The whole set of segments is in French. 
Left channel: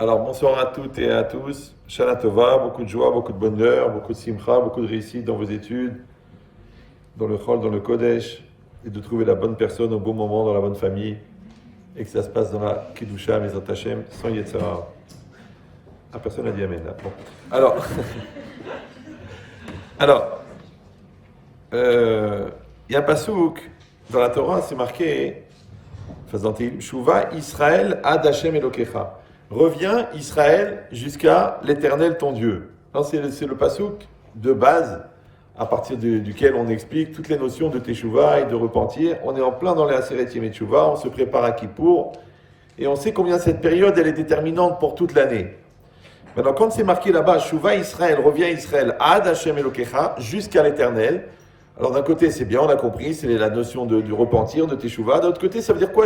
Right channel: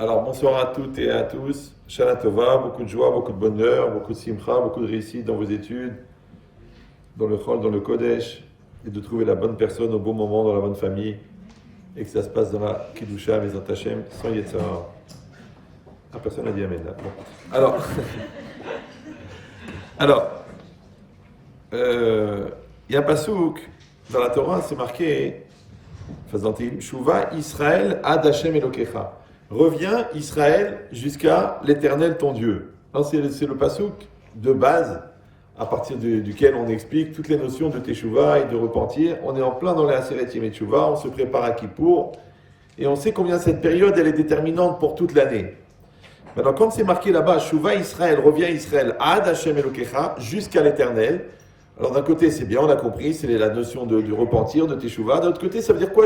Alors bonsoir à toutes et à tous. Shana Tova, beaucoup de joie, beaucoup de bonheur, beaucoup de simcha, beaucoup de réussite dans vos études, dans le Chol, dans le Kodesh, et de trouver la bonne personne au bon moment dans la bonne famille, et que ça se passe dans la Kiddusha, Mezat Hashem, sans Yetzirah. Ah, personne n'a dit Amen. Là. Alors, alors, il y a un pasouk dans la Torah, c'est marqué, faisant Shuva Israël ad Hashem Elokecha. Reviens Israël jusqu'à l'Éternel ton Dieu. C'est le pasouk de base à partir duquel on explique toutes les notions de Teshuvah et de repentir. On est en plein dans les Aseret Yemei Teshuvah, on se prépare à Kippour et on sait combien cette période elle est déterminante pour toute l'année. Maintenant, quand c'est marqué là-bas, Shuva Israël, reviens Israël ad Hashem Elokecha, jusqu'à l'Éternel. Alors d'un côté c'est bien, on a compris, c'est la notion du repentir, de Teshuvah. D'un autre côté, ça veut dire quoi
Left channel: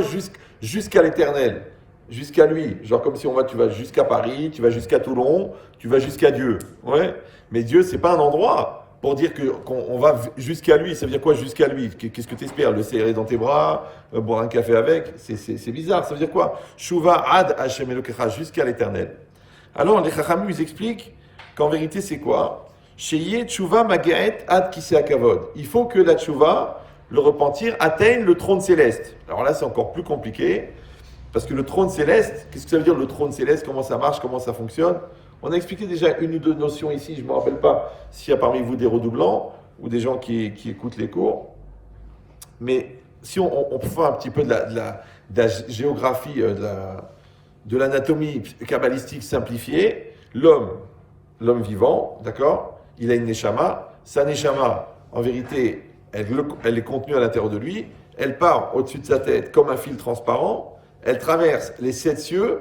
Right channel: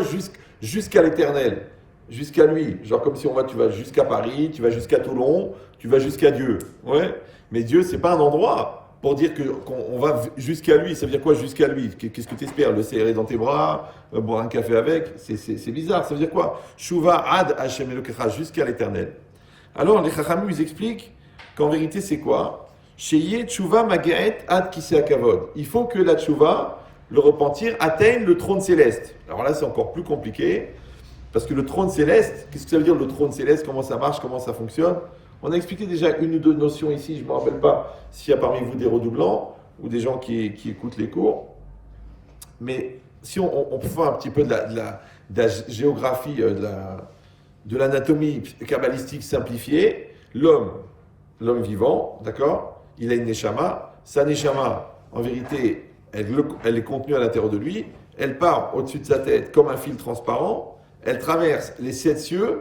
jusqu'à l'Éternel? Jusqu'à lui, genre comme si on voit tu vas jusqu'à Paris, tu vas jusqu'à Toulon, tu vas jusqu'à Dieu. Ouais. Mais Dieu, c'est pas un endroit pour dire qu'on va jusqu'à lui. Ça veut dire quoi jusqu'à lui? Qu'est-ce que tu espères? Le serrer dans tes bras, boire un café avec? C'est bizarre. Ça veut dire quoi? Shuva ad Hashem Elokecha, jusqu'à l'Éternel. Alors les Chachamim ils expliquent qu'en vérité c'est quoi? Sheye tshuva magaet ad kisei kavod. Il faut que la tshuva, le repentir, atteigne le trône céleste. Alors là c'est encore plus compliqué. Parce que le trône céleste, qu'est-ce que ça veut dire le trône céleste? Comment ça marche? Comment ça fonctionne? On a expliqué déjà une ou deux notions ici. Je ne me rappelle pas s'il y a parmi vous des redoublants ou des gens qui écoutent les cours. Mais si on peut faire un petit peu de la géographie, de l'anatomie kabbalistique simplifiée, l'homme vivant, d'accord? Il a une neshama. Sa neshama, en vérité, elle est contenue à l'intérieur de lui. Elle part au-dessus de sa tête comme un fil transparent. Elle traverse les 7 cieux,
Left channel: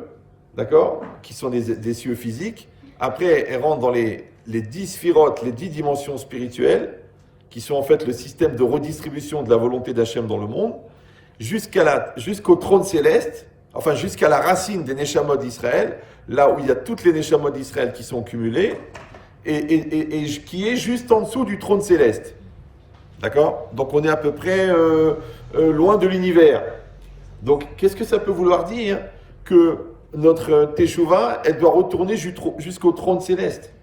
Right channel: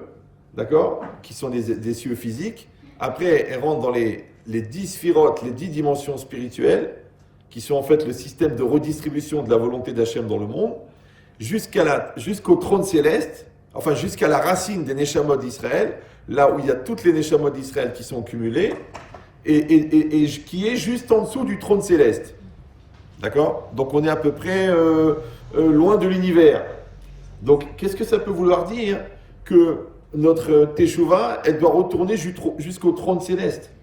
d'accord, qui sont des cieux physiques. Après, elle rentre dans les 10 sphirotes, les 10 dimensions spirituelles, qui sont en fait le système de redistribution de la volonté d'Hachem dans le monde, jusqu'au trône céleste, enfin jusqu'à la racine des Neshamot d'Israël, là où il y a toutes les Neshamot d'Israël qui sont cumulées, et qui est juste en dessous du trône céleste. D'accord? Donc on est à peu près loin de l'univers. Donc, qu'est-ce que ça peut vouloir dire? Que notre Teshuvah, elle doit retourner jusqu'au trône céleste.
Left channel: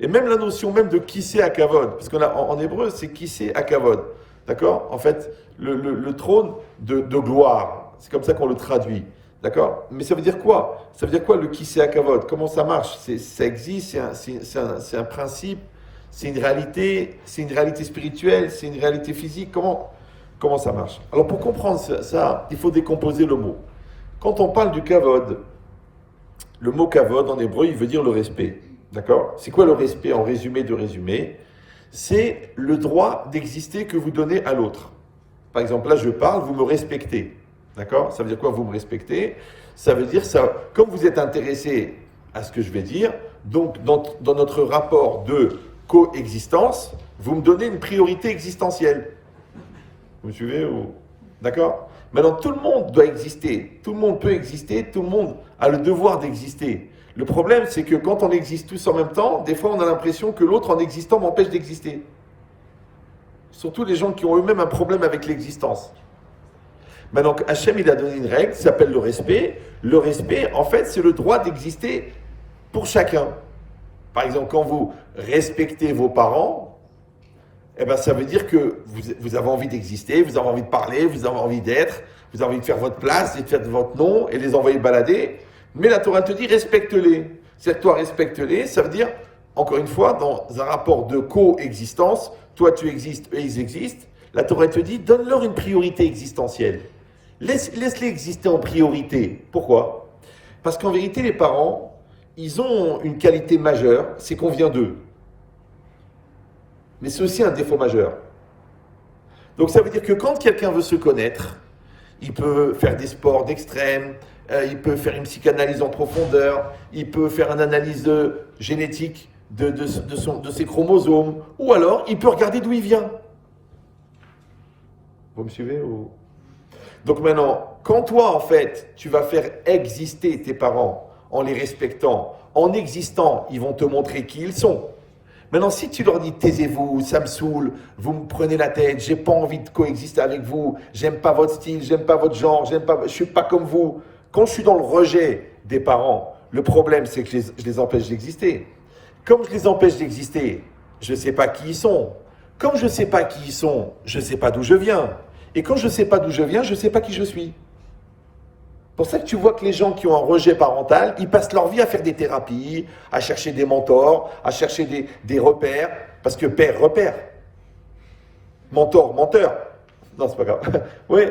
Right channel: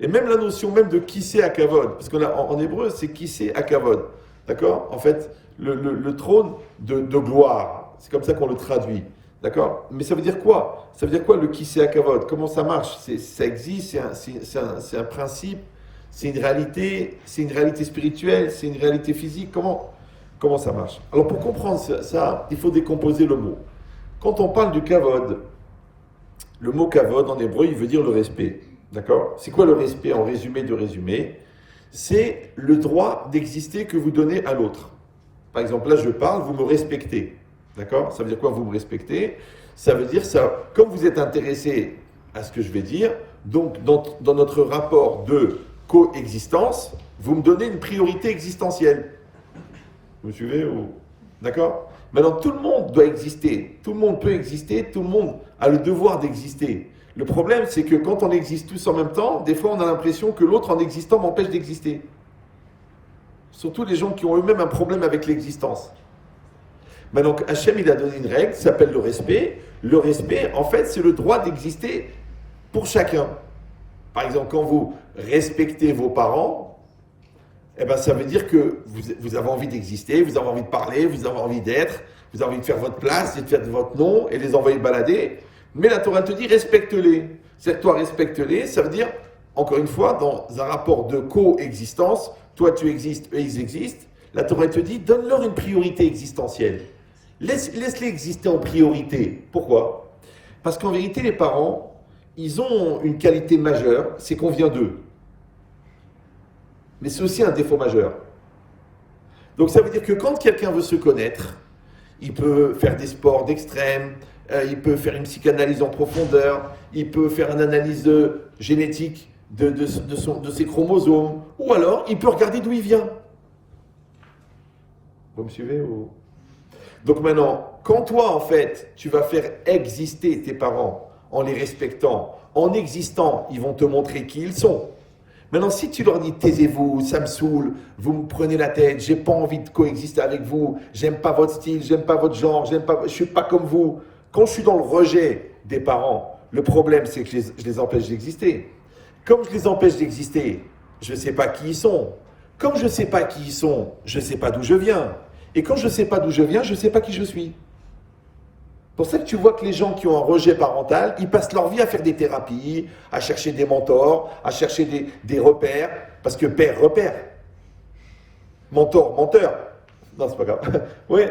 Et même la notion même de Kisei Hakavod, parce qu'en hébreu, c'est Kisei Hakavod. D'accord? En fait, le trône de gloire. C'est comme ça qu'on le traduit. D'accord? Mais ça veut dire quoi? Ça veut dire quoi le Kisei Hakavod? Comment ça marche? Ça existe, c'est un principe, c'est une réalité spirituelle, c'est une réalité physique. Comment ça marche? Alors pour comprendre ça, il faut décomposer le mot. Quand on parle du kavod, le mot kavod en hébreu, il veut dire le respect. D'accord? C'est quoi le respect en résumé de résumé? C'est le droit d'exister que vous donnez à l'autre. Par exemple, là je parle, vous me respectez. D'accord? Ça veut dire quoi vous me respectez? Ça veut dire ça, comme vous êtes intéressé à ce que je vais dire, donc dans notre rapport de coexistence, vous me donnez une priorité existentielle. Vous me suivez ou... D'accord? Maintenant, tout le monde doit exister. Tout le monde peut exister. Tout le monde a le devoir d'exister. Le problème, c'est que quand on existe tous en même temps, des fois, on a l'impression que l'autre, en existant, m'empêche d'exister. Surtout les gens qui ont eux-mêmes un problème avec l'existence. Maintenant, Hachem, il a donné une règle qui s'appelle le respect. Le respect, en fait, c'est le droit d'exister pour chacun. Par exemple, quand vous respectez vos parents, eh ben, ça veut dire que vous avez envie d'exister, vous avez envie de parler, vous avez envie d'être, vous avez envie de faire votre place et de faire votre nom et les envoyer balader. Mais la Torah te dit respecte-les. C'est-à-dire toi respecte-les, ça veut dire, encore une fois, dans un rapport de coexistence, toi tu existes, eux ils existent, la Torah te dit donne-leur une priorité existentielle. Laisse-les exister en priorité. Pourquoi? Parce qu'en vérité, les parents, ils ont une qualité majeure, c'est qu'on vient d'eux. Mais c'est aussi un défaut majeur. Donc ça veut dire que quand quelqu'un veut se connaître, il peut faire des sports d'extrême, il peut faire une psychanalyse en profondeur, il peut faire une analyse génétique de ses chromosomes, ou alors il peut regarder d'où il vient. Vous me suivez ou... Donc maintenant, quand toi en fait, tu vas faire exister tes parents en les respectant, en existant, ils vont te montrer qui ils sont. Maintenant, si tu leur dis taisez-vous, ça me saoule, vous me prenez la tête, j'ai pas envie de coexister avec vous, j'aime pas votre style, j'aime pas votre genre, je suis pas comme vous. Quand je suis dans le rejet des parents, Le problème, c'est que je les empêche d'exister. Comme je les empêche d'exister, je ne sais pas qui ils sont. Comme je ne sais pas qui ils sont, je ne sais pas d'où je viens. Et quand je ne sais pas d'où je viens, je ne sais pas qui je suis. C'est pour ça que tu vois que les gens qui ont un rejet parental, ils passent leur vie à faire des thérapies, à chercher des mentors, à chercher des repères. Parce que père, repère. Mentor, menteur. Non, c'est pas grave. Oui.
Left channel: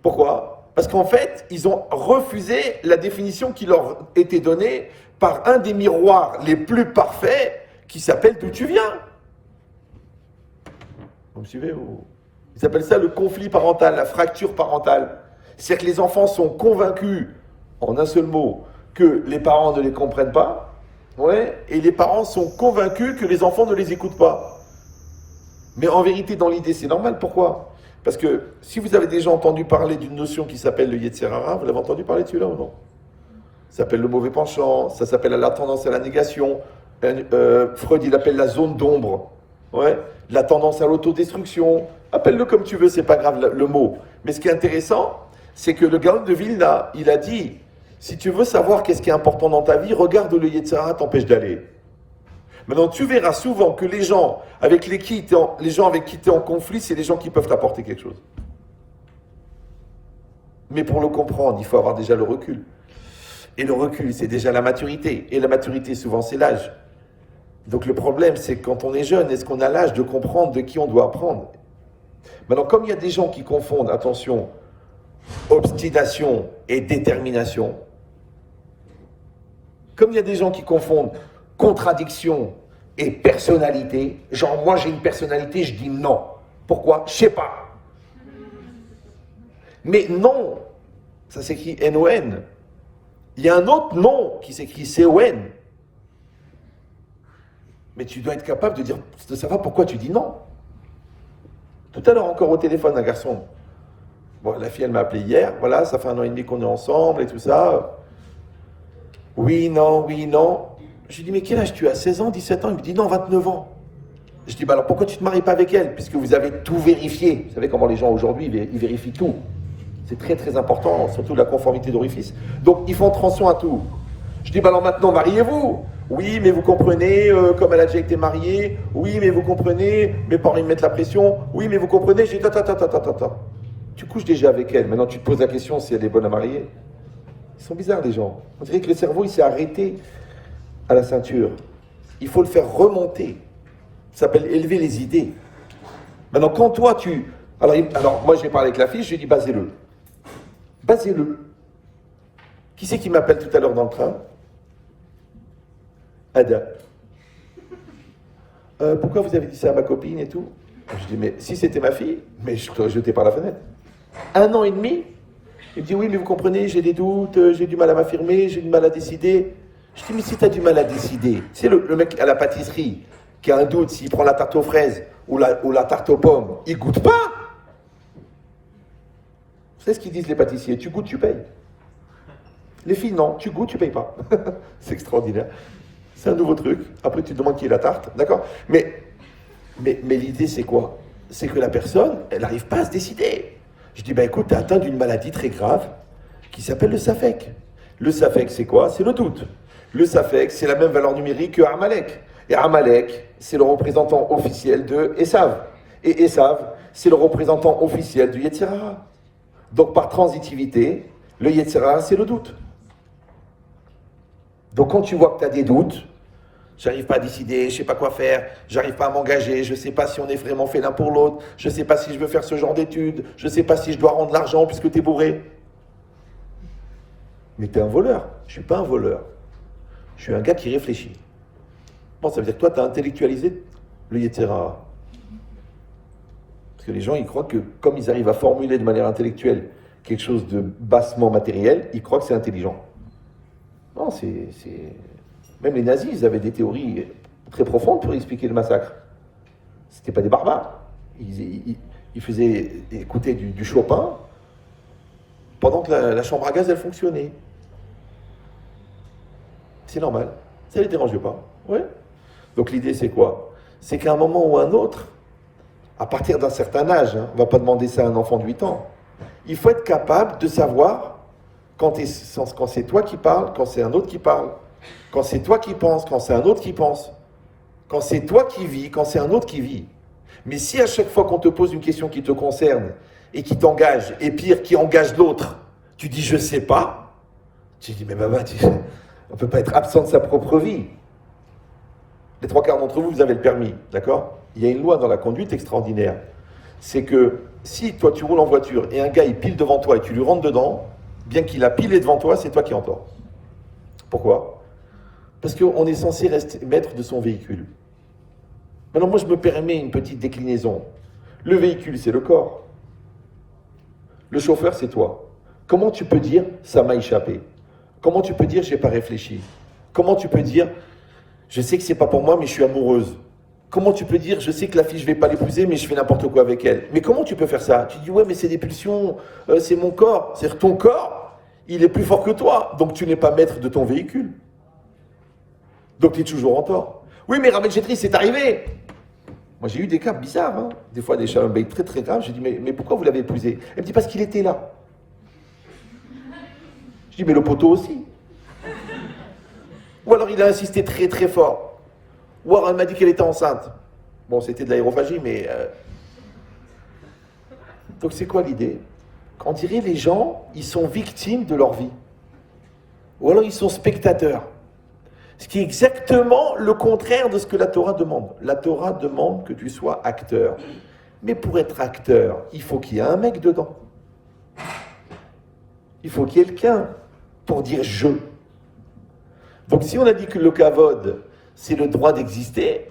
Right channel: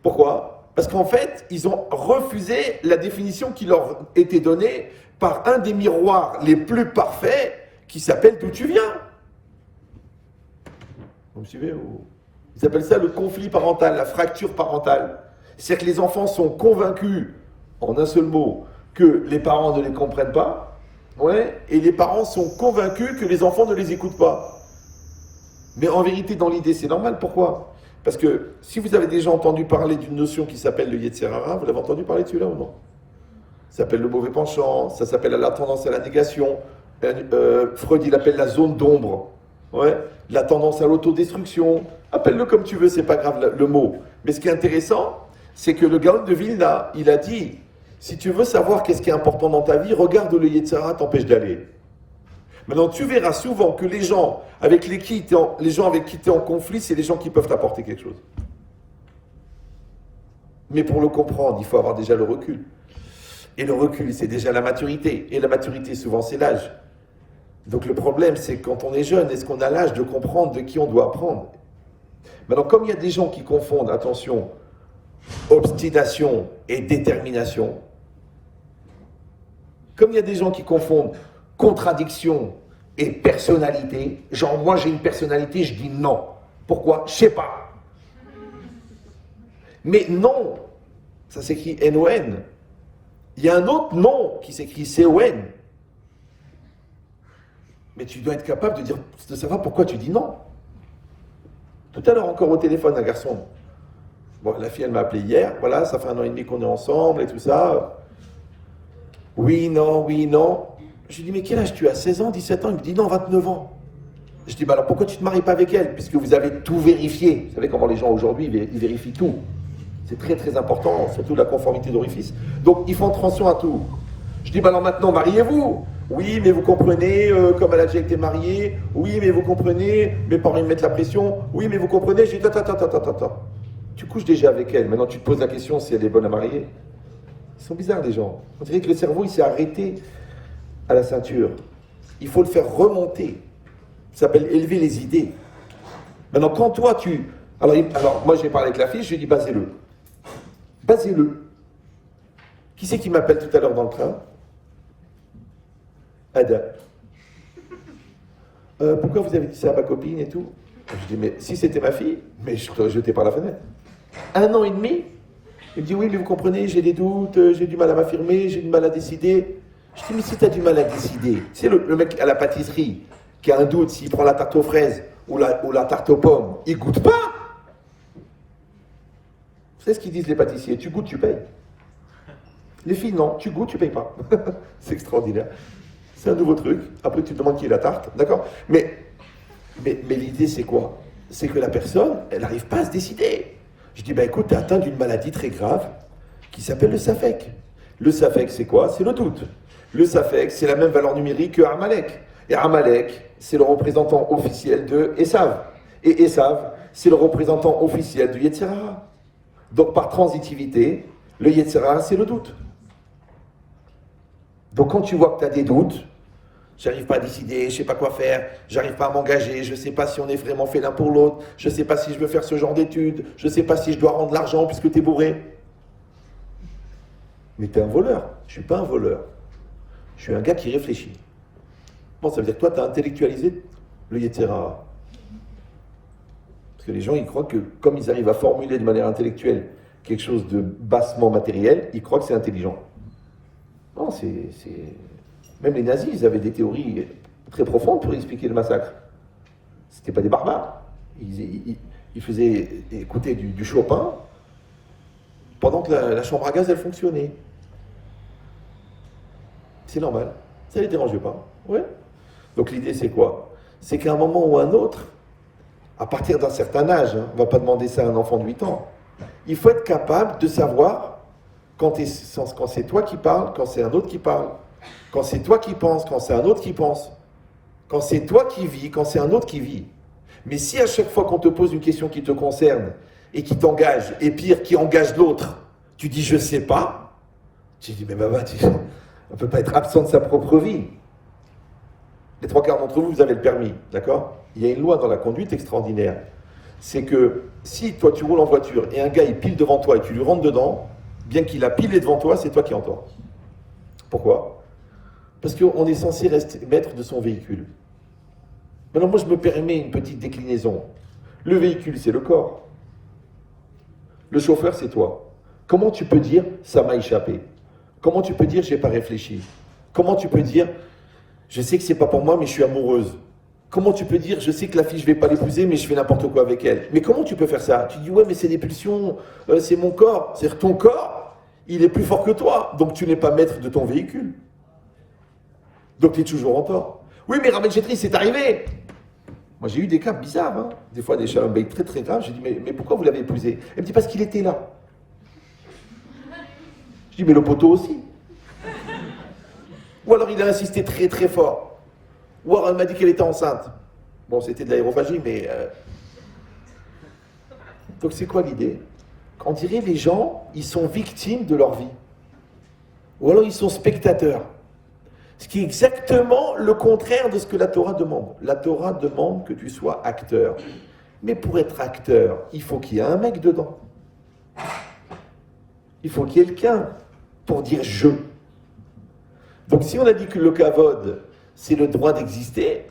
Pourquoi? Parce qu'en fait, ils ont refusé la définition qui leur était donnée par un des miroirs les plus parfaits qui s'appelle d'où tu viens. Vous me suivez ou... Ils appellent ça le conflit parental, la fracture parentale. C'est-à-dire que les enfants sont convaincus, en un seul mot, que les parents ne les comprennent pas, ouais, et les parents sont convaincus que les enfants ne les écoutent pas. Mais en vérité, dans l'idée, c'est normal. Pourquoi? Parce que si vous avez déjà entendu parler d'une notion qui s'appelle le Yetzer Hara, vous l'avez entendu parler de celui-là ou non? Ça s'appelle le mauvais penchant, ça s'appelle la tendance à la négation. Freud, il appelle la zone d'ombre. Ouais, la tendance à l'autodestruction. Appelle-le comme tu veux, c'est pas grave le mot. Mais ce qui est intéressant, c'est que le Gaon de Vilna, il a dit, si tu veux savoir qu'est-ce qui est important dans ta vie, regarde où le Yetzer Hara t'empêche d'aller. Maintenant, tu verras souvent que les gens avec qui tu es en conflit, c'est des gens qui peuvent t'apporter quelque chose. Mais pour le comprendre, il faut avoir déjà le recul. Et le recul, c'est déjà la maturité. Et la maturité, souvent, c'est l'âge. Donc le problème, c'est que quand on est jeune, est-ce qu'on a l'âge de comprendre de qui on doit apprendre? Maintenant, comme il y a des gens qui confondent, attention, obstination et détermination, comme il y a des gens qui confondent contradiction et personnalité, genre moi j'ai une personnalité, je dis non. Pourquoi? Je sais pas. Mais non, ça s'écrit N-O-N. Il y a un autre non qui s'écrit C-O-N. Mais tu dois être capable de savoir pourquoi tu dis non. Tout à l'heure encore au téléphone, un garçon. Bon, la fille, elle m'a appelé hier. Voilà, ça fait 1 an et demi qu'on est ensemble et tout ça. Oui, non, oui, non. Je lui dis, mais quel âge tu as? 16 ans, 17 ans? Il me dit, non, 29 ans. Je dis, bah alors pourquoi tu ne te maries pas avec elle? Puisque vous avez tout vérifié. Vous savez comment les gens aujourd'hui, ils vérifient tout. C'est très très important, surtout la conformité d'orifice. Donc, ils font attention à tout. Je dis, bah alors maintenant, mariez-vous. Oui, mais vous comprenez, comme elle a déjà été mariée. Oui, mais vous comprenez, mes parents ils me mettent la pression. Oui, mais vous comprenez, je dis, ta. Tu couches déjà avec elle. Maintenant, tu te poses la question si elle est bonne à marier. Ils sont bizarres, les gens. On dirait que le cerveau, il s'est arrêté à la ceinture. Il faut le faire remonter. Ça s'appelle élever les idées. Maintenant, quand toi, Alors, moi, j'ai parlé avec la fille, je lui ai dit, basez-le. Basez-le. Qui c'est qui m'appelle tout à l'heure dans le train? Ada. Pourquoi vous avez dit ça à ma copine et tout? Je dis, mais si c'était ma fille, mais je t'aurais jeté par la fenêtre. 1 an et demi? Il me dit, oui, mais vous comprenez, j'ai des doutes, j'ai du mal à m'affirmer, j'ai du mal à décider. Je dis, mais si tu as du mal à décider, tu sais, le mec à la pâtisserie qui a un doute s'il prend la tarte aux fraises ou la tarte aux pommes, il goûte pas. Vous savez ce qu'ils disent les pâtissiers? Tu goûtes, tu payes. Les filles, non, tu goûtes, tu payes pas. C'est extraordinaire. C'est un nouveau truc. Après, tu te demandes qui est la tarte, d'accord? Mais l'idée, c'est quoi? C'est que la personne, elle n'arrive pas à se décider. Je dis, écoute, tu es atteint d'une maladie très grave qui s'appelle le Safek. Le Safek, c'est quoi? C'est le doute. Le Safek, c'est la même valeur numérique que Amalek. Et Amalek, c'est le représentant officiel de Esav. Et Esav, c'est le représentant officiel du Yetzer Hara. Donc, par transitivité, le Yetzer Hara, c'est le doute. Donc, quand tu vois que tu as des doutes, j'arrive pas à décider, je ne sais pas quoi faire, j'arrive pas à m'engager, je ne sais pas si on est vraiment fait l'un pour l'autre, je ne sais pas si je veux faire ce genre d'études, je ne sais pas si je dois rendre l'argent puisque tu es bourré. Mais tu es un voleur. Je ne suis pas un voleur. Je suis un gars qui réfléchit. Bon, ça veut dire que toi, tu as intellectualisé le Yetzer Hara. Parce que les gens, ils croient que comme ils arrivent à formuler de manière intellectuelle quelque chose de bassement matériel, ils croient que c'est intelligent. Non, c'est... Même les nazis, ils avaient des théories très profondes pour expliquer le massacre. C'était pas des barbares. Ils faisaient écouter du Chopin pendant que la chambre à gaz, elle fonctionnait. C'est normal. Ça ne les dérangeait pas. Ouais. Donc l'idée, c'est quoi? C'est qu'à un moment ou à un autre, à partir d'un certain âge, on ne va pas demander ça à un enfant de 8 ans, il faut être capable de savoir quand c'est toi qui parles, quand c'est un autre qui parle, quand c'est toi qui penses, quand c'est un autre qui pense, quand c'est toi qui vis, quand c'est un autre qui vit. Mais si à chaque fois qu'on te pose une question qui te concerne et qui t'engage, et pire, qui engage l'autre, tu dis je sais pas, tu dis mais maman, on ne peut pas être absent de sa propre vie. Les 3/4 d'entre vous, vous avez le permis, d'accord? Il y a une loi dans la conduite extraordinaire. C'est que si toi tu roules en voiture et un gars il pile devant toi et tu lui rentres dedans, bien qu'il a pilé devant toi, c'est toi qui entends. Pourquoi? Parce qu'on est censé rester maître de son véhicule. Maintenant, moi, je me permets une petite déclinaison. Le véhicule, c'est le corps. Le chauffeur, c'est toi. Comment tu peux dire « ça m'a échappé » Comment tu peux dire « j'ai pas réfléchi » Comment tu peux dire « je sais que c'est pas pour moi, mais je suis amoureuse » Comment tu peux dire « je sais que la fille, je vais pas l'épouser, mais je fais n'importe quoi avec elle » Mais comment tu peux faire ça? Tu dis « ouais, mais c'est des pulsions, c'est mon corps. » C'est-à-dire ton corps, il est plus fort que toi. Donc tu n'es pas maître de ton véhicule. Donc tu es toujours en tort. Oui, mais Rabbi Chetri, c'est arrivé. Moi, j'ai eu des cas bizarres. Hein. Des fois, des shalom bayit très très graves. J'ai dit, mais pourquoi vous l'avez épousé? Elle me dit, parce qu'il était là. Je dis, mais le poteau aussi. Ou alors, il a insisté très très fort. Ou alors, elle m'a dit qu'elle était enceinte. Bon, c'était de l'aérophagie, mais... Donc, c'est quoi l'idée? On dirait les gens, ils sont victimes de leur vie. Ou alors, ils sont spectateurs. Ce qui est exactement le contraire de ce que la Torah demande. La Torah demande que tu sois acteur. Mais pour être acteur, il faut qu'il y ait un mec dedans. Il faut qu'il y ait quelqu'un pour dire « je ». Donc si on a dit que le kavod, c'est le droit d'exister,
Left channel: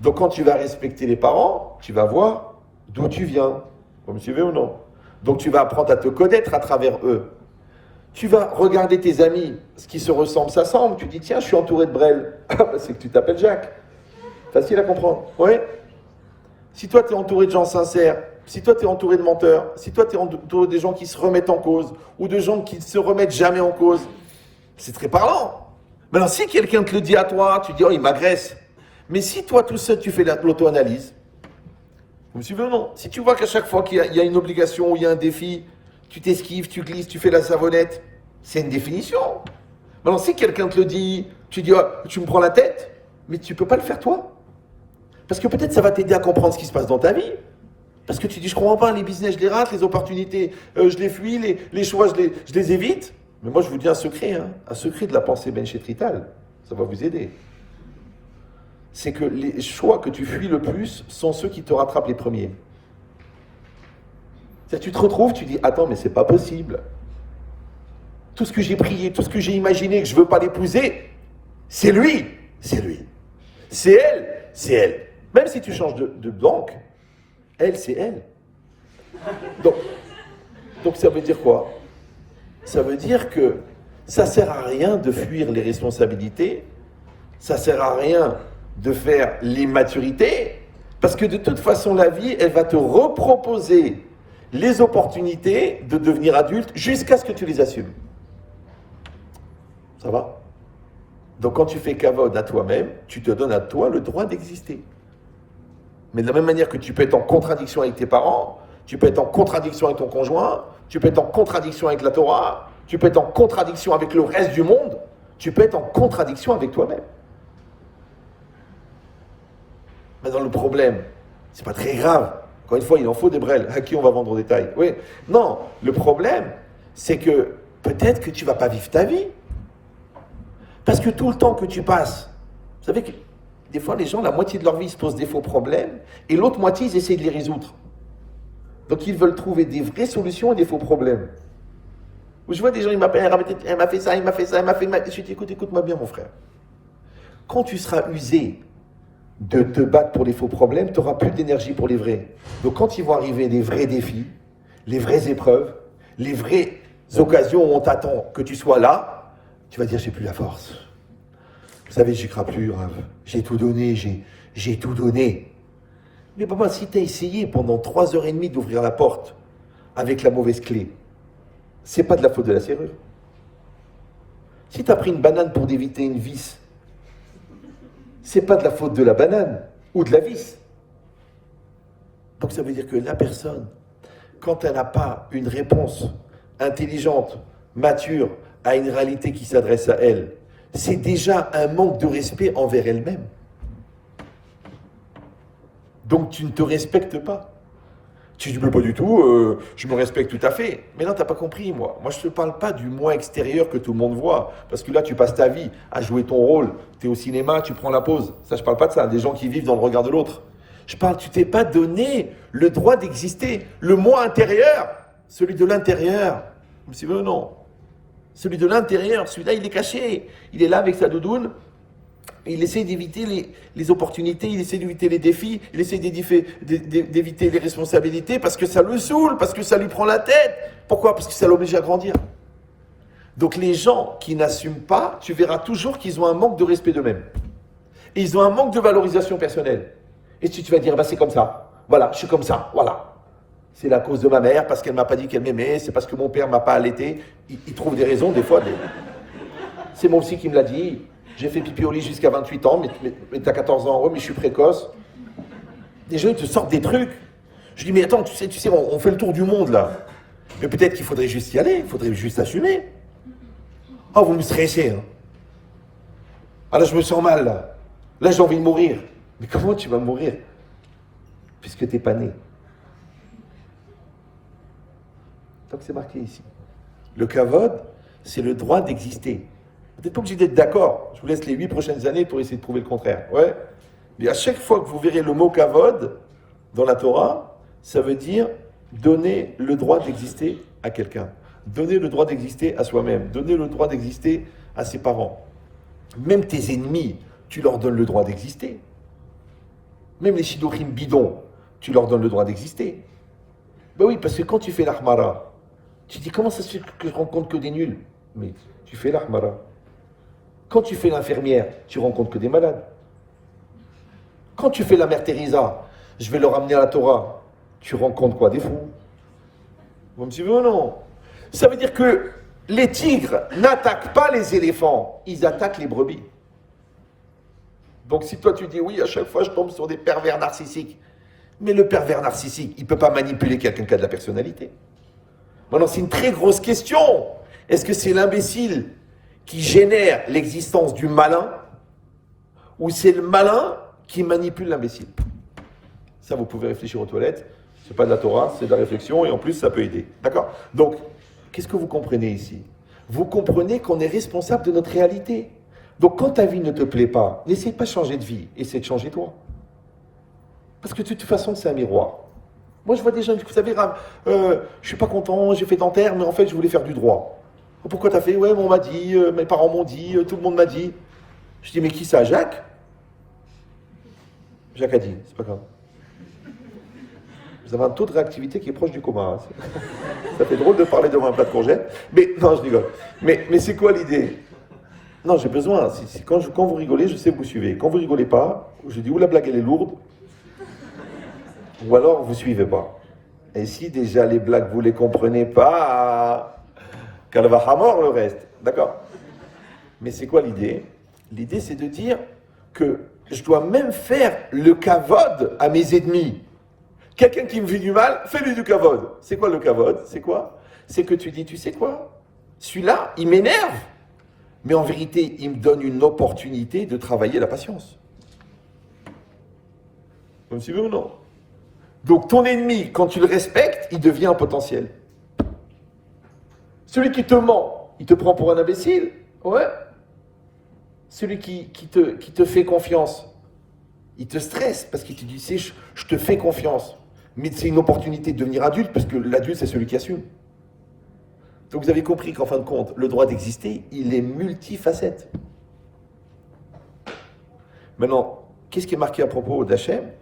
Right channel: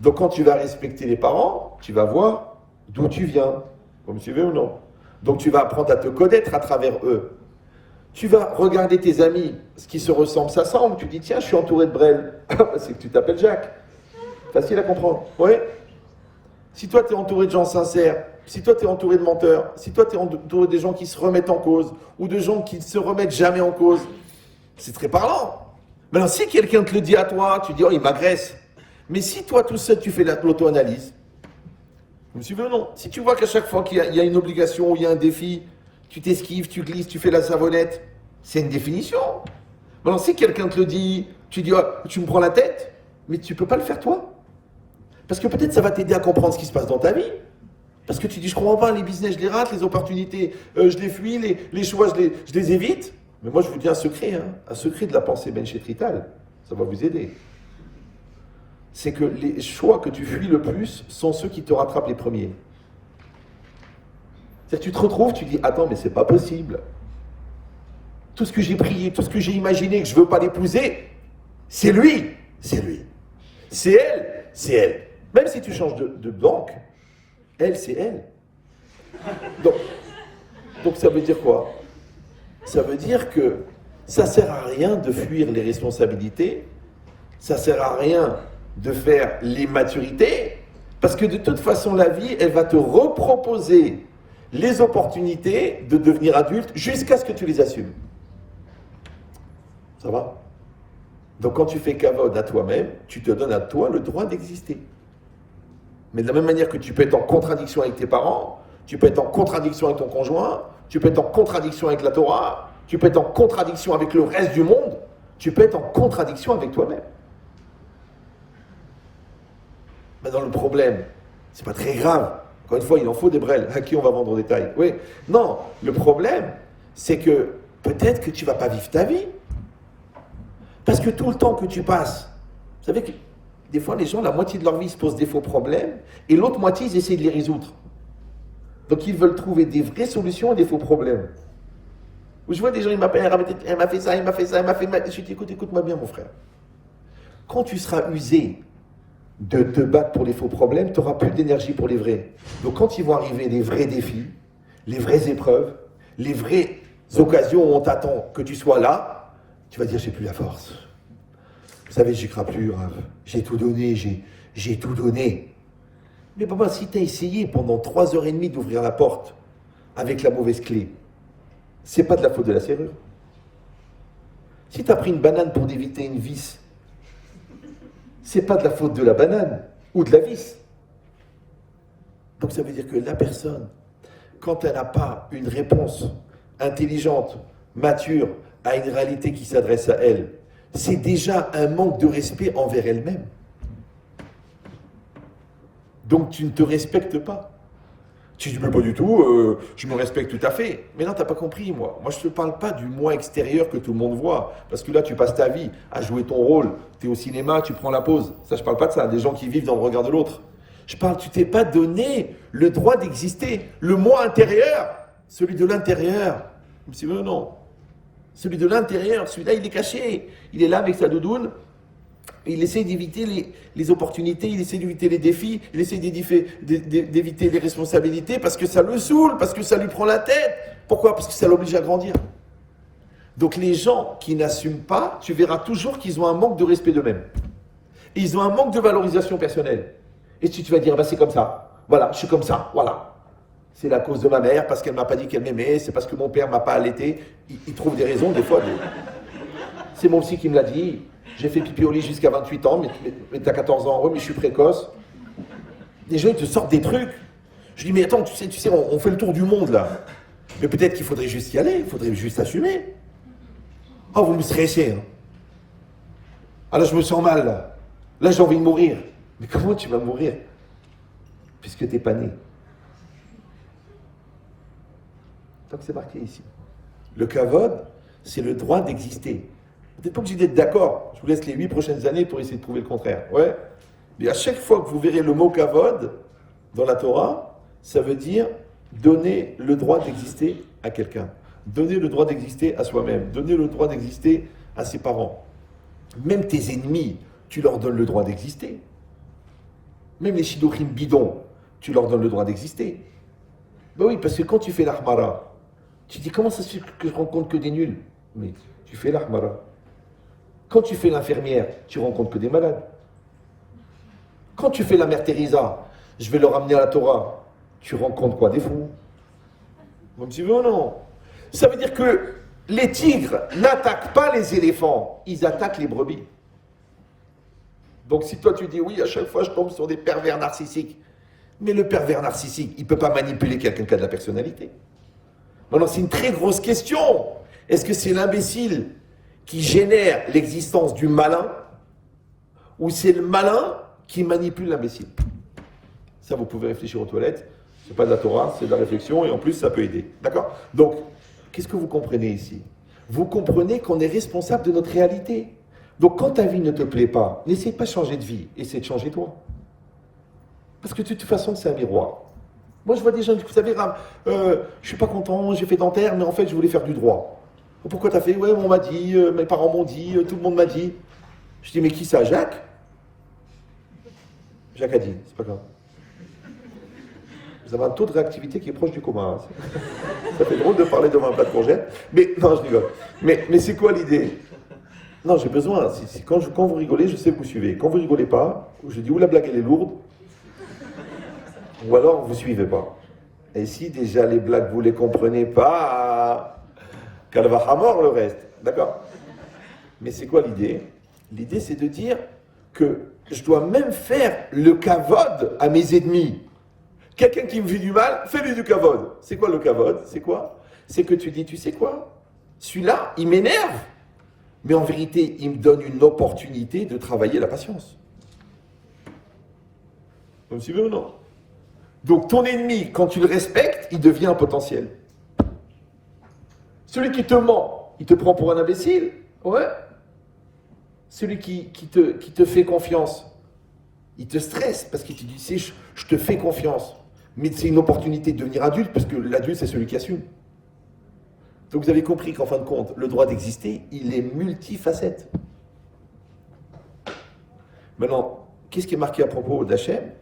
donc quand tu vas respecter les parents, tu vas voir d'où tu viens. Vous me suivez ou non? Donc tu vas apprendre à te connaître à travers eux. Tu vas regarder tes amis, ce qui se ressemble s'assemble. Tu dis, tiens, je suis entouré de Brel. C'est que tu t'appelles Jacques. Facile à comprendre. Oui. Si toi, tu es entouré de gens sincères, si toi, tu es entouré de menteurs, si toi, tu es entouré des gens qui se remettent en cause, ou de gens qui ne se remettent jamais en cause, c'est très parlant. Maintenant, si quelqu'un te le dit à toi, tu dis, oh, il m'agresse. Mais si toi, tout seul, tu fais l'auto-analyse, vous me suivez ou non? Si tu vois qu'à chaque fois qu'il y a une obligation ou il y a un défi, tu t'esquives, tu glisses, tu fais la savonnette. C'est une définition. Maintenant, si quelqu'un te le dit, tu dis, oh, tu me prends la tête, mais tu ne peux pas le faire toi. Parce que peut-être ça va t'aider à comprendre ce qui se passe dans ta vie. Parce que tu dis, je ne comprends pas, les business, je les rate, les opportunités, je les fuis, les choix, je les évite. Mais moi, je vous dis un secret de la pensée Ben Shetrital. Ça va vous aider. C'est que les choix que tu fuis le plus sont ceux qui te rattrapent les premiers. C'est-à-dire que tu te retrouves, tu dis, attends, mais c'est pas possible. Tout ce que j'ai prié, tout ce que j'ai imaginé, que je veux pas l'épouser, c'est lui, c'est lui. C'est elle, c'est elle. Même si tu changes de banque, elle, c'est elle. Donc ça veut dire quoi? Ça veut dire que ça sert à rien de fuir les responsabilités, ça sert à rien de faire l'immaturité, parce que de toute façon, la vie, elle va te reproposer les opportunités de devenir adulte jusqu'à ce que tu les assumes. Ça va? Donc quand tu fais kavod à toi-même, tu te donnes à toi le droit d'exister. Mais de la même manière que tu peux être en contradiction avec tes parents, tu peux être en contradiction avec ton conjoint, tu peux être en contradiction avec la Torah, tu peux être en contradiction avec le reste du monde, tu peux être en contradiction avec toi-même. Maintenant le problème, c'est pas très grave. Encore une fois, il en faut des brels. À qui on va vendre au détail? Oui. Non, le problème, c'est que peut-être que tu ne vas pas vivre ta vie. Parce que tout le temps que tu passes, vous savez que des fois, les gens, la moitié de leur vie, se posent des faux problèmes, et l'autre moitié, ils essayent de les résoudre. Donc, ils veulent trouver des vraies solutions et des faux problèmes. Je vois des gens, ils m'appellent, elle m'a fait ça, elle m'a fait ça, elle m'a fait... Je dis, écoute-moi bien, mon frère. Quand tu seras usé de te battre pour les faux problèmes, tu n'auras plus d'énergie pour les vrais. Donc quand ils vont arriver les vrais défis, les vraies épreuves, les vraies occasions où on t'attend que tu sois là, tu vas dire j'ai plus la force. Vous savez, j'y crois plus, Rav. J'ai tout donné, j'ai tout donné. Mais papa, si tu as essayé pendant 3h30 d'ouvrir la porte avec la mauvaise clé, c'est pas de la faute de la serrure. Si tu as pris une banane pour éviter une vis, c'est pas de la faute de la banane ou de la vis. Donc ça veut dire que la personne, quand elle n'a pas une réponse intelligente mature à une réalité qui s'adresse à elle, c'est déjà un manque de respect envers elle-même. Donc tu ne te respectes pas. Tu dis, mais pas du tout, je me respecte tout à fait. Mais non, tu n'as pas compris, moi. Moi, je ne te parle pas du moi extérieur que tout le monde voit. Parce que là, tu passes ta vie à jouer ton rôle. Tu es au cinéma, tu prends la pause. Ça, je ne parle pas de ça. Des gens qui vivent dans le regard de l'autre. Je parle, tu t'es pas donné le droit d'exister. Le moi intérieur, celui de l'intérieur. C'est vrai, non. Celui de l'intérieur, celui-là, il est caché. Il est là avec sa doudoune. Il essaie d'éviter les opportunités, il essaie d'éviter les défis, il essaie d'éviter les responsabilités parce que ça le saoule, parce que ça lui prend la tête. Pourquoi? Parce que ça l'oblige à grandir. Donc les gens qui n'assument pas, tu verras toujours qu'ils ont un manque de respect d'eux-mêmes. Et ils ont un manque de valorisation personnelle. Et si tu vas dire, bah, c'est comme ça, voilà, je suis comme ça, voilà. C'est la cause de ma mère, parce qu'elle ne m'a pas dit qu'elle m'aimait, c'est parce que mon père ne m'a pas allaité. Il trouve des raisons, des fois. C'est mon psy qui me l'a dit. J'ai fait pipi au lit jusqu'à 28 ans, mais t'as 14 ans, mais je suis précoce. Les gens, ils te sortent des trucs. Je dis, mais attends, tu sais, on fait le tour du monde, là. Mais peut-être qu'il faudrait juste y aller, il faudrait juste assumer. Oh, vous me stressez, hein. Ah là, je me sens mal, là. Là, j'ai envie de mourir. Mais comment tu vas mourir? Puisque t'es pas né. Donc c'est marqué ici. Le kavod, c'est le droit d'exister. Vous n'êtes pas obligé d'être d'accord. Je vous laisse les 8 prochaines années pour essayer de prouver le contraire. Ouais. Mais à chaque fois que vous verrez le mot kavod dans la Torah, ça veut dire donner le droit d'exister à quelqu'un. Donner le droit d'exister à soi-même. Donner le droit d'exister à ses parents. Même tes ennemis, tu leur donnes le droit d'exister. Même les shidochim bidons, tu leur donnes le droit d'exister. Ben oui, parce que quand tu fais l'ahmara, tu dis comment ça se fait que je rencontre que des nuls? Mais tu fais l'ahmara. Quand tu fais l'infirmière, tu rencontres que des malades. Quand tu fais la mère Teresa, je vais leur amener à la Torah, tu rencontres quoi? Des fous. Vous me suivez ou non? Ça veut dire que les tigres n'attaquent pas les éléphants, ils attaquent les brebis. Donc si toi tu dis oui, à chaque fois je tombe sur des pervers narcissiques, mais le pervers narcissique, il ne peut pas manipuler quelqu'un qui a de la personnalité. Maintenant, c'est une très grosse question. Est-ce que c'est l'imbécile qui génère l'existence du malin, ou c'est le malin qui manipule l'imbécile? Ça, vous pouvez réfléchir aux toilettes. C'est pas de la Torah, c'est de la réflexion, et en plus, ça peut aider. D'accord? Donc, qu'est-ce que vous comprenez ici? Vous comprenez qu'on est responsable de notre réalité. Donc, quand ta vie ne te plaît pas, n'essaie pas de changer de vie, essaie de changer toi. Parce que de toute façon, c'est un miroir. Moi, je vois des jeunes, vous savez, je suis pas content, j'ai fait dentaire, mais en fait, je voulais faire du droit. Pourquoi t'as fait? Ouais, on m'a dit, mes parents m'ont dit, tout le monde m'a dit. Je dis, mais qui ça? Jacques? Jacques a dit, c'est pas grave. Vous avez un taux de réactivité qui est proche du coma. Hein. Ça fait drôle de parler devant un plat de courgettes. Mais non, je rigole. Mais c'est quoi l'idée? Non, j'ai besoin. Quand vous rigolez, je sais que vous suivez. Quand vous rigolez pas, je dis, ou la blague elle est lourde, ou alors vous suivez pas. Et si déjà les blagues vous les comprenez pas, qu'elle va à mort le reste. D'accord? Mais c'est quoi l'idée? L'idée, c'est de dire que je dois même faire le kavod à mes ennemis. Quelqu'un qui me fait du mal, fais-lui du kavod. C'est quoi le kavod? C'est quoi? C'est que tu dis, tu sais quoi? Celui-là, il m'énerve. Mais en vérité, il me donne une opportunité de travailler la patience. Vous me suivez ou non? Donc ton ennemi, quand tu le respectes, il devient un potentiel. Celui qui te ment, il te prend pour un imbécile. Ouais. Celui qui te fait confiance, il te stresse parce qu'il te dit, je te fais confiance. Mais c'est une opportunité de devenir adulte, parce que l'adulte, c'est celui qui assume. Donc vous avez compris qu'en fin de compte, le droit d'exister, il est multifacette. Maintenant, qu'est-ce qui est marqué à propos d'Hachem?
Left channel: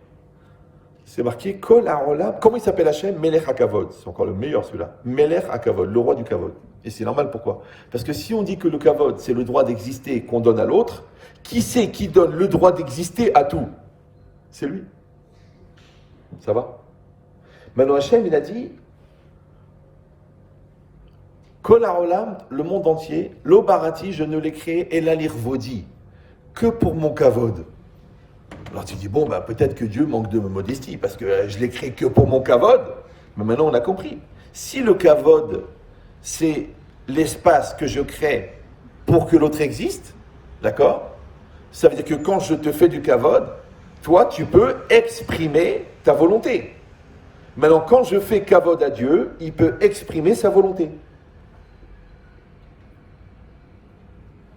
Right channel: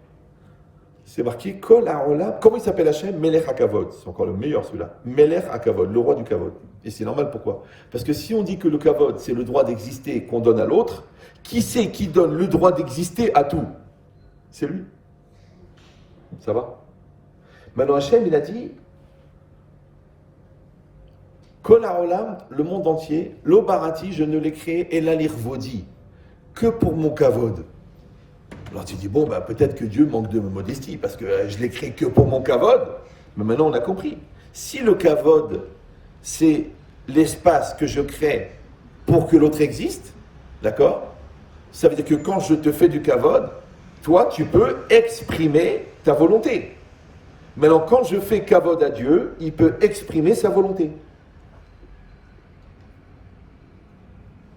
C'est marqué Kol Haolam. Comment il s'appelle Hachem? Melech HaKavod. C'est encore le meilleur celui-là. Melech HaKavod, le roi du Kavod. Et c'est normal, pourquoi? Parce que si on dit que le Kavod, c'est le droit d'exister qu'on donne à l'autre, qui c'est qui donne le droit d'exister à tout? C'est lui. Ça va? Maintenant, Hachem, il a dit Kol Haolam, le monde entier, Lo Barati, je ne l'ai créé, Ela Lirvodi, que pour mon Kavod. Alors tu dis, bon, ben, peut-être que Dieu manque de modestie, parce que je l'ai créé que pour mon kavod. Mais maintenant, on a compris. Si le kavod, c'est l'espace que je crée pour que l'autre existe, d'accord? Ça veut dire que quand je te fais du kavod, toi, tu peux exprimer ta volonté. Maintenant, quand je fais kavod à Dieu, il peut exprimer sa volonté.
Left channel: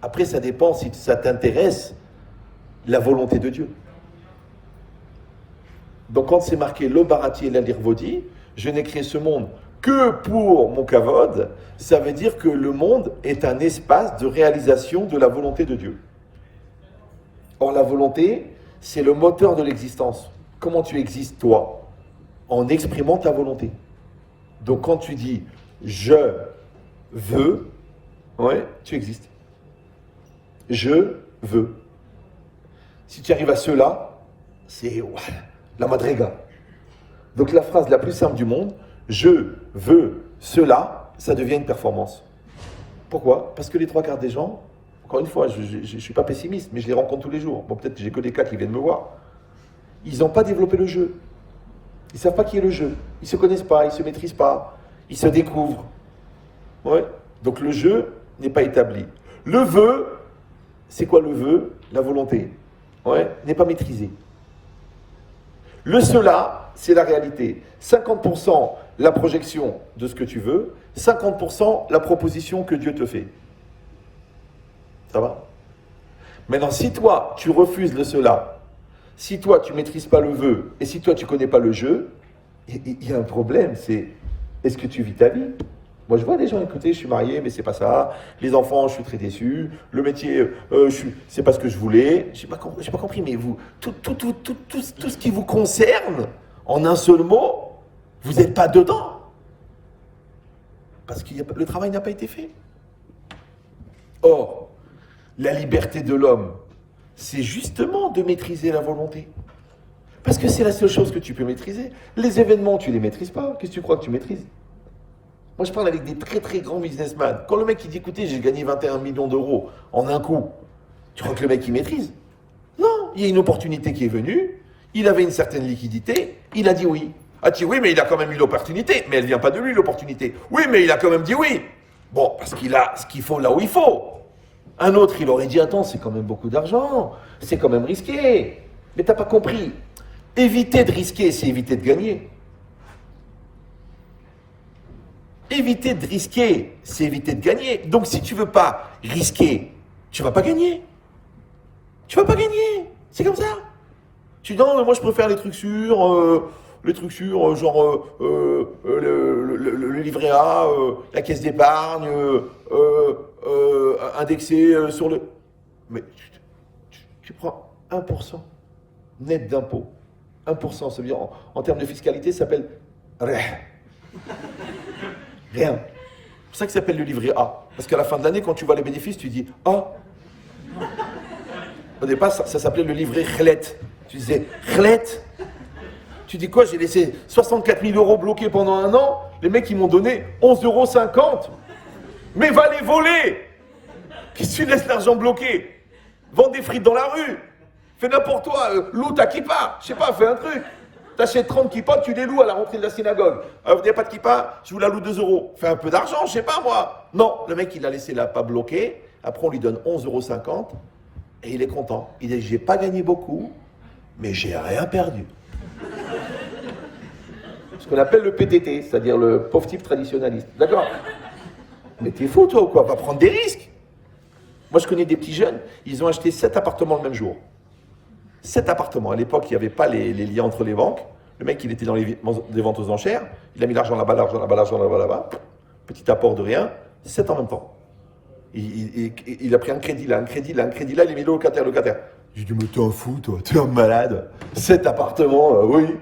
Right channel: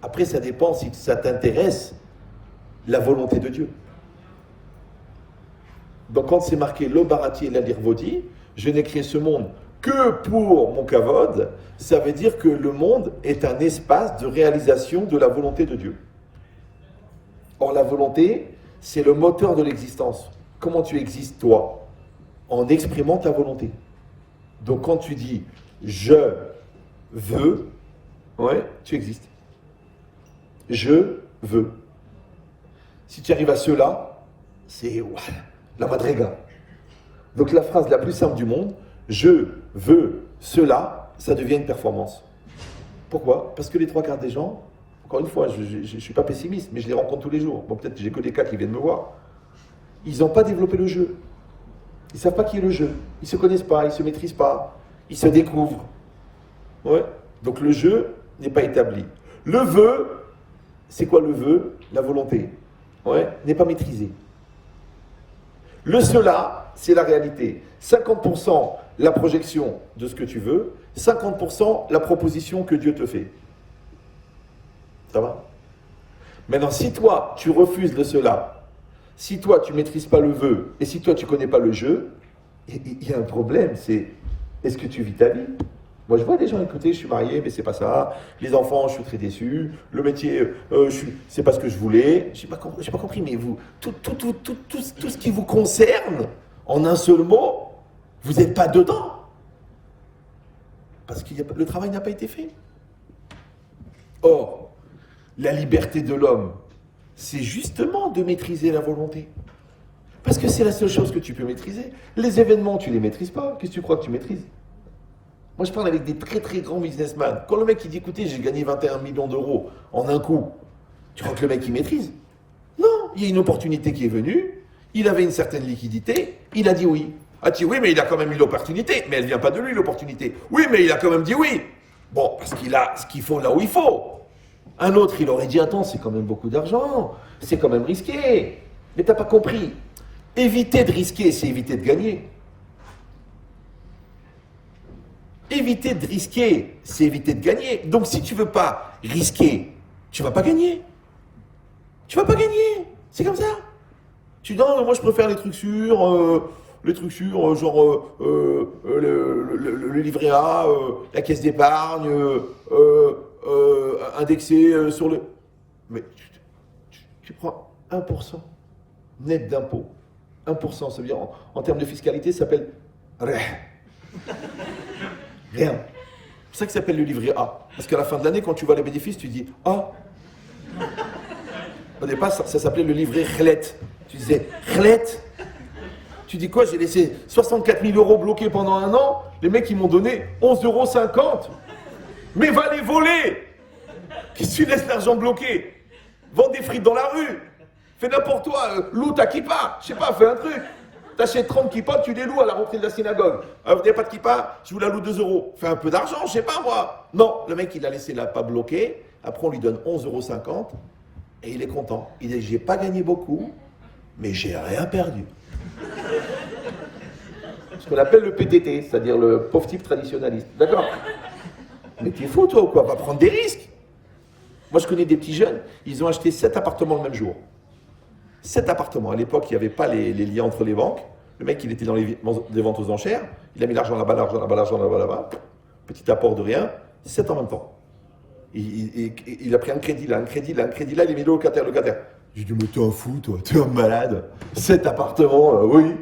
Après, ça dépend si ça t'intéresse, la volonté de Dieu. Donc, quand c'est marqué le barati et la lirvodi, je n'ai créé ce monde que pour mon kavod, ça veut dire que le monde est un espace de réalisation de la volonté de Dieu. Or, la volonté, c'est le moteur de l'existence. Comment tu existes, toi? En exprimant ta volonté. Donc, quand tu dis « je veux », ouais, tu existes. Je veux. Si tu arrives à cela, c'est la madriga. Donc, la phrase la plus simple du monde, « je veux cela », ça devient une performance. Pourquoi? Parce que les trois quarts des gens, encore une fois, je ne suis pas pessimiste, mais je les rencontre tous les jours. Bon, peut-être que j'ai que des cas qui viennent me voir. Ils n'ont pas développé le jeu. Ils ne savent pas qui est le jeu. Ils ne se connaissent pas, ils ne se maîtrisent pas. Ils se découvrent. Ouais. Donc le jeu n'est pas établi. Le vœu, c'est quoi le vœu? La volonté. Ouais. N'est pas maîtrisé. Le cela, c'est la réalité. 50% la projection de ce que tu veux, 50% la proposition que Dieu te fait. Ça va? Maintenant, si toi, tu refuses le cela, si toi, tu ne maîtrises pas le vœu, et si toi, tu ne connais pas le jeu, il y a un problème, c'est est-ce que tu vis ta vie? Moi, je vois des gens, écoutez, je suis marié, mais c'est pas ça. Les enfants, je suis très déçu. Le métier, c'est pas ce que je voulais. J'ai pas compris, mais vous, tout ce qui vous concerne, en un seul mot, vous n'êtes pas dedans. Parce que le travail n'a pas été fait. Or, la liberté de l'homme, c'est justement de maîtriser la volonté. Parce que c'est la seule chose que tu peux maîtriser. Les événements, tu ne les maîtrises pas. Qu'est-ce que tu crois que tu maîtrises? Moi, je parle avec des très très grands businessmen. Quand le mec il dit, écoutez, j'ai gagné 21 millions d'euros en un coup, tu crois que le mec il maîtrise? Non, il y a une opportunité qui est venue, il avait une certaine liquidité, il a dit oui. Ah, tu dis oui, mais il a quand même eu l'opportunité, mais elle ne vient pas de lui l'opportunité. Oui, mais il a quand même dit oui. Bon, parce qu'il a ce qu'il faut là où il faut. Un autre, il aurait dit, attends, c'est quand même beaucoup d'argent, c'est quand même risqué. Mais t'as pas compris. Éviter de risquer, c'est éviter de gagner. Éviter de risquer, c'est éviter de gagner. Donc si tu veux pas risquer, tu vas pas gagner. Tu vas pas gagner. C'est comme ça. Tu dis non, mais moi je préfère les trucs sûrs, genre le livret A, la caisse d'épargne, indexé sur le... Mais tu prends 1% net d'impôt. 1%, ça veut dire en termes de fiscalité, ça s'appelle rien. C'est pour ça que ça s'appelle le livret A. Parce qu'à la fin de l'année, quand tu vois les bénéfices, tu dis ah. Au départ, ça s'appelait le livret Khlet. Tu disais Khlet. Tu dis quoi? J'ai laissé 64 000 euros bloqués pendant un an. Les mecs, ils m'ont donné 11,50 €. Mais va les voler! Qu'est-ce que tu laisses l'argent bloqué? Vends des frites dans la rue. Fais n'importe quoi. Loue ta kippa. Je sais pas, fais un truc. T'achètes 30 kippas, tu les loues à la rentrée de la synagogue. Vous n'avez pas de kippa, je vous la loue 2 €. Fais un peu d'argent, je sais pas moi. Non, le mec, il a laissé la pas bloquée. Après, on lui donne 11,50 € et il est content. Il dit, j'ai pas gagné beaucoup, mais j'ai rien perdu. Ce qu'on appelle le PTT, c'est-à-dire le pauvre type traditionnaliste. D'accord? Mais t'es fou, toi, ou quoi? Va prendre des risques. Moi, je connais des petits jeunes, ils ont acheté 7 appartements le même jour. 7 appartements. À l'époque, il n'y avait pas les liens entre les banques. Le mec, il était dans les ventes aux enchères. Il a mis l'argent là-bas, l'argent là-bas, l'argent là-bas, là-bas. Petit apport de rien. 7 en même temps. Il a pris un crédit là, un crédit là, un crédit là. Il est mis le locataire. J'ai dit, mais t'es un fou, toi. T'es un malade. 7 appartements, oui.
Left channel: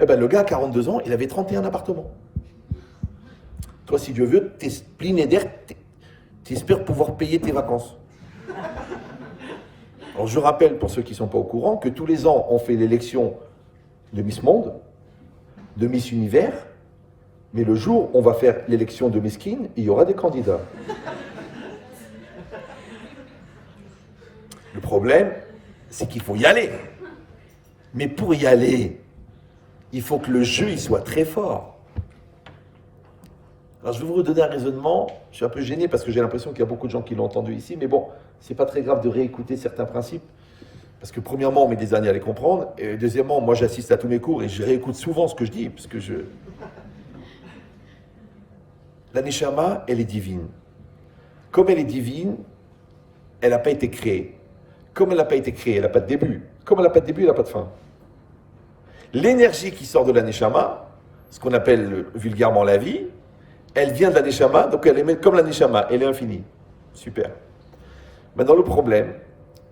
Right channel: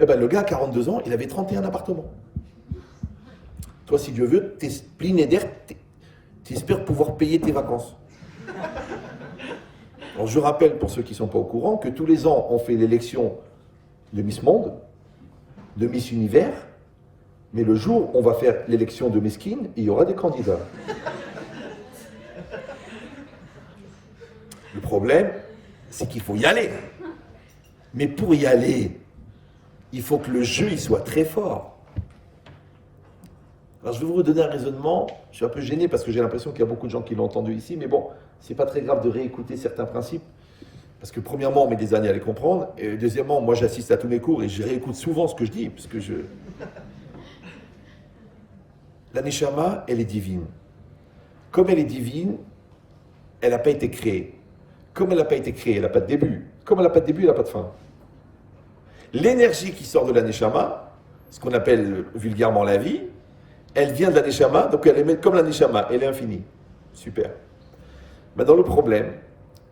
Eh ben, le gars, à 42 ans, il avait 31 appartements. Toi, si Dieu veut, t'es splinédaire, t'espères pouvoir payer tes vacances. Alors, je rappelle, pour ceux qui ne sont pas au courant, que tous les ans, on fait l'élection de Miss Monde, de Miss Univers, mais le jour où on va faire l'élection de Miss King, il y aura des candidats. Le problème, c'est qu'il faut y aller. Mais pour y aller, il faut que le jeu il soit très fort. Alors je vais vous redonner un raisonnement, je suis un peu gêné parce que j'ai l'impression qu'il y a beaucoup de gens qui l'ont entendu ici, mais bon, c'est pas très grave de réécouter certains principes, parce que premièrement, on met des années à les comprendre, et deuxièmement, moi j'assiste à tous mes cours et je réécoute souvent ce que je dis, parce que La Neshama, elle est divine. Comme elle est divine, elle n'a pas été créée. Comme elle n'a pas été créée, elle n'a pas de début. Comme elle n'a pas de début, elle n'a pas de fin. L'énergie qui sort de la Neshama, ce qu'on appelle vulgairement la vie, elle vient de la Neshama, donc elle est comme la Neshama, elle est infinie. Super. Maintenant, le problème,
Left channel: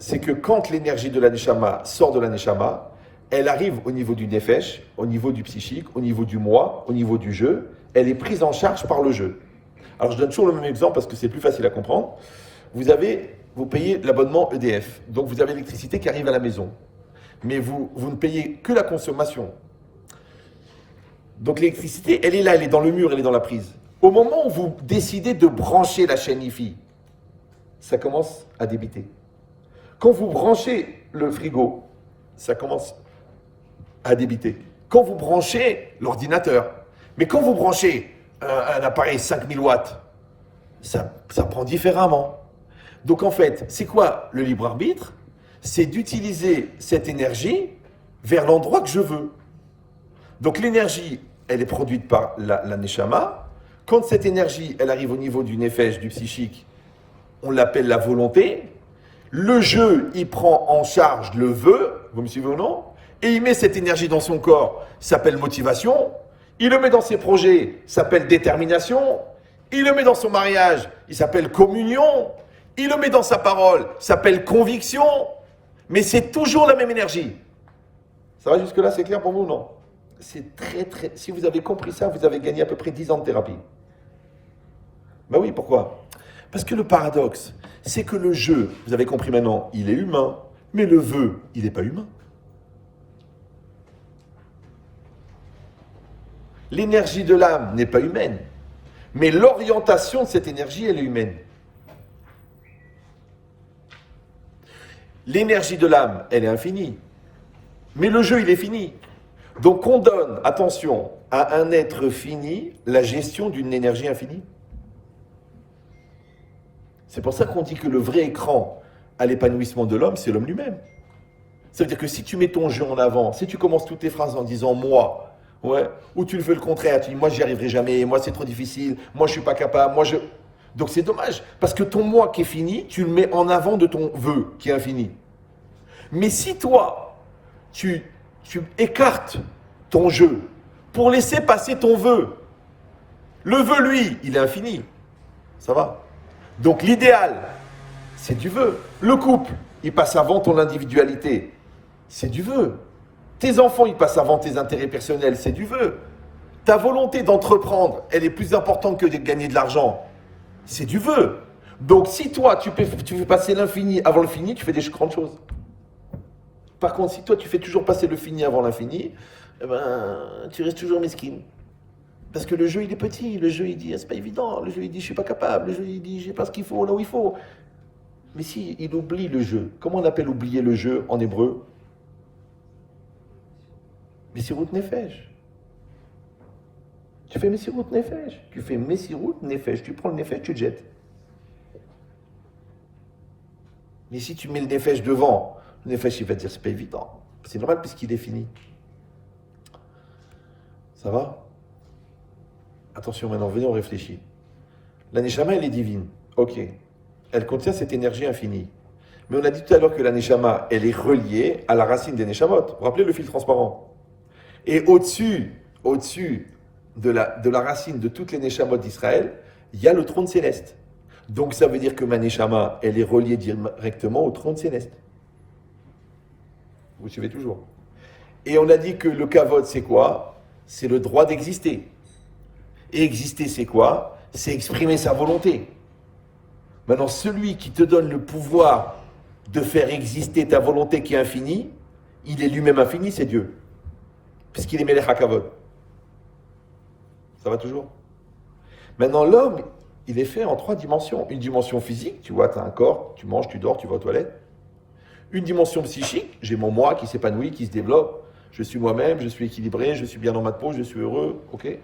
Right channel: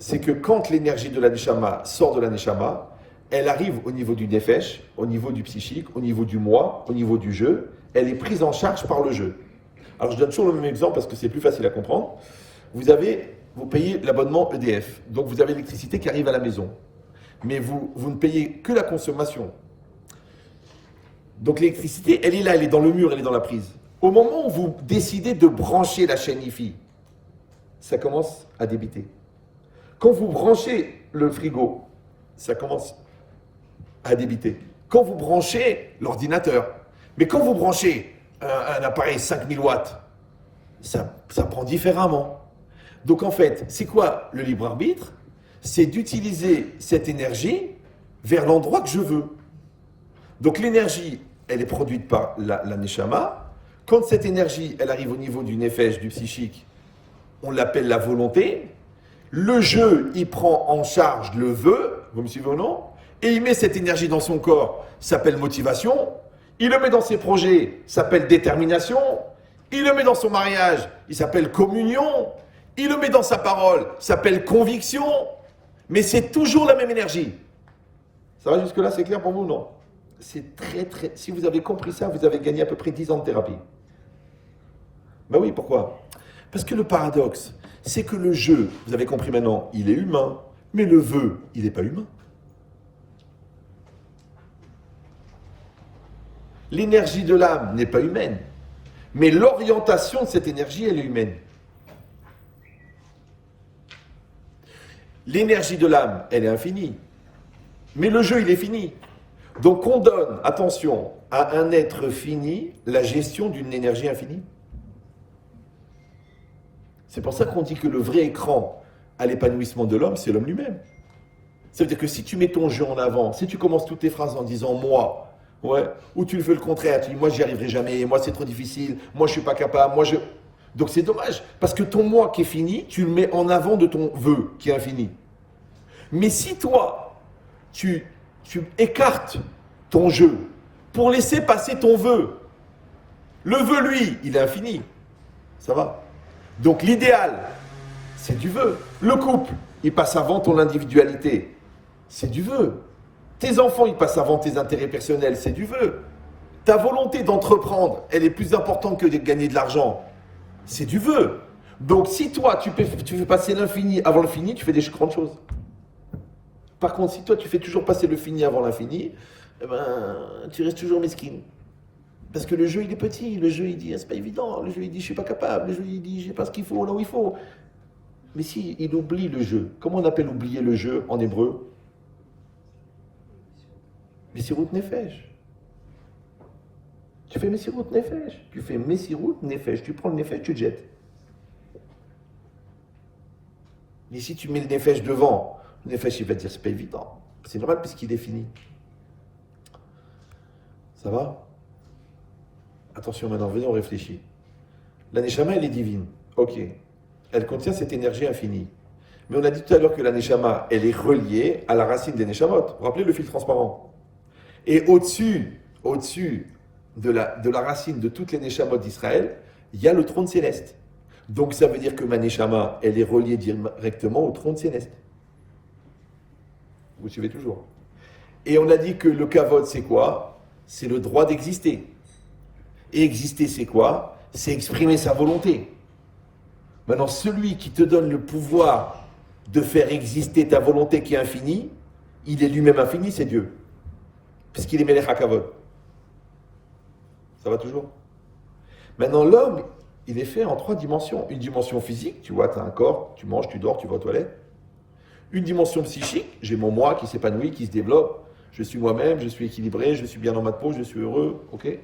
c'est que quand l'énergie de la Neshama sort de la Neshama, elle arrive au niveau du Nefesh, au niveau du psychique, au niveau du moi, au niveau du jeu, elle est prise en charge par le jeu. Alors je donne toujours le même exemple parce que c'est plus facile à comprendre. Vous payez l'abonnement EDF, donc vous avez l'électricité qui arrive à la maison. Mais vous ne payez que la consommation. Donc l'électricité, elle est là, elle est dans le mur, elle est dans la prise. Au moment où vous décidez de brancher la chaîne IFI, ça commence à débiter. Quand vous branchez le frigo, ça commence à débiter. Quand vous branchez l'ordinateur, mais quand vous branchez un appareil 5000 watts, ça prend différemment. Donc en fait, c'est quoi le libre arbitre? C'est d'utiliser cette énergie vers l'endroit que je veux. Donc l'énergie, elle est produite par la Neshama. Quand cette énergie, elle arrive au niveau du Nefesh, du psychique, on l'appelle la volonté. Le jeu, il prend en charge le vœu, vous me suivez ou non? Et il met cette énergie dans son corps, ça s'appelle motivation. Il le met dans ses projets, ça s'appelle détermination. Il le met dans son mariage, il s'appelle communion. Il le met dans sa parole, ça s'appelle conviction. Mais c'est toujours la même énergie. Ça va jusque-là, c'est clair pour vous, non? C'est très... Si vous avez compris ça, vous avez gagné à peu près 10 ans de thérapie. Ben oui, pourquoi? Parce que le paradoxe, c'est que le jeu, vous avez compris maintenant, il est humain, mais le vœu, il n'est pas humain. L'énergie de l'âme n'est pas humaine, mais l'orientation de cette énergie, elle est humaine. L'énergie de l'âme, elle est infinie, mais le jeu, il est fini. Donc on donne, attention, à un être fini la gestion d'une énergie infinie. C'est pour ça qu'on dit que le vrai écran à l'épanouissement de l'homme, c'est l'homme lui-même. Ça veut dire que si tu mets ton jeu en avant, si tu commences toutes tes phrases en disant « moi », ouais, ou tu le fais le contraire, tu dis « moi j'y arriverai jamais, moi c'est trop difficile, moi je suis pas capable, moi je… » Donc c'est dommage, parce que ton moi qui est fini, tu le mets en avant de ton vœu qui est infini. Mais si toi, tu écartes ton jeu pour laisser passer ton vœu, le vœu, lui, il est infini. Ça va? Donc l'idéal, c'est du vœu. Le couple, il passe avant ton individualité. C'est du vœu. Tes enfants, ils passent avant tes intérêts personnels. C'est du vœu. Ta volonté d'entreprendre, elle est plus importante que de gagner de l'argent. C'est du vœu. Donc si toi, tu fais passer l'infini avant l'infini, tu fais des grandes choses. Par contre, si toi, tu fais toujours passer le fini avant l'infini, eh ben, tu restes toujours mesquine. Parce que le jeu, il est petit. Le jeu, il dit, c'est pas évident. Le jeu, il dit, je suis pas capable. Le jeu, il dit, j'ai pas ce qu'il faut là où il faut. Mais si, il oublie le jeu. Comment on appelle oublier le jeu en hébreu? Messirut Nefesh. Tu fais Messirut Nefesh. Tu fais Messirut Nefesh. Tu prends le Nefesh, tu te jettes. Mais si tu mets le Nefesh devant, le Nefesh, il va te dire, c'est pas évident. C'est normal puisqu'il est fini. Ça va? Attention maintenant, venez, on réfléchit. La Neshama, elle est divine. Ok. Elle contient cette énergie infinie. Mais on a dit tout à l'heure que la Neshama, elle est reliée à la racine des Neshamot. Vous vous rappelez le fil transparent? Et au-dessus de la racine de toutes les Neshamot d'Israël, il y a le trône céleste. Donc ça veut dire que ma Neshama, elle est reliée directement au trône céleste. Vous suivez toujours? Et on a dit que le kavod, c'est quoi? C'est le droit d'exister. Et exister, c'est quoi? C'est exprimer sa volonté. Maintenant, celui qui te donne le pouvoir de faire exister ta volonté qui est infinie, il est lui-même infini, c'est Dieu. Puisqu'il est Melech HaKavod. Ça va toujours? Maintenant, l'homme, il est fait en 3 dimensions. Une dimension physique, tu vois, tu as un corps, tu manges, tu dors, tu vas aux toilettes. Une dimension psychique, j'ai mon moi qui s'épanouit, qui se développe. Je suis moi-même, je suis équilibré, je suis bien dans ma peau, je suis heureux, ok?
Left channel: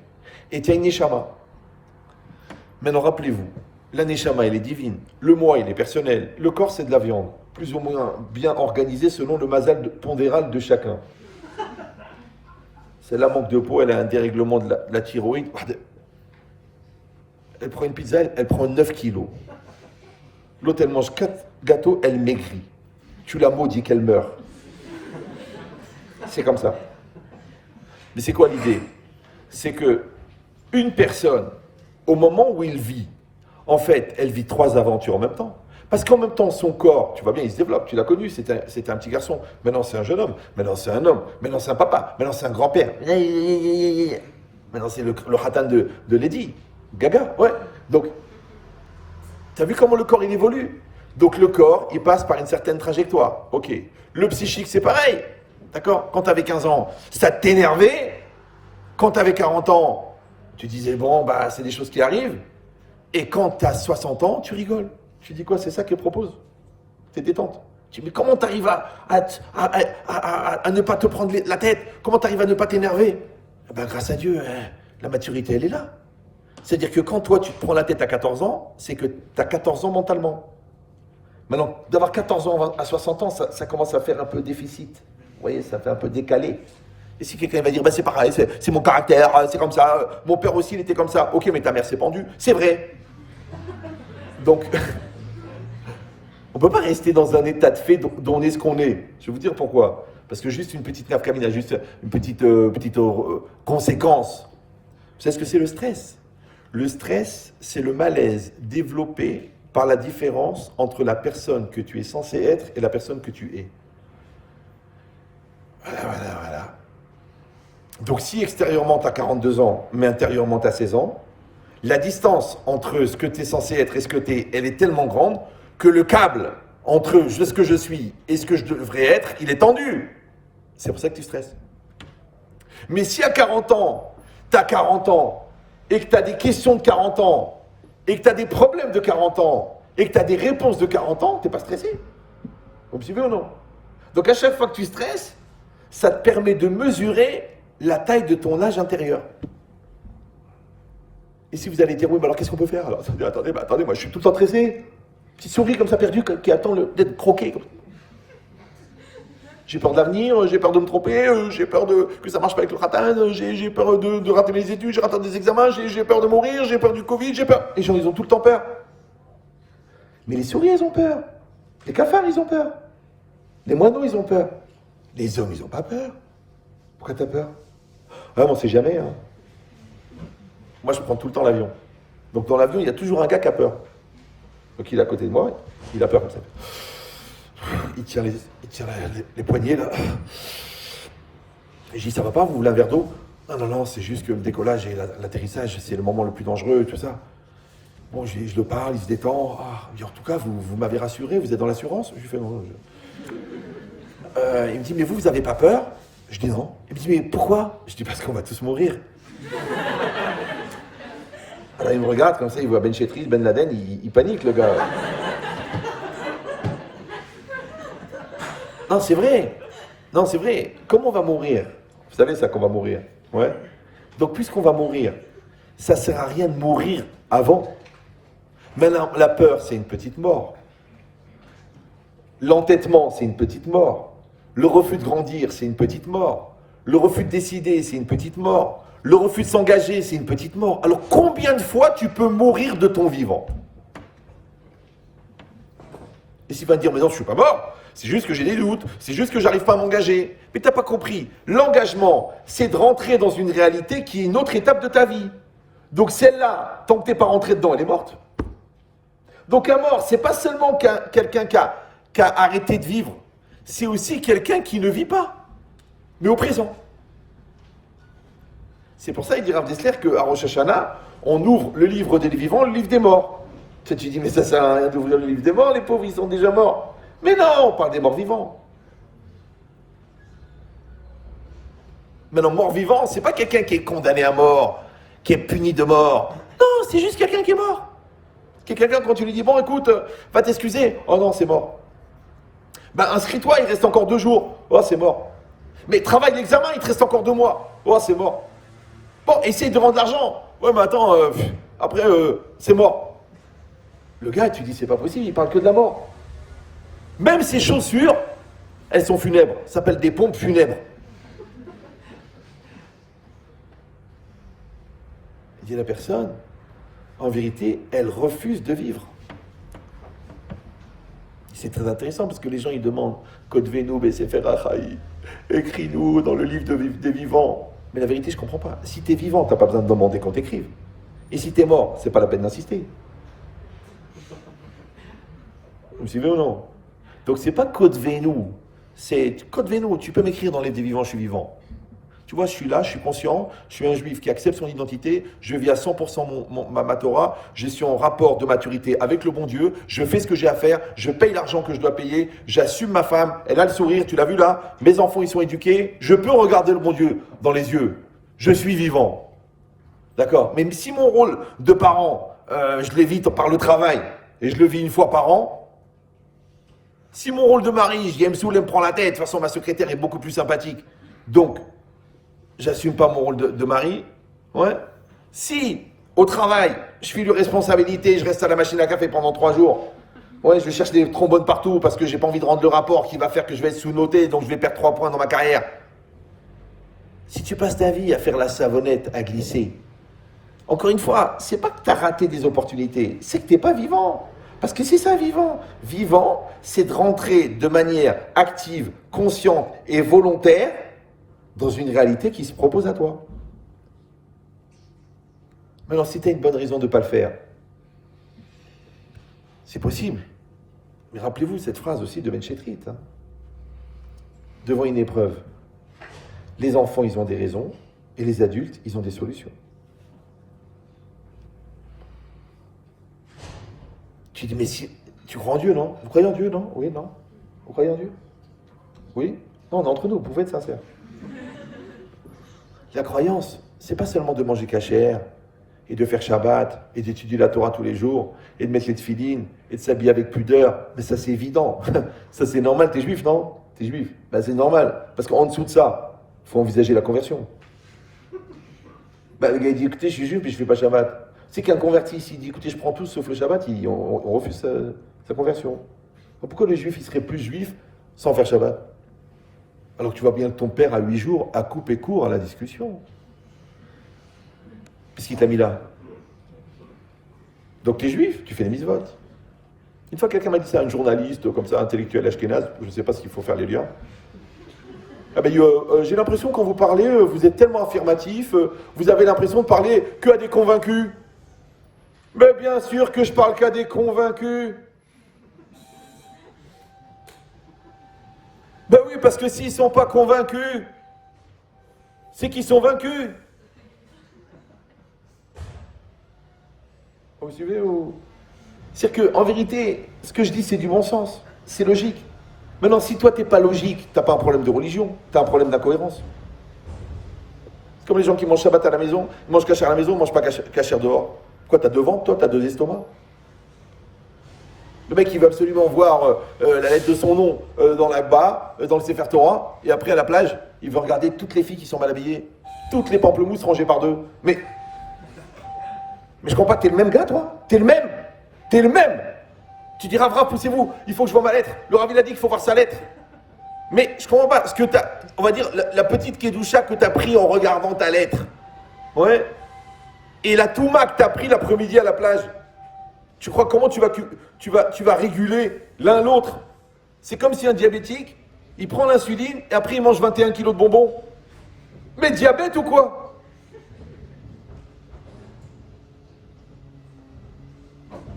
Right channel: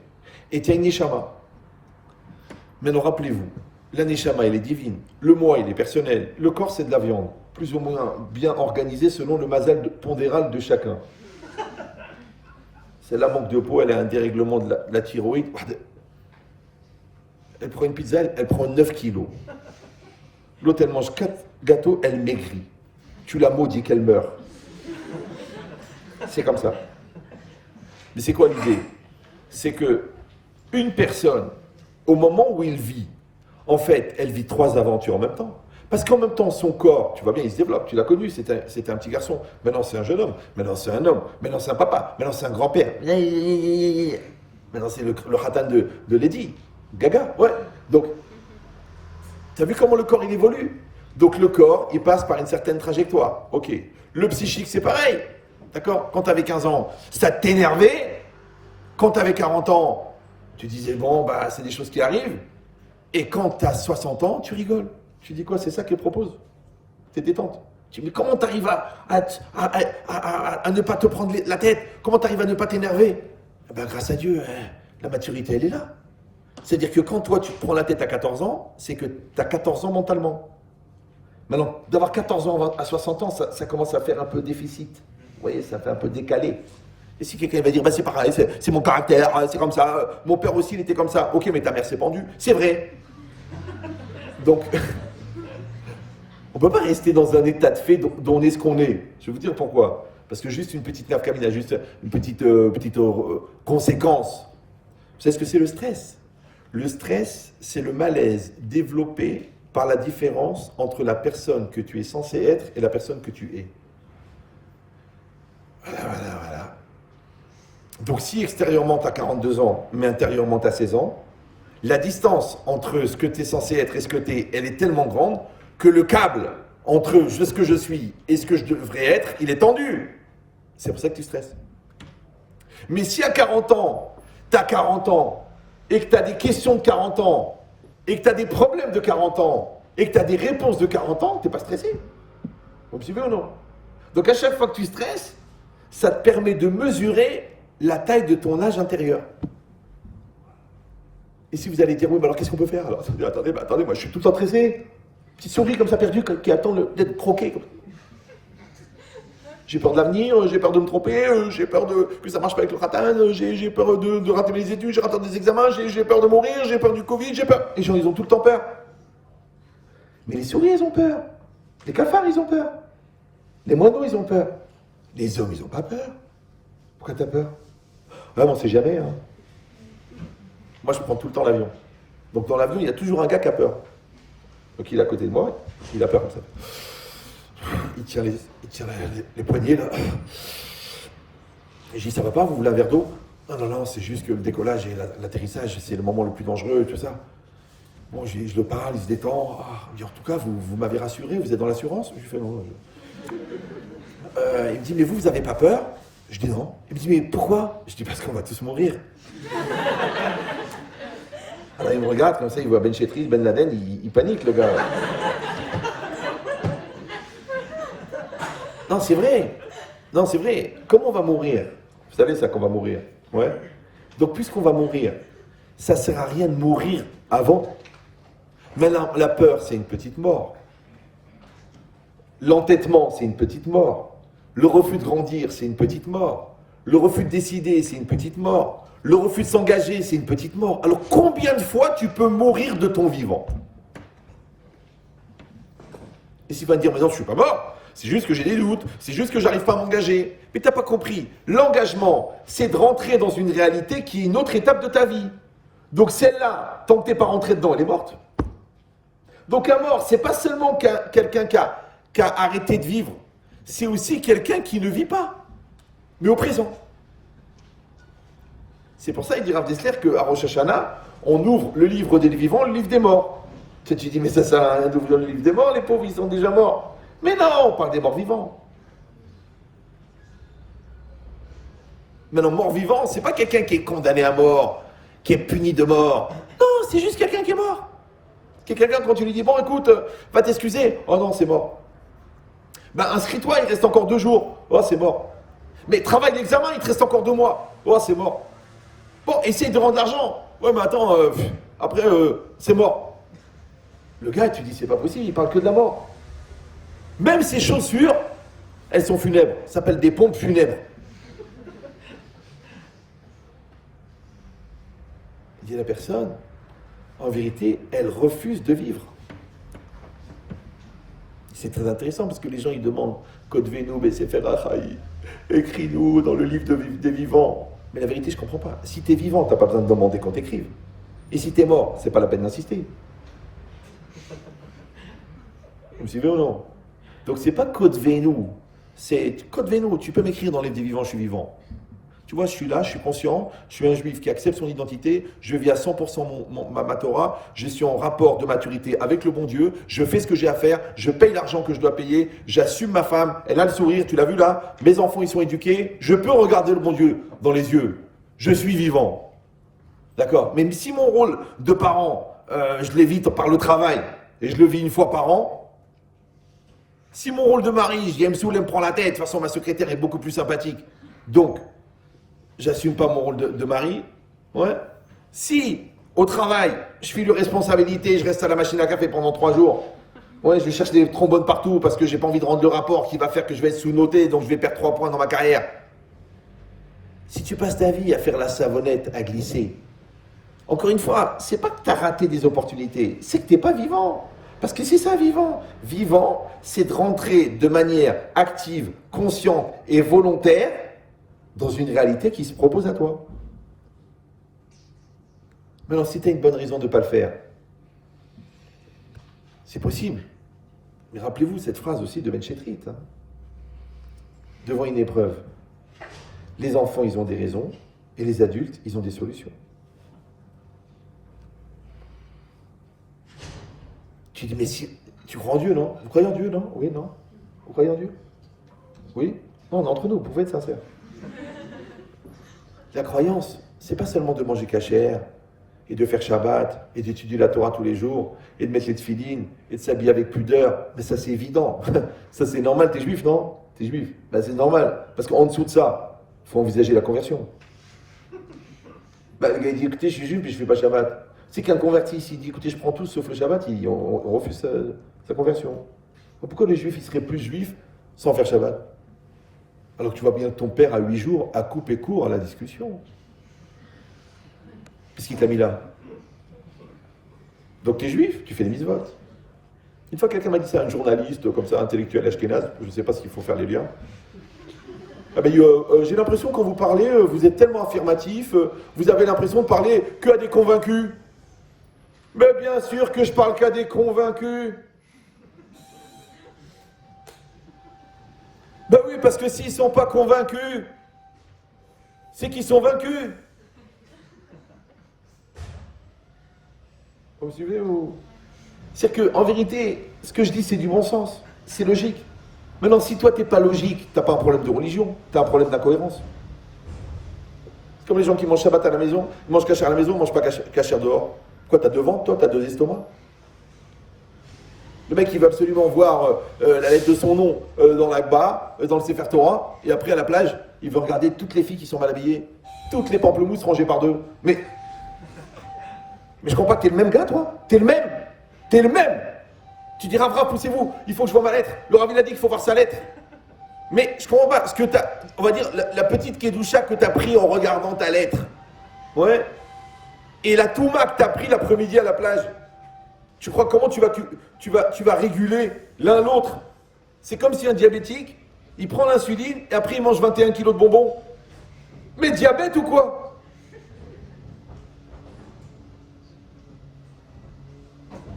Et tu as une Neshama. Maintenant, rappelez-vous, la Neshama, elle est divine. Le moi, il est personnel. Le corps, c'est de la viande. Plus ou moins bien organisé selon le mazal pondéral de chacun. C'est la manque de peau, elle a un dérèglement de la thyroïde. Elle prend une pizza, elle prend 9 kilos. L'autre, elle mange 4 gâteaux, elle maigrit. Tu la maudis qu'elle meurt. C'est comme ça. Mais c'est quoi l'idée? C'est que une personne, au moment où il vit, en fait, elle vit 3 aventures en même temps. Parce qu'en même temps, son corps, tu vois bien, il se développe. Tu l'as connu, c'était un petit garçon. Maintenant, c'est un jeune homme. Maintenant, c'est un homme. Maintenant, c'est un papa. Maintenant, c'est un grand-père. Maintenant, c'est le khatan de Lady Gaga. Ouais. Donc, tu as vu comment le corps, il évolue? Donc, le corps, il passe par une certaine trajectoire. Ok. Le psychique, c'est pareil. D'accord? Quand tu avais 15 ans, ça t'énervait. Quand tu avais 40 ans, tu disais, bon, bah, c'est des choses qui arrivent. Et quand tu as 60 ans, tu rigoles. Tu dis quoi? C'est ça qu'elle propose? T'es détente. Tu dis, mais comment tu arrives à ne pas te prendre la tête? Comment tu arrives à ne pas t'énerver? Eh ben, grâce à Dieu, la maturité, elle est là. C'est-à-dire que quand toi, tu te prends la tête à 14 ans, c'est que tu as 14 ans mentalement. Maintenant, d'avoir 14 ans à 60 ans, ça commence à faire un peu déficit. Vous voyez, ça fait un peu décalé. Et si quelqu'un va dire, bah, c'est pareil, c'est mon caractère, c'est comme ça, mon père aussi, il était comme ça. Ok, mais ta mère s'est pendue. C'est vrai. Donc, on ne peut pas rester dans un état de fait dont on est ce qu'on est. Je vais vous dire pourquoi. Parce que juste une petite nerf camina, juste une petite conséquence. Vous savez ce que c'est le stress? Le stress, c'est le malaise développé par la différence entre la personne que tu es censé être et la personne que tu es. Voilà. Donc si extérieurement tu as 42 ans, mais intérieurement tu as 16 ans, la distance entre ce que tu es censé être et ce que tu es, elle est tellement grande que le câble entre ce que je suis et ce que je devrais être, il est tendu. C'est pour ça que tu stresses. Mais si à 40 ans, tu as 40 ans, et que tu as des questions de 40 ans, et que tu as des problèmes de 40 ans, et que tu as des réponses de 40 ans, tu n'es pas stressé. Vous me suivez ou non? Donc à chaque fois que tu stresses, ça te permet de mesurer la taille de ton âge intérieur. Et si vous allez dire, oui, mais alors qu'est-ce qu'on peut faire? Alors, attendez, moi je suis tout le temps stressé. Petit souris comme ça perdu qui attend d'être croqué. J'ai peur de l'avenir, j'ai peur de me tromper, j'ai peur que ça marche pas avec le khatan, j'ai peur de rater mes études, j'ai raté des examens, j'ai peur de mourir, j'ai peur du Covid, j'ai peur. Les gens, ils ont tout le temps peur. Mais les souris, ils ont peur. Les cafards, ils ont peur. Les moineaux, ils ont peur. Les hommes, ils n'ont pas peur. Pourquoi t'as peur? Ah, on sait jamais. Hein. Moi, je prends tout le temps l'avion. Donc, dans l'avion, il y a toujours un gars qui a peur. Donc, il est à côté de moi, il a peur comme ça. Il tire les poignets, là. Et je dis, ça va pas, vous voulez un verre d'eau? Non, c'est juste que le décollage et l'atterrissage, c'est le moment le plus dangereux, tout ça. Bon, je le parle, il se détend. Ah, en tout cas, vous m'avez rassuré, vous êtes dans l'assurance? Je lui fais non. Il me dit, mais vous avez pas peur? Je dis non. Il me dit, mais pourquoi? Je dis, parce qu'on va tous mourir. Alors, il me regarde comme ça, il voit Ben Chetris, Ben Laden, il panique, le gars. Non, c'est vrai. Comment on va mourir? Vous savez ça qu'on va mourir? Ouais. Donc, puisqu'on va mourir, ça ne sert à rien de mourir avant. Maintenant, la peur, c'est une petite mort. L'entêtement, c'est une petite mort. Le refus de grandir, c'est une petite mort. Le refus de décider, c'est une petite mort. Le refus de s'engager, c'est une petite mort. Alors, combien de fois tu peux mourir de ton vivant? Et s'il va me dire, mais non, je ne suis pas mort. C'est juste que j'ai des doutes, c'est juste que j'arrive pas à m'engager. Mais tu n'as pas compris. L'engagement, c'est de rentrer dans une réalité qui est une autre étape de ta vie. Donc celle-là, tant que tu n'es pas rentré dedans, elle est morte. Donc la mort, c'est pas seulement quelqu'un qui a arrêté de vivre. C'est aussi quelqu'un qui ne vit pas, mais au présent. C'est pour ça qu'il dit Rav Dessler qu'à Rosh Hashanah, on ouvre le livre des vivants, le livre des morts. Tu dis, mais ça sert à rien d'ouvrir le livre des morts, les pauvres, ils sont déjà morts. Mais non, on parle des morts vivants. Maintenant, mort vivant, c'est pas quelqu'un qui est condamné à mort, qui est puni de mort. Non, c'est juste quelqu'un qui est mort. Quelqu'un, quand tu lui dis, bon, écoute, va t'excuser. Oh non, c'est mort. Ben, inscris-toi, il reste encore 2 jours. Oh, c'est mort. Mais travaille l'examen, il te reste encore 2 mois. Oh, c'est mort. Bon, essaye de rendre l'argent. Ouais, mais attends, après, c'est mort. Le gars, tu dis, c'est pas possible, il parle que de la mort. Même ses chaussures, elles sont funèbres. Ça s'appelle des pompes funèbres. Il dit à la personne, en vérité, elle refuse de vivre. C'est très intéressant parce que les gens, ils demandent, Kodvenu, Besefer Achai, écris-nous dans le livre des vivants. Mais la vérité, je ne comprends pas. Si tu es vivant, tu n'as pas besoin de demander qu'on t'écrive. Et si tu es mort, c'est pas la peine d'insister. Vous me suivez ou non? Donc c'est pas Kodvenu, c'est Kodvenu. Tu peux m'écrire dans les des vivants, je suis vivant. Tu vois, je suis là, je suis conscient, je suis un juif qui accepte son identité, je vis à 100% ma Torah, je suis en rapport de maturité avec le bon Dieu, je fais ce que j'ai à faire, je paye l'argent que je dois payer, j'assume ma femme, elle a le sourire, tu l'as vu là, mes enfants ils sont éduqués, je peux regarder le bon Dieu dans les yeux, je suis vivant. D'accord? Mais si mon rôle de parent, je l'évite par le travail, et je le vis une fois par an, si mon rôle de mari, je dis, elle me prend la tête, de toute façon ma secrétaire est beaucoup plus sympathique, donc, j'assume pas mon rôle de mari. Ouais. Si, au travail, je file une responsabilité, je reste à la machine à café pendant 3 jours, ouais, je cherche des trombones partout parce que j'ai pas envie de rendre le rapport qui va faire que je vais être sous-noté, donc je vais perdre 3 points dans ma carrière. Si tu passes ta vie à faire la savonnette, à glisser, encore une fois, c'est pas que tu as raté des opportunités, c'est que tu n'es pas vivant. Parce que c'est ça, vivant. Vivant, c'est de rentrer de manière active, consciente et volontaire dans une réalité qui se propose à toi. Maintenant, si tu as une bonne raison de ne pas le faire, c'est possible. Mais rappelez-vous cette phrase aussi de Ben Chetrit. Devant une épreuve, les enfants, ils ont des raisons, et les adultes, ils ont des solutions. Tu dis, mais si, tu crois en Dieu, non? Vous croyez en Dieu, non? Oui, non? Vous croyez en Dieu? Oui? Non, on est entre nous, vous pouvez être sincère. La croyance, c'est pas seulement de manger cachère, et de faire Shabbat, et d'étudier la Torah tous les jours, et de mettre les tefilines, et de s'habiller avec pudeur. Mais ça, c'est évident. Ça, c'est normal. T'es juif, non? T'es juif. Ben, c'est normal. Parce qu'en dessous de ça, il faut envisager la conversion. Ben, le gars, il dit, écoutez, je suis juif, puis je fais pas Shabbat. C'est qu'un converti, s'il dit, écoutez, je prends tout sauf le Shabbat, on refuse sa conversion. Pourquoi le juif, il serait plus juif sans faire Shabbat? Alors que tu vois bien que ton père, à 8 jours, a coupé court à la discussion. Qu'est-ce qu'il t'a mis là? Donc tu es juif, tu fais des mitzvot. Une fois quelqu'un m'a dit ça, un journaliste comme ça, intellectuel ashkénaze, je ne sais pas s'il faut faire les liens. Ah ben, j'ai l'impression quand vous parlez, vous êtes tellement affirmatif, vous avez l'impression de parler qu'à des convaincus. Mais bien sûr que je parle qu'à des convaincus. Ben oui, parce que s'ils ne sont pas convaincus, c'est qu'ils sont vaincus. Vous suivez ou... C'est-à-dire qu'en vérité, ce que je dis, c'est du bon sens. C'est logique. Maintenant, si toi, tu n'es pas logique, tu n'as pas un problème de religion, tu as un problème d'incohérence. C'est comme les gens qui mangent Shabbat à la maison, ils mangent cachère à la maison, ils ne mangent pas cachère dehors. Quoi, tu as 2 ventres, toi, tu as 2 estomacs. Le mec, il veut absolument voir la lettre de son nom dans l'Akba, dans le Sefer Torah, et après, à la plage, il veut regarder toutes les filles qui sont mal habillées, toutes les pamplemousses rangées par 2. Mais je comprends pas que t'es le même gars, toi. T'es le même. T'es le même. Tu dis, Rav, poussez-vous, il faut que je vois ma lettre. Le Rav, il a dit qu'il faut voir sa lettre. Mais je comprends pas, parce que t'as, on va dire, la petite Kedusha que t'as pris en regardant ta lettre. Ouais. Et la Touma que t'as pris l'après-midi à la plage. Tu crois comment tu vas réguler l'un l'autre? C'est comme si un diabétique, il prend l'insuline et après il mange 21 kilos de bonbons. Mais diabète ou quoi?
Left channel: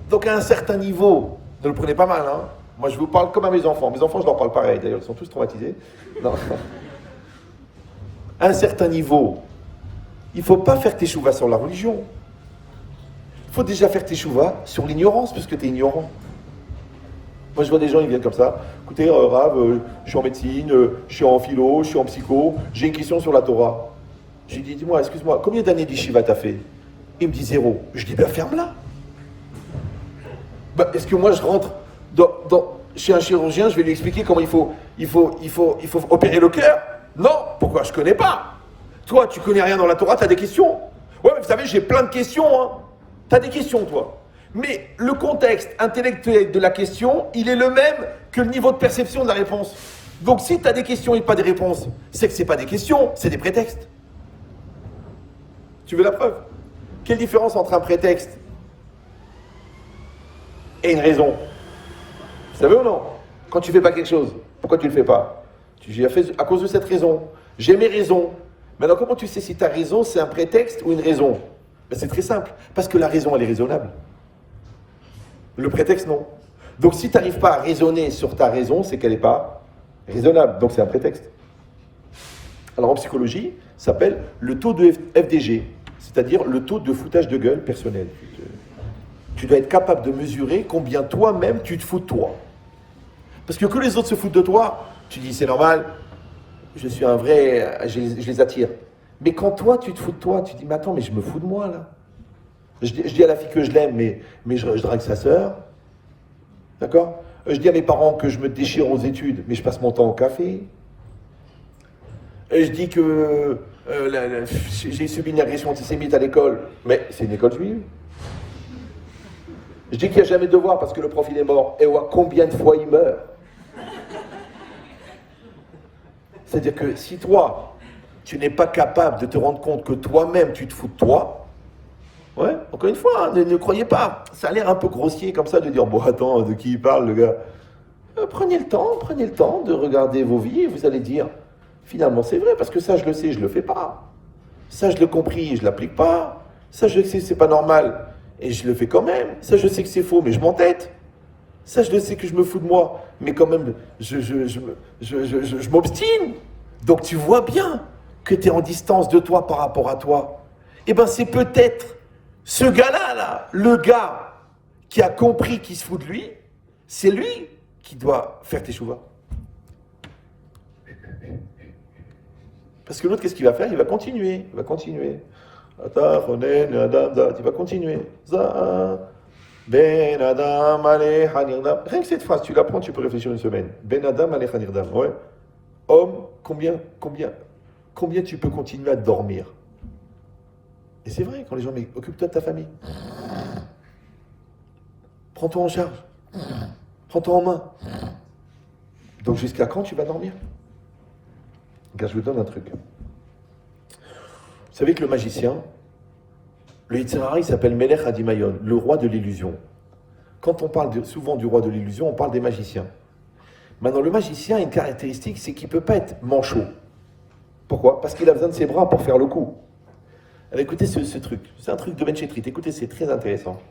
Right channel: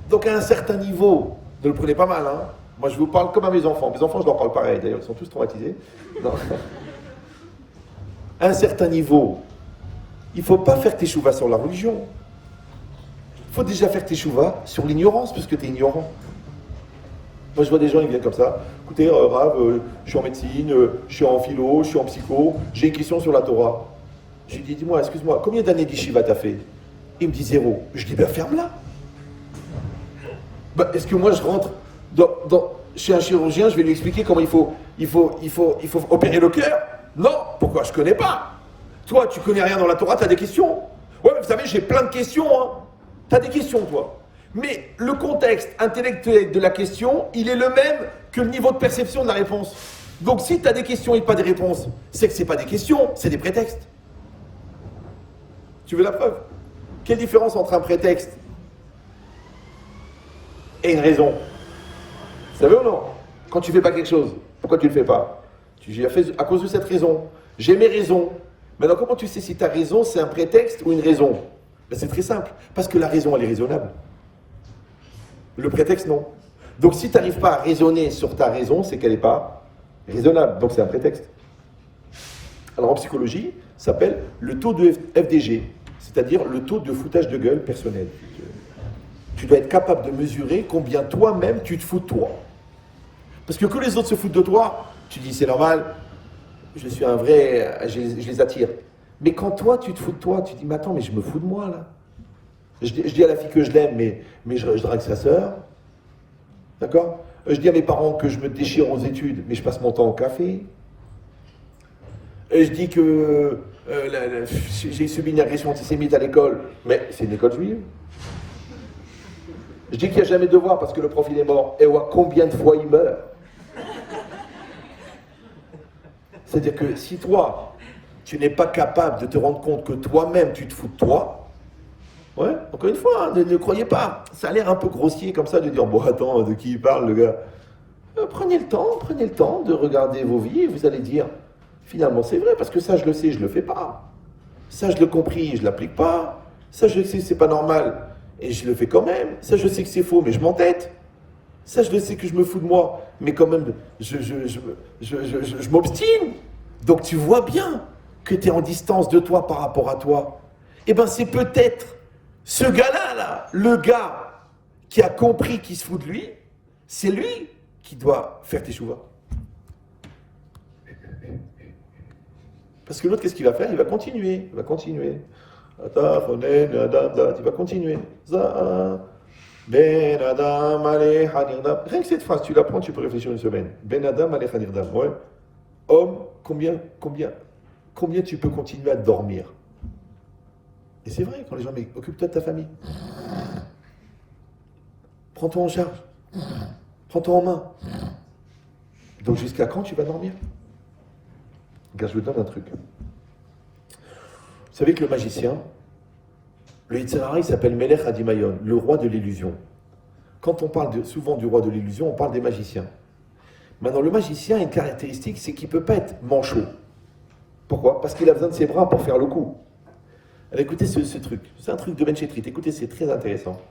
Donc à un certain niveau, ne le prenez pas mal, hein. Moi je vous parle comme à mes enfants. Mes enfants, je leur parle pareil, d'ailleurs, ils sont tous traumatisés. Non. À un certain niveau, il ne faut pas faire tes chouvas sur la religion. Il faut déjà faire tes chouvas sur l'ignorance, puisque tu es ignorant. Moi je vois des gens, ils viennent comme ça. Écoutez, Rav, je suis en médecine, je suis en philo, je suis en psycho, j'ai une question sur la Torah. Je lui dis, dis-moi, excuse-moi, combien d'années d'Yeshiva t'as fait? Il me dit 0. Je dis, ben ferme-la. Ben, est-ce que moi je rentre chez un chirurgien, je vais lui expliquer comment il faut opérer le cœur? Non, pourquoi? Je connais pas. Toi, tu connais rien dans la Torah, tu as des questions. Ouais, mais vous savez, j'ai plein de questions, hein. Tu as des questions, toi. Mais le contexte intellectuel de la question, il est le même que le niveau de perception de la réponse. Donc si tu as des questions et pas des réponses, c'est que ce n'est pas des questions, c'est des prétextes. Tu veux la preuve? Quelle différence entre un prétexte et une raison? Vous savez ou non? Quand tu fais pas quelque chose, pourquoi tu le fais pas? Tu dis à cause de cette raison. J'ai mes raisons. Maintenant, comment tu sais si ta raison c'est un prétexte ou une raison? Ben, c'est très simple. Parce que la raison, elle est raisonnable. Le prétexte, non. Donc si tu n'arrives pas à raisonner sur ta raison, c'est qu'elle n'est pas raisonnable. Donc c'est un prétexte. Alors en psychologie, ça s'appelle le taux de FDG, c'est-à-dire le taux de foutage de gueule personnel. Tu dois être capable de mesurer combien toi-même tu te fous de toi. Parce que les autres se foutent de toi, tu dis c'est normal, je suis un vrai, je les attire. Mais quand toi tu te fous de toi, tu dis mais attends, mais je me fous de moi là. Je dis à la fille que je l'aime, mais je drague sa sœur. D'accord? Je dis à mes parents que je me déchire aux études, mais je passe mon temps au café. Et je dis que j'ai subi une agression antisémite à l'école, mais c'est une école juive. Je dis qu'il n'y a jamais de devoir parce que le prof il est mort. Et ouais, combien de fois il meurt? C'est-à-dire que si toi, tu n'es pas capable de te rendre compte que toi-même tu te fous de toi, ouais, encore une fois, hein, ne croyez pas. Ça a l'air un peu grossier comme ça de dire, bon attends, de qui il parle le gars? Prenez le temps de regarder vos vies et vous allez dire, finalement c'est vrai, parce que ça je le sais, je le fais pas. Ça je l'ai compris, je l'applique pas. Ça je sais que c'est pas normal et je le fais quand même. Ça je sais que c'est faux, mais je m'entête. Ça je le sais que je me fous de moi, mais quand même je m'obstine. Donc tu vois bien que tu es en distance de toi par rapport à toi. Eh ben c'est peut-être ce gars-là, là, le gars qui a compris qu'il se fout de lui, c'est lui qui doit faire tes chouvas. Parce que l'autre, qu'est-ce qu'il va faire? Il va continuer. Il va continuer. Rien que cette phrase, tu l'apprends, tu peux réfléchir une semaine. Ben Adam alech hanirdam. Ouais. Homme, combien tu peux continuer à dormir? Et c'est vrai, quand les gens disent, occupe-toi de ta famille. Prends-toi en charge. Prends-toi en main. Donc jusqu'à quand tu vas dormir? Regarde, je vous donne un truc. Vous savez que le magicien, le Yitzhara, il s'appelle Melech Hadimayon, le roi de l'illusion. Quand on parle souvent du roi de l'illusion, on parle des magiciens. Maintenant, le magicien a une caractéristique, c'est qu'il ne peut pas être manchot. Pourquoi? Parce qu'il a besoin de ses bras pour faire le coup. Alors écoutez ce truc, c'est un truc de Ben Chetrit, écoutez, c'est très intéressant.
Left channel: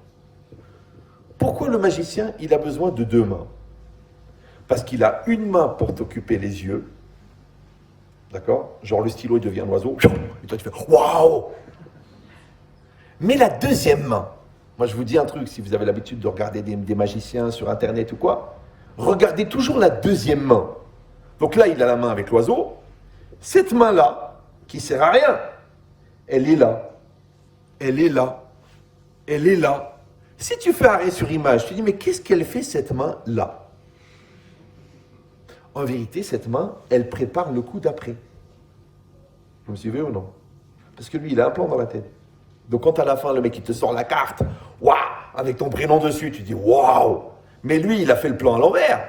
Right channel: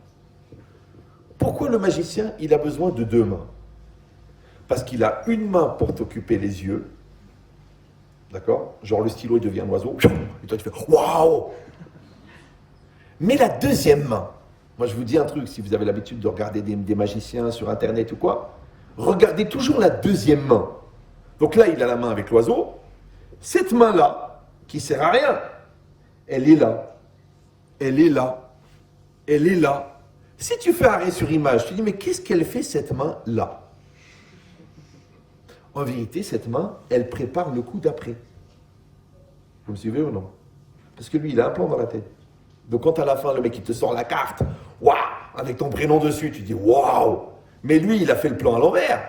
Pourquoi le magicien, il a besoin de deux mains? Parce qu'il a une main pour t'occuper les yeux, d'accord? Genre le stylo, il devient un oiseau, et toi tu fais waouh! Mais la deuxième main, moi je vous dis un truc, si vous avez l'habitude de regarder des magiciens sur internet ou quoi, regardez toujours la deuxième main. Donc là, il a la main avec l'oiseau, cette main-là, qui sert à rien, elle est là, elle est là, elle est là. Si tu fais arrêt sur image, tu dis, mais qu'est-ce qu'elle fait cette main-là? En vérité, cette main, elle prépare le coup d'après. Vous me suivez ou non? Parce que lui, il a un plan dans la tête. Donc quand à la fin, le mec, il te sort la carte, waouh, avec ton prénom dessus, tu dis, waouh. Mais lui, il a fait le plan à l'envers,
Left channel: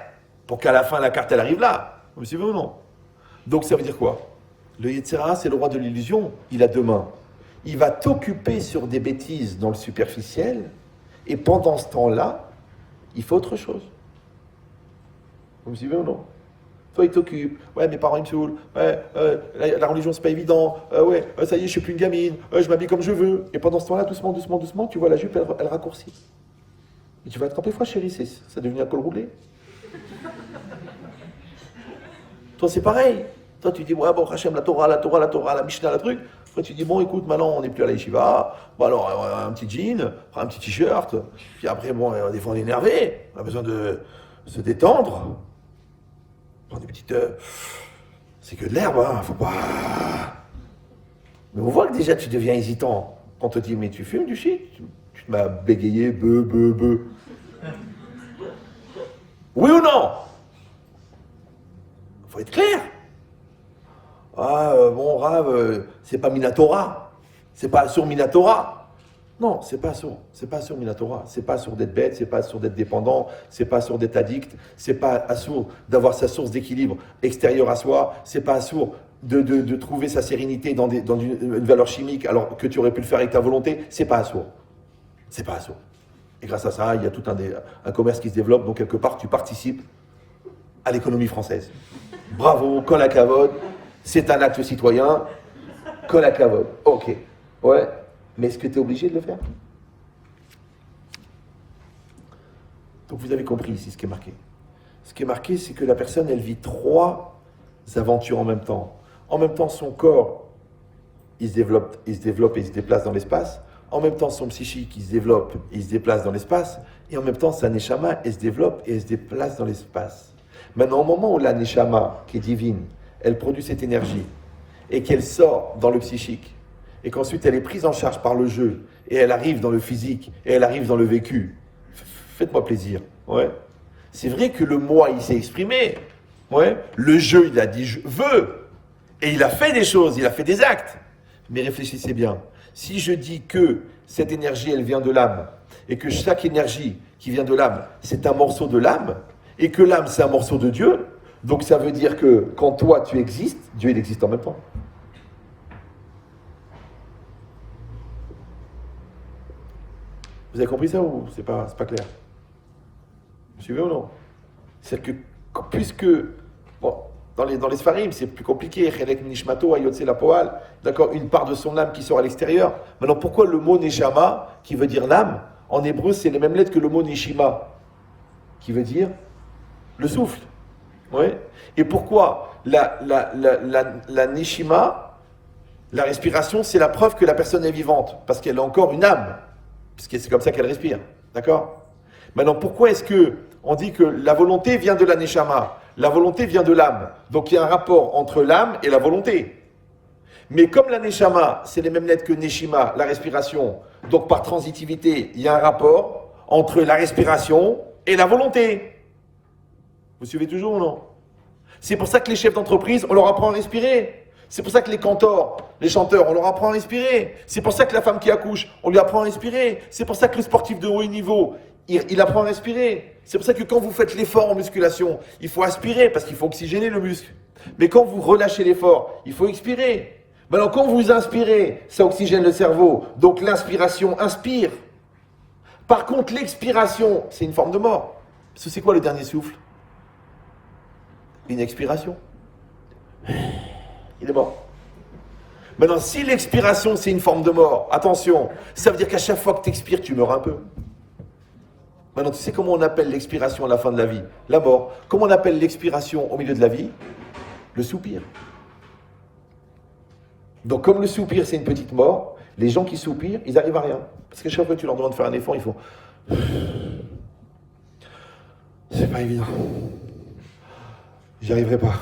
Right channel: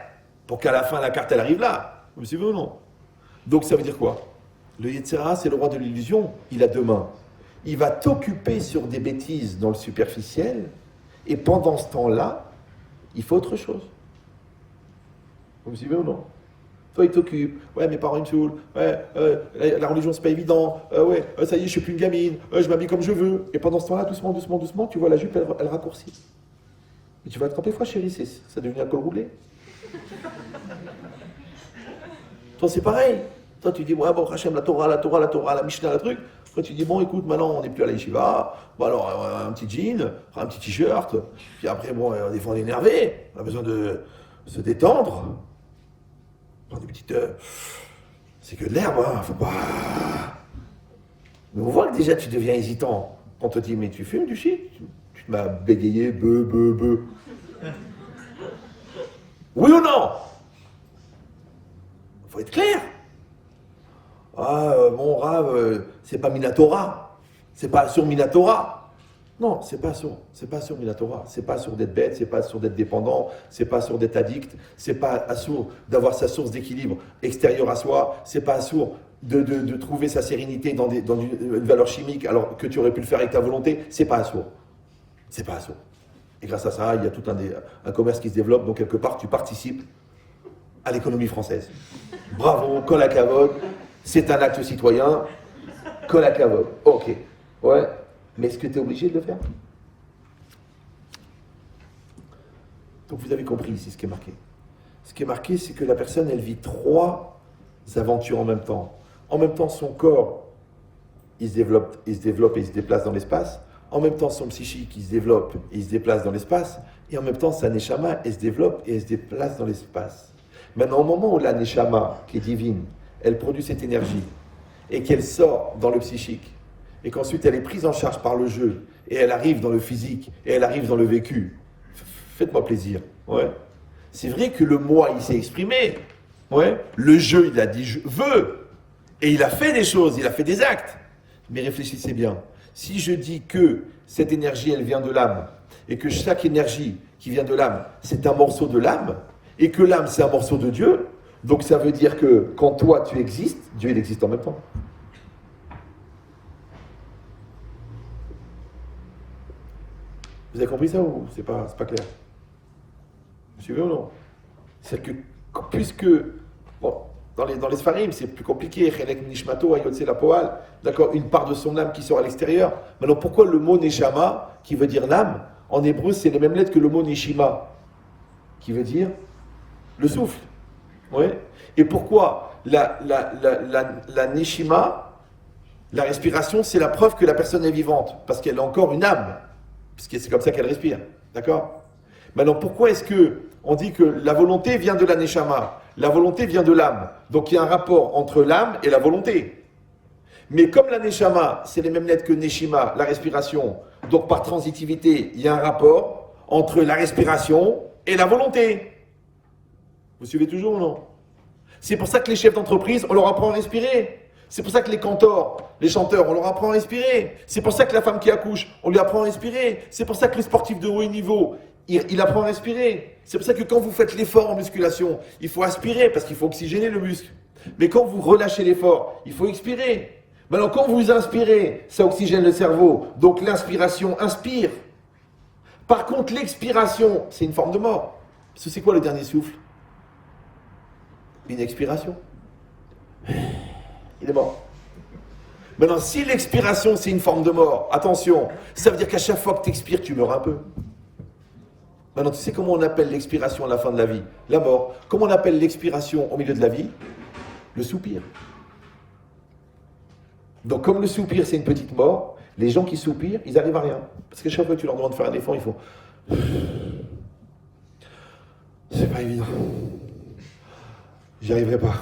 pour qu'à la fin, la carte, elle arrive là. Vous me suivez ou non? Donc ça veut dire quoi? Le Yetzirah, c'est le roi de l'illusion. Il a deux mains. Il va t'occuper sur des bêtises dans le superficiel, et pendant ce temps-là, il faut autre chose. Vous me suivez ou non? Toi, il t'occupe. Ouais, mes parents, ils me saoulent. Ouais, la religion, c'est pas évident. Ouais, ça y est, je suis plus une gamine. Je m'habille comme je veux. Et pendant ce temps-là, doucement, doucement, doucement, tu vois la jupe, elle raccourcit. Mais tu vas te tromper fois, chérie, ça devient un col roulé. Toi, c'est pareil. Toi, tu dis, ouais, bon, Hachem, la Torah, la Mishnah, la truc. Après, tu dis, bon, écoute, maintenant, on n'est plus à la yeshiva. Bon, alors, un petit jean, un petit t-shirt. Puis après, bon, des fois, on est énervé. On a besoin de se détendre. Des petites. C'est que de l'herbe, hein, faut pas. Mais on voit que déjà, tu deviens hésitant. Quand on te dit, mais tu fumes du shit? Tu m'as bégayé, beu. Oui ou non? Faut être clair. Ah, mon Rav, c'est pas Minatora. C'est pas sur Minatora. Non, c'est pas sourd. C'est pas sourd, la Torah. C'est pas sourd d'être bête, c'est pas sourd d'être dépendant, c'est pas sourd d'être addict, c'est pas sourd d'avoir sa source d'équilibre extérieure à soi, c'est pas sourd de trouver sa sérénité dans une valeur chimique alors que tu aurais pu le faire avec ta volonté. C'est pas sourd. C'est pas sourd. Et grâce à ça, il y a tout un commerce qui se développe, donc quelque part, tu participes à l'économie française. Bravo, kol hakavod, c'est un acte citoyen, kol hakavod. Ok, ouais, mais est-ce que tu es obligé de le faire? Donc vous avez compris ici ce qui est marqué. Ce qui est marqué, c'est que la personne, elle vit 3 aventures en même temps. En même temps, son corps, il se développe et il se déplace dans l'espace. En même temps, son psychique, il se développe et il se déplace dans l'espace. Et en même temps, sa neshama, elle se développe et elle se déplace dans l'espace. Maintenant, au moment où la neshama, qui est divine, elle produit cette énergie et qu'elle sort dans le psychique et qu'ensuite elle est prise en charge par le jeu et elle arrive dans le physique et elle arrive dans le vécu, faites-moi plaisir. Ouais. C'est vrai que le moi, il s'est exprimé. Ouais. Le jeu, il a dit je veux. Et il a fait des choses, il a fait des actes. Mais réfléchissez bien. Si je dis que cette énergie, elle vient de l'âme, et que chaque énergie qui vient de l'âme, c'est un morceau de l'âme, et que l'âme, c'est un morceau de Dieu, donc ça veut dire que quand toi, tu existes, Dieu, il existe en même temps. Vous avez compris ça ou c'est pas clair? Vous suivez ou non? C'est-à-dire que puisque... Bon, dans les Sfarim, c'est plus compliqué. Chelek Nishmato, Ayotse la Poal. D'accord, une part de son âme qui sort à l'extérieur. Maintenant, pourquoi le mot Neshama, qui veut dire l'âme, en hébreu, c'est les mêmes lettres que le mot Neshima, qui veut dire le souffle. Ouais. Et pourquoi la Neshima, la respiration, c'est la preuve que la personne est vivante, parce qu'elle a encore une âme, puisque c'est comme ça qu'elle respire. D'accord? Maintenant, pourquoi est-ce que on dit que la volonté vient de la Neshama? La volonté vient de l'âme. Donc il y a un rapport entre l'âme et la volonté. Mais comme la Neshama, c'est les mêmes lettres que Neshima, la respiration, donc par transitivité, il y a un rapport entre la respiration et la volonté. Vous suivez toujours ou non? C'est pour ça que les chefs d'entreprise, on leur apprend à respirer. C'est pour ça que les cantors, les chanteurs, on leur apprend à respirer. C'est pour ça que la femme qui accouche, on lui apprend à respirer. C'est pour ça que le sportif de haut niveau, il apprend à respirer. C'est pour ça que quand vous faites l'effort en musculation, il faut aspirer parce qu'il faut oxygéner le muscle. Mais quand vous relâchez l'effort, il faut expirer. Maintenant, quand vous inspirez, ça oxygène le cerveau. Donc l'inspiration inspire. Par contre, l'expiration, c'est une forme de mort. Parce que c'est quoi le dernier souffle? Une expiration. Il est mort. Maintenant, si l'expiration, c'est une forme de mort, attention, ça veut dire qu'à chaque fois que tu expires, tu meurs un peu. Maintenant, tu sais comment on appelle l'expiration à la fin de la vie? La mort. Comment on appelle l'expiration au milieu de la vie? Le soupir. Donc, comme le soupir, c'est une petite mort, les gens qui soupirent, ils n'arrivent à rien. Parce que chaque fois que tu leur demandes de faire un effort, ils font... C'est pas évident. J'y arriverai pas.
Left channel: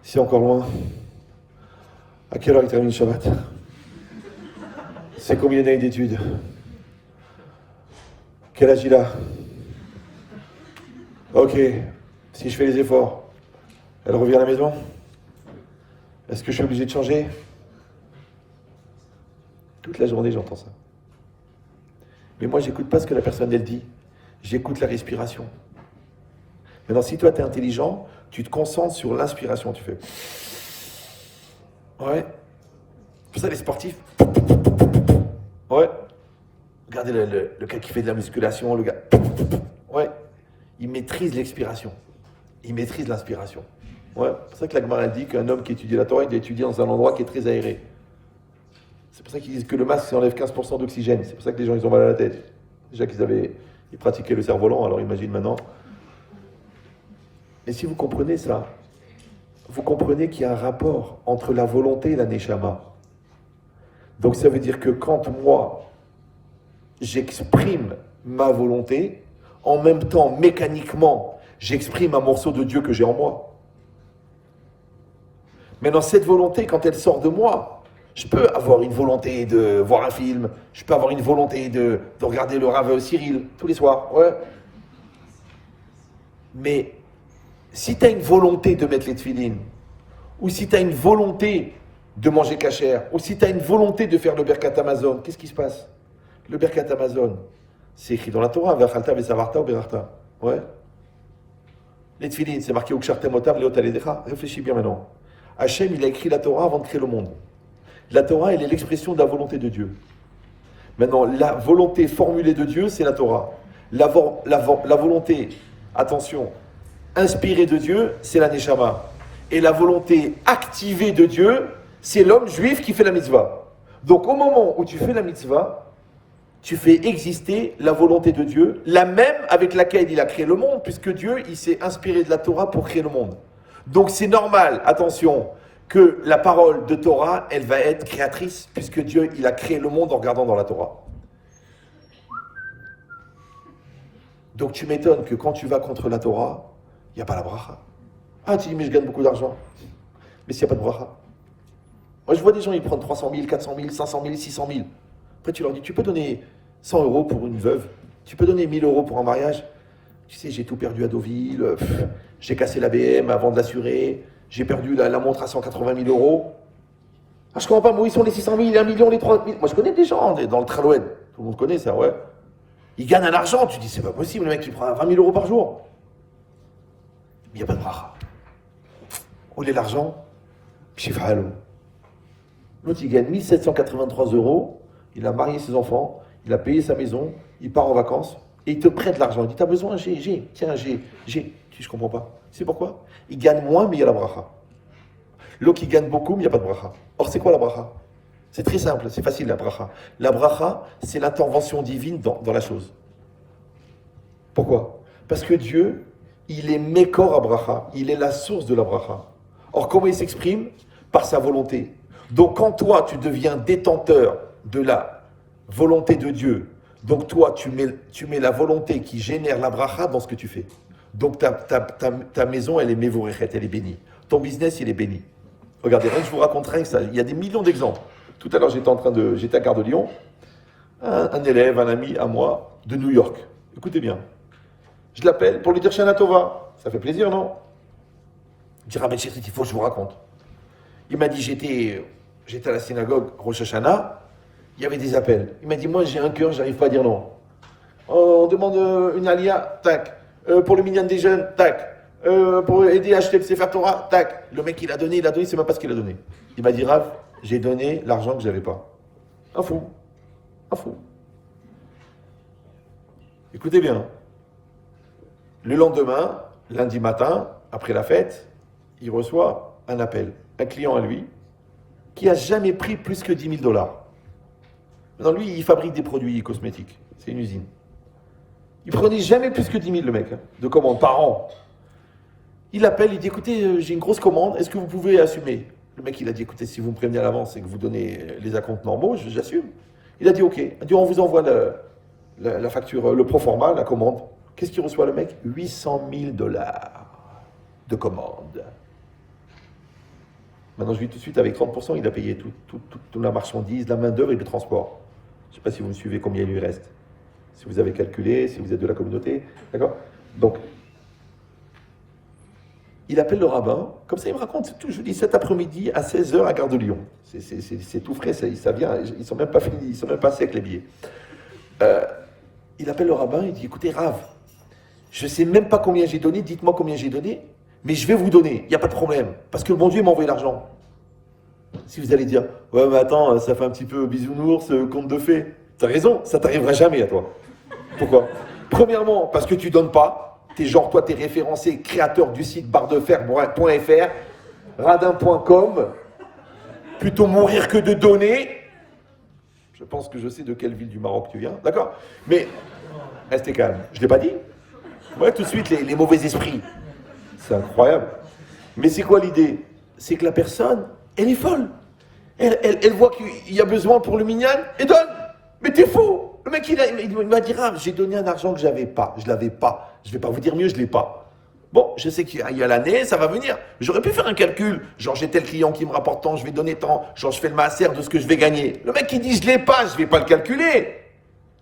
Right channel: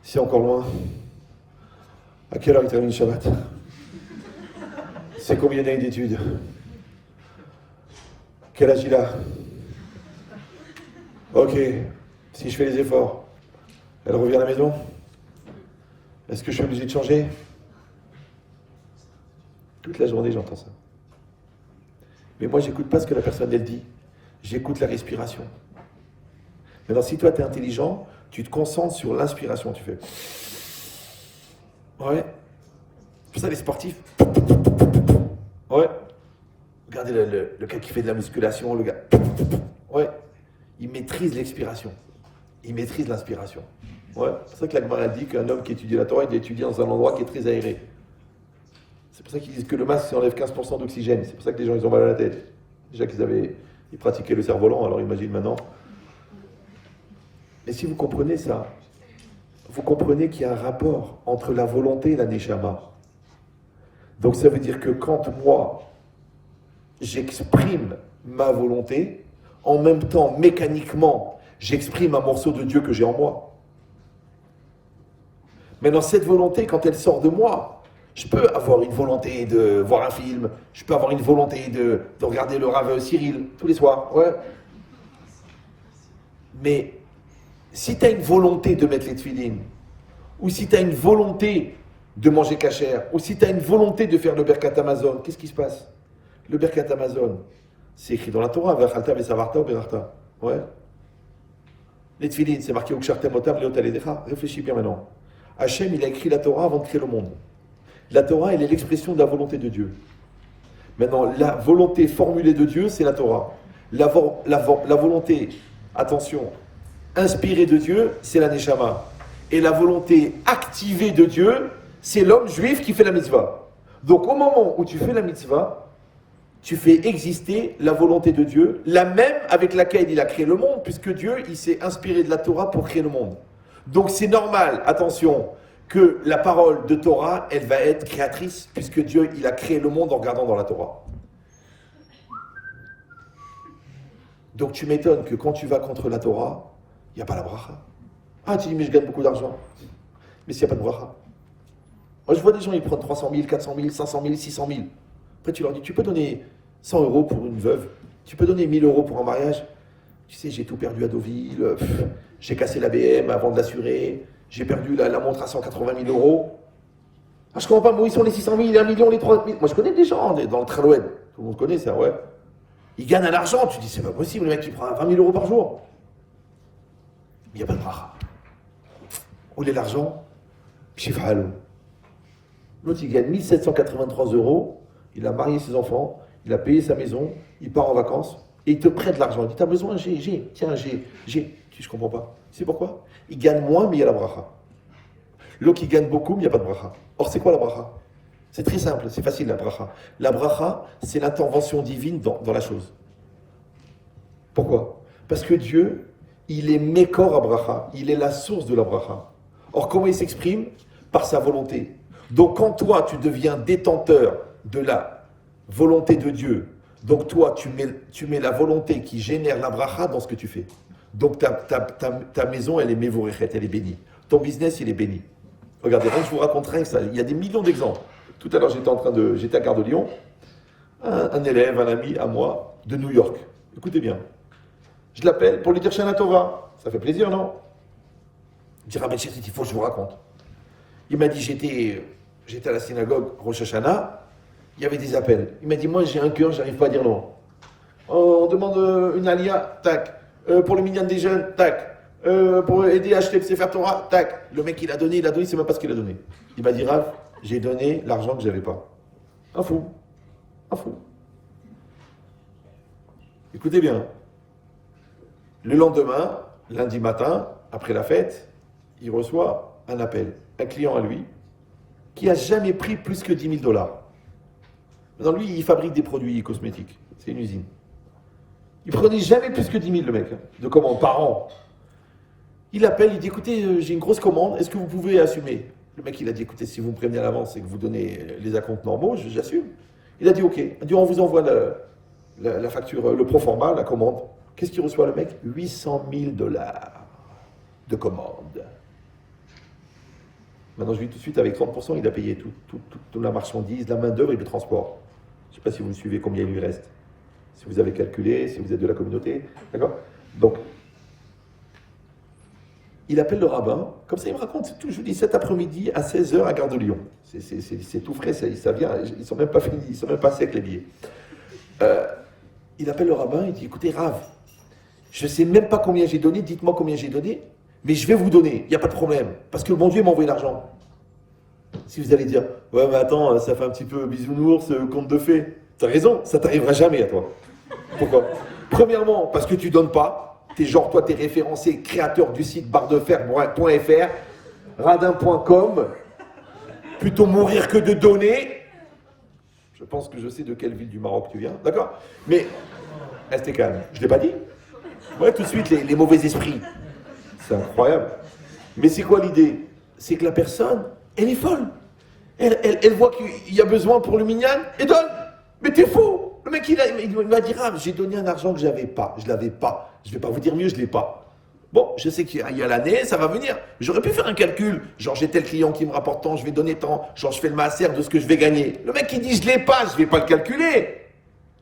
C'est encore loin. À quelle heure il termine le Shabbat? C'est combien d'années d'études? Quel âge il a? Ok, si je fais les efforts, elle revient à la maison? Est-ce que je suis obligé de changer? Toute la journée, j'entends ça. Mais moi, j'écoute pas ce que la personne, elle dit. J'écoute la respiration. Maintenant, si toi, tu es intelligent, tu te concentres sur l'inspiration. Tu fais... Ouais. C'est pour ça, les sportifs... Ouais. Regardez le gars qui fait de la musculation, le gars... Ouais. Il maîtrise l'expiration. Il maîtrise l'inspiration. Ouais. C'est pour ça que la Gemara dit qu'un homme qui étudie la Torah, il doit étudier dans un endroit qui est très aéré. C'est pour ça qu'ils disent que le masque, ça enlève 15% d'oxygène. C'est pour ça que les gens, ils ont mal à la tête. Déjà ils pratiquaient le cerf-volant, alors imagine maintenant. Mais si vous comprenez ça, vous comprenez qu'il y a un rapport entre la volonté et la neshama. Donc ça veut dire que quand moi, j'exprime ma volonté, en même temps, mécaniquement, j'exprime un morceau de Dieu que j'ai en moi. Maintenant, cette volonté, quand elle sort de moi, je peux avoir une volonté de voir un film, je peux avoir une volonté de regarder le Rav Cyril tous les soirs, ouais. Mais si tu as une volonté de mettre les tefilines, ou si tu as une volonté de manger cachère, ou si tu as une volonté de faire le Birkat Amazon, qu'est-ce qui se passe? Le Birkat Amazon, c'est écrit dans la Torah, Vachalta Vesavarta ou Berarta. Ouais. Les Tfilin, c'est marqué Ukshartem Otam Leotaledecha. Réfléchis bien maintenant. Hachem, il a écrit la Torah avant de créer le monde. La Torah, elle est l'expression de la volonté de Dieu. Maintenant, la volonté formulée de Dieu, c'est la Torah. La volonté, attention, inspirée de Dieu, c'est la Neshama. Et la volonté activée de Dieu, c'est l'homme juif qui fait la mitzvah. Donc au moment où tu fais la mitzvah, tu fais exister la volonté de Dieu, la même avec laquelle il a créé le monde, puisque Dieu, il s'est inspiré de la Torah pour créer le monde. Donc c'est normal, attention, que la parole de Torah, elle va être créatrice, puisque Dieu, il a créé le monde en regardant dans la Torah. Donc tu m'étonnes que quand tu vas contre la Torah, il n'y a pas la bracha. Ah, tu dis, mais je gagne beaucoup d'argent. Mais s'il n'y a pas de bracha. Moi, je vois des gens, ils prennent 300 000, 400 000, 500 000, 600 000. Après, tu leur dis, tu peux donner 100 € pour une veuve. Tu peux donner 1000 € pour un mariage. Tu sais, j'ai tout perdu à Deauville. J'ai cassé la BM avant de l'assurer. J'ai perdu la montre à 180 000 €. Ah, je comprends pas, moi, ils sont les 600 000, les 1 million, les 300 000. Moi, je connais des gens dans le Traloued. Tout le monde connaît ça, ouais. Ils gagnent un argent. Tu dis, c'est pas possible, le mec, il prend 20 000 € par jour. Mais il n'y a pas de bracha. Où est l'argent? Pshifalou. L'autre, il gagne 1783 €. Il a marié ses enfants. Il a payé sa maison. Il part en vacances. Et il te prête l'argent. Il dit, t'as besoin? J'ai. Tiens, j'ai. Je comprends pas. Tu sais pourquoi? Il gagne moins, mais il y a la bracha. L'autre, il gagne beaucoup, mais il n'y a pas de bracha. Or, c'est quoi la bracha? C'est très simple. C'est facile, la bracha. La bracha, c'est l'intervention divine dans la chose. Pourquoi? Parce que Dieu, il est Mekor à bracha. Il est la source de la bracha. Or, comment il s'exprime? Par sa volonté. Donc, quand toi, tu deviens détenteur de la volonté de Dieu, donc toi, tu mets la volonté qui génère la bracha dans ce que tu fais. Donc, ta maison, elle est mevorechet, elle est bénie. Ton business, il est béni. Regardez, je vous raconterai ça. Il y a des millions d'exemples. Tout à l'heure, j'étais à Gare de Lyon. Un élève, un ami à moi, de New York. Écoutez bien. Je l'appelle pour lui dire Shana Tova. Ça fait plaisir, non? Il dit, Rabbi Shechit, il faut que je vous raconte. Il m'a dit, j'étais à la synagogue Rosh Hashanah, il y avait des appels. Il m'a dit, moi j'ai un cœur, j'arrive pas à dire non. On demande une alia, tac. Pour le minyan des jeunes, tac. Pour aider à acheter le Sefer Torah, tac. Le mec il a donné, c'est même pas ce qu'il a donné. Il m'a dit, Rav, j'ai donné l'argent que j'avais pas. Un fou. Écoutez bien. Le lendemain, lundi matin, après la fête, il reçoit un appel. Un client à lui, qui n'a jamais pris plus que 10 000 $. Maintenant, lui, il fabrique des produits cosmétiques. C'est une usine. Il prenait jamais plus que 10 000, le mec, de commandes par an. Il appelle, il dit, écoutez, j'ai une grosse commande, est-ce que vous pouvez assumer? Le mec, il a dit, écoutez, si vous me prévenez à l'avance et que vous donnez les acomptes normaux, j'assume. Il a dit, ok. Il a dit, on vous envoie la facture, le proforma, la commande. Qu'est-ce qu'il reçoit, le mec? 800 000 $ de commande. Maintenant, je lui dis tout de suite, avec 30%, il a payé toute la marchandise, la main-d'œuvre et le transport. Je ne sais pas si vous me suivez combien il lui reste. Si vous avez calculé, si vous êtes de la communauté. D'accord? Donc, il appelle le rabbin, comme ça il me raconte, c'est tout. Je vous dis, cet après-midi à 16h à Gare de Lyon. C'est tout frais, ça vient, ils ne sont même pas finis, ils ne sont même pas secs les billets. Il appelle le rabbin, il dit, écoutez, Rav, je ne sais même pas combien j'ai donné, dites-moi combien j'ai donné. Mais je vais vous donner, il n'y a pas de problème, parce que le bon Dieu m'a envoyé l'argent. Si vous allez dire, ouais mais attends, ça fait un petit peu bisounours, conte de fées. T'as raison, ça t'arrivera jamais à toi. Pourquoi? Premièrement, parce que tu donnes pas, t'es référencé créateur du site barredefer.fr, radin.com, plutôt mourir que de donner. Je pense que je sais de quelle ville du Maroc tu viens, d'accord? Mais, restez calme, je ne l'ai pas dit. Ouais, tout de suite, les mauvais esprits. C'est incroyable. Mais c'est quoi l'idée? C'est que la personne, elle est folle. Elle voit qu'il y a besoin pour le minyan et donne. Mais t'es fou. Le mec, il m'a dit, ah, j'ai donné un argent que j'avais pas. Je l'avais pas. Je vais pas vous dire mieux, je l'ai pas. Bon, je sais qu'il y a l'année, ça va venir. J'aurais pu faire un calcul. Genre, j'ai tel client qui me rapporte tant, je vais donner tant. Genre, je fais le maaser de ce que je vais gagner. Le mec, il dit, je l'ai pas, je vais pas le calculer.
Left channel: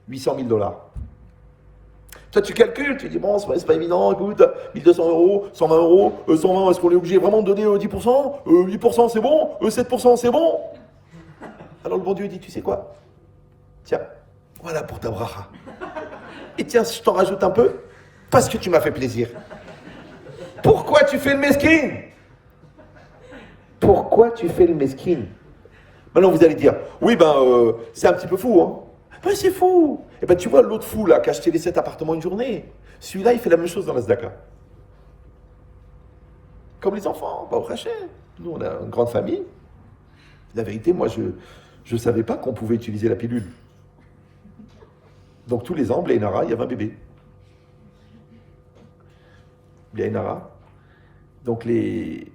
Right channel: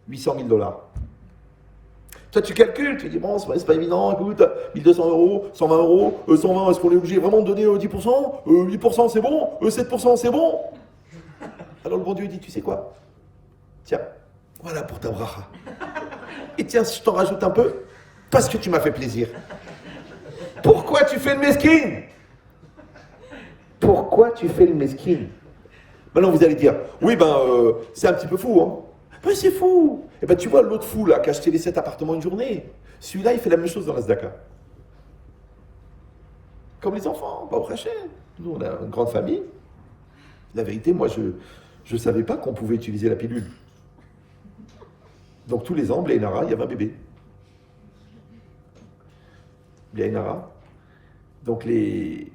800 000 $. Toi, tu calcules, tu dis, bon, c'est pas évident, écoute, 1200 euros, 120 euros, 120, est-ce qu'on est obligé vraiment de donner 10%? 8% c'est bon, 7% c'est bon. Alors le bon Dieu il dit, tu sais quoi? Tiens, voilà pour ta bracha. Et tiens, si je t'en rajoute un peu, parce que tu m'as fait plaisir. Pourquoi tu fais le mesquine? Pourquoi tu fais le mesquine? Maintenant vous allez dire, oui c'est un petit peu fou, hein. Ben c'est fou. Et ben tu vois l'autre fou là qui a acheté les 7 appartements une journée, celui-là il fait la même chose dans la Zdaka. Comme les enfants, pas au Rachel. Nous on a une grande famille. La vérité, moi je ne savais pas qu'on pouvait utiliser la pilule. Donc tous les ans, Blainara, il y avait un bébé. Blainara. Donc Et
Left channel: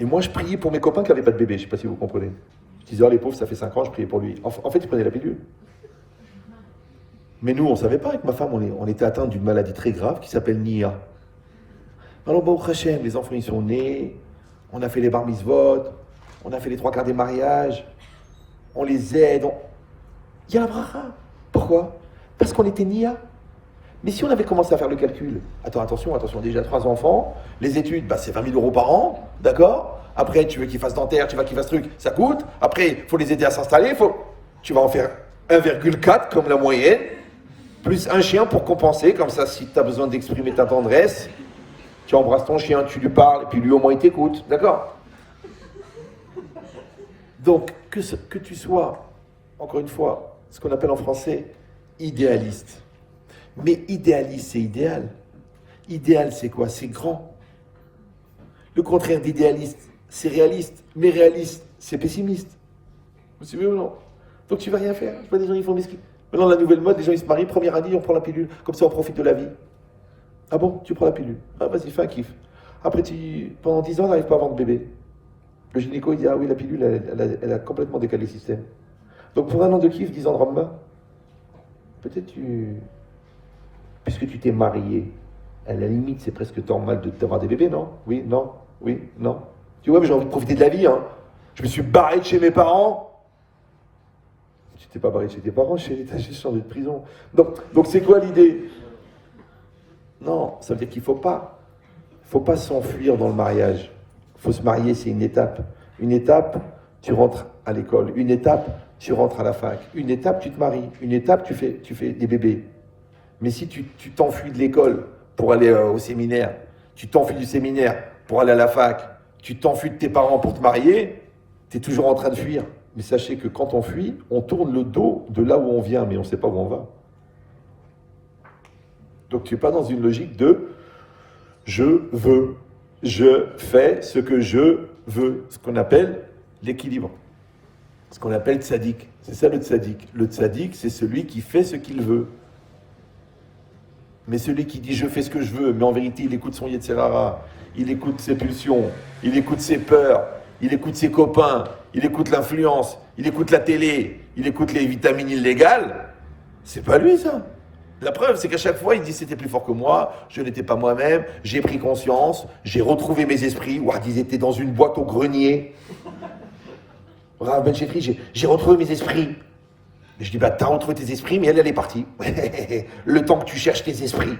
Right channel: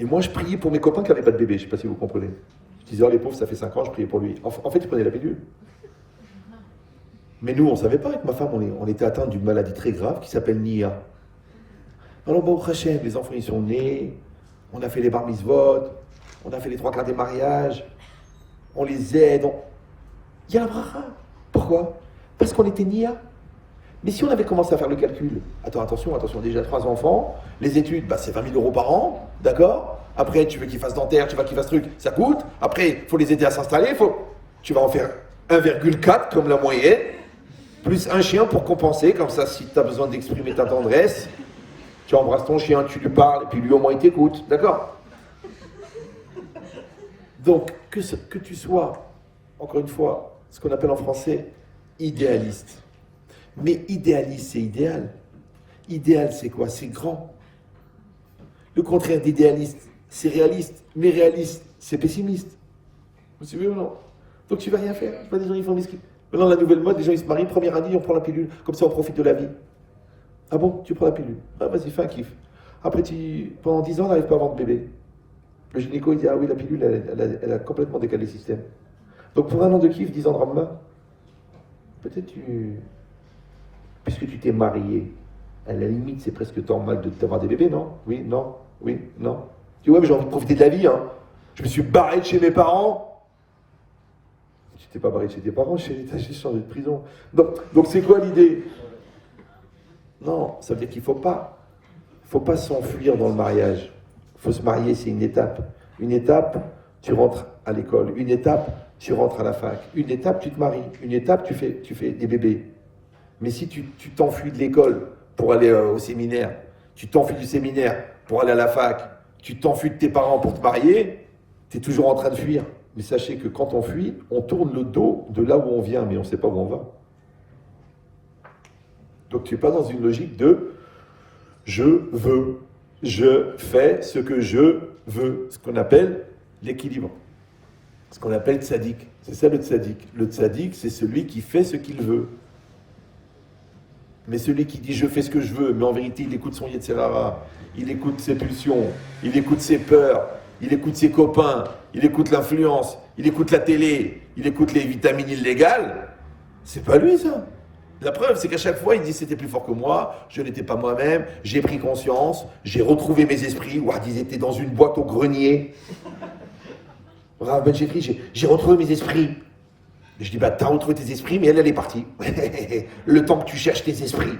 moi je priais pour mes copains qui n'avaient pas de bébé, je ne sais pas si vous comprenez. Je disais, oh les pauvres, ça fait 5 ans, je priais pour lui. En fait, il prenait la pilule. Mais nous, on ne savait pas, avec ma femme, on était atteint d'une maladie très grave qui s'appelle Nia. Alors bon, Hachem, les enfants ils sont nés, on a fait les bar mitzvot, on a fait les 3/4 des mariages, on les aide, il y a la bracha. Pourquoi? Parce qu'on était Nia. Mais si on avait commencé à faire le calcul, attention, déjà 3 enfants, les études, c'est 20 000 euros par an, d'accord? Après, tu veux qu'ils fassent dentaire, tu veux qu'ils fassent truc, ça coûte. Après, il faut les aider à s'installer, tu vas en faire 1,4 comme la moyenne, plus un chien pour compenser, comme ça, si tu as besoin d'exprimer ta tendresse, tu embrasses ton chien, tu lui parles, et puis lui au moins il t'écoute, d'accord? Donc, que tu sois, encore une fois, ce qu'on appelle en français, idéaliste. Mais idéaliste, c'est idéal. Idéal, c'est quoi? C'est grand. Le contraire d'idéaliste, c'est réaliste. Mais réaliste, c'est pessimiste. Vous suivez ou non? Donc tu vas rien faire. Je vois des gens, ils font des skis. Maintenant, la nouvelle mode, les gens, ils se marient, première année, on prend la pilule. Comme ça, on profite de la vie. Ah bon? Tu prends la pilule? Ah, vas-y, fais un kiff. Après, pendant 10 ans, on n'arrive pas à avoir de bébé. Le gynéco, il dit, ah oui, la pilule, elle a complètement décalé le système. Donc pour un an de kiff, 10 ans de Rambam, peut-être puisque tu t'es marié, à la limite, c'est presque normal d'avoir des bébés, non? Oui, non, oui, non. Tu vois, mais j'ai envie de profiter de la vie, hein. Je me suis barré de chez mes parents. Tu t'es pas barré de chez tes parents, t'as changé de prison. Donc c'est quoi l'idée? Non, ça veut dire qu'il faut pas s'enfuir dans le mariage. Il faut se marier, c'est une étape. Une étape, tu rentres à l'école. Une étape, tu rentres à la fac. Une étape, tu te maries. Une étape, tu fais des bébés. Mais si tu t'enfuis de l'école pour aller au séminaire, tu t'enfuis du séminaire pour aller à la fac, tu t'enfuis de tes parents pour te marier, tu es toujours en train de fuir. Mais sachez que quand on fuit, on tourne le dos de là où on vient, mais on ne sait pas où on va. Donc tu n'es pas dans une logique de « je veux ». Je fais ce que je veux, ce qu'on appelle l'équilibre, ce qu'on appelle tzaddik. C'est ça le tzaddik. Le tzaddik, c'est celui qui fait ce qu'il veut. Mais celui qui dit je fais ce que je veux, mais en vérité il écoute son Yetzirara, il écoute ses pulsions, il écoute ses peurs, il écoute ses copains, il écoute l'influence, il écoute la télé, il écoute les vitamines illégales, c'est pas lui ça. La preuve, c'est qu'à chaque fois, il dit c'était plus fort que moi, je n'étais pas moi-même, j'ai pris conscience, j'ai retrouvé mes esprits. Ouah, ils étaient dans une boîte au grenier. Ben j'ai retrouvé mes esprits. Je dis, t'as retrouvé tes esprits, mais elle est partie. Le temps que tu cherches tes esprits.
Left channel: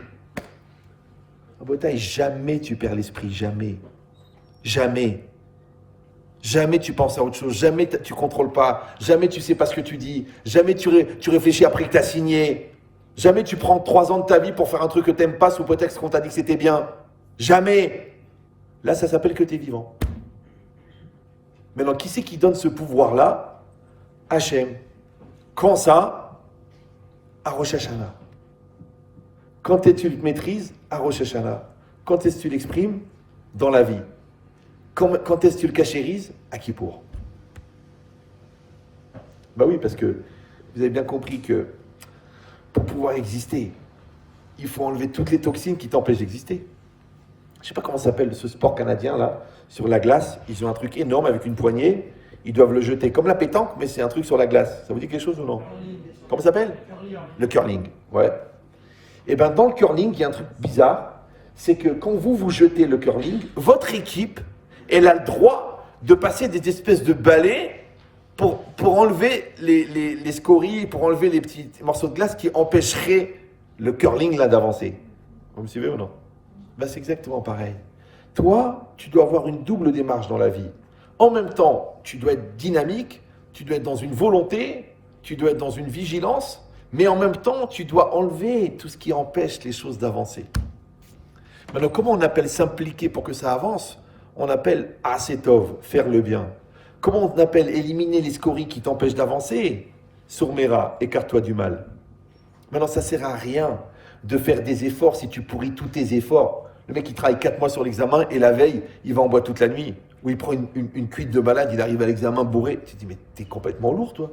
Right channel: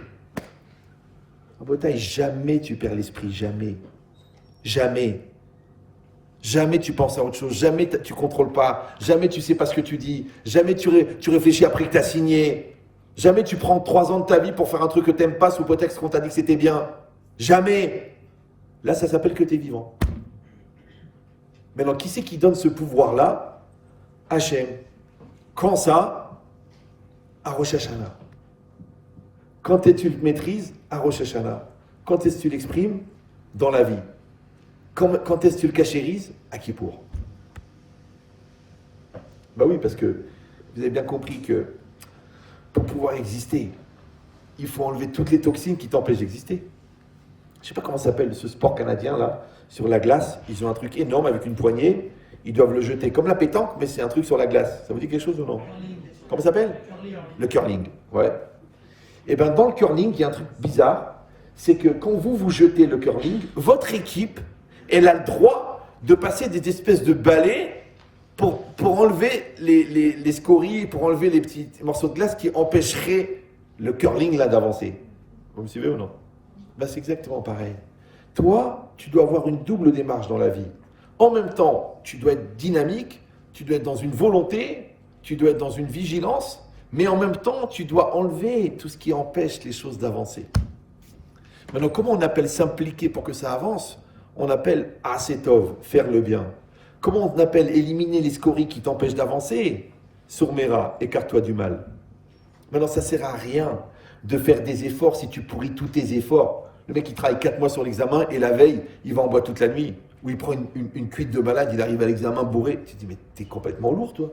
Et jamais tu perds l'esprit, jamais. Jamais. Jamais tu penses à autre chose, jamais tu contrôles pas, jamais tu sais pas ce que tu dis, jamais tu réfléchis après que tu as signé. Jamais tu prends 3 ans de ta vie pour faire un truc que tu n'aimes pas sous prétexte qu'on t'a dit que c'était bien. Jamais. Là, ça s'appelle que tu es vivant. Maintenant, qui c'est qui donne ce pouvoir-là? Hachem. Quand ça? À Rosh Hashanah. Quand est-ce que tu le maîtrises? À Rosh Hashanah. Quand est-ce que tu l'exprimes? Dans la vie. Quand est-ce que tu le cachérises? À Kippour. Bah oui, parce que vous avez bien compris que pour pouvoir exister, il faut enlever toutes les toxines qui t'empêchent d'exister. Je ne sais pas comment s'appelle ce sport canadien là, sur la glace. Ils ont un truc énorme avec une poignée. Ils doivent le jeter comme la pétanque, mais c'est un truc sur la glace. Ça vous dit quelque chose ou non? Comment ça s'appelle? Le curling. Ouais. Et bien dans le curling, il y a un truc bizarre. C'est que quand vous jetez le curling, votre équipe, elle a le droit de passer des espèces de balais pour enlever les scories, pour enlever les petits morceaux de glace qui empêcheraient le curling là d'avancer. Vous me suivez ou non? Ben, c'est exactement pareil. Toi, tu dois avoir une double démarche dans la vie. En même temps, tu dois être dynamique, tu dois être dans une volonté, tu dois être dans une vigilance, mais en même temps, tu dois enlever tout ce qui empêche les choses d'avancer. Maintenant, comment on appelle s'impliquer pour que ça avance? On appelle asetov, faire le bien. Comment on appelle éliminer les scories qui t'empêchent d'avancer? Sourmera, écarte-toi du mal. Maintenant, ça ne sert à rien de faire des efforts si tu pourris tous tes efforts. Le mec, il travaille 4 mois sur l'examen et la veille, il va en boîte toute la nuit. Ou il prend une cuite de malade, il arrive à l'examen bourré. Tu te dis, mais t'es complètement lourd, toi.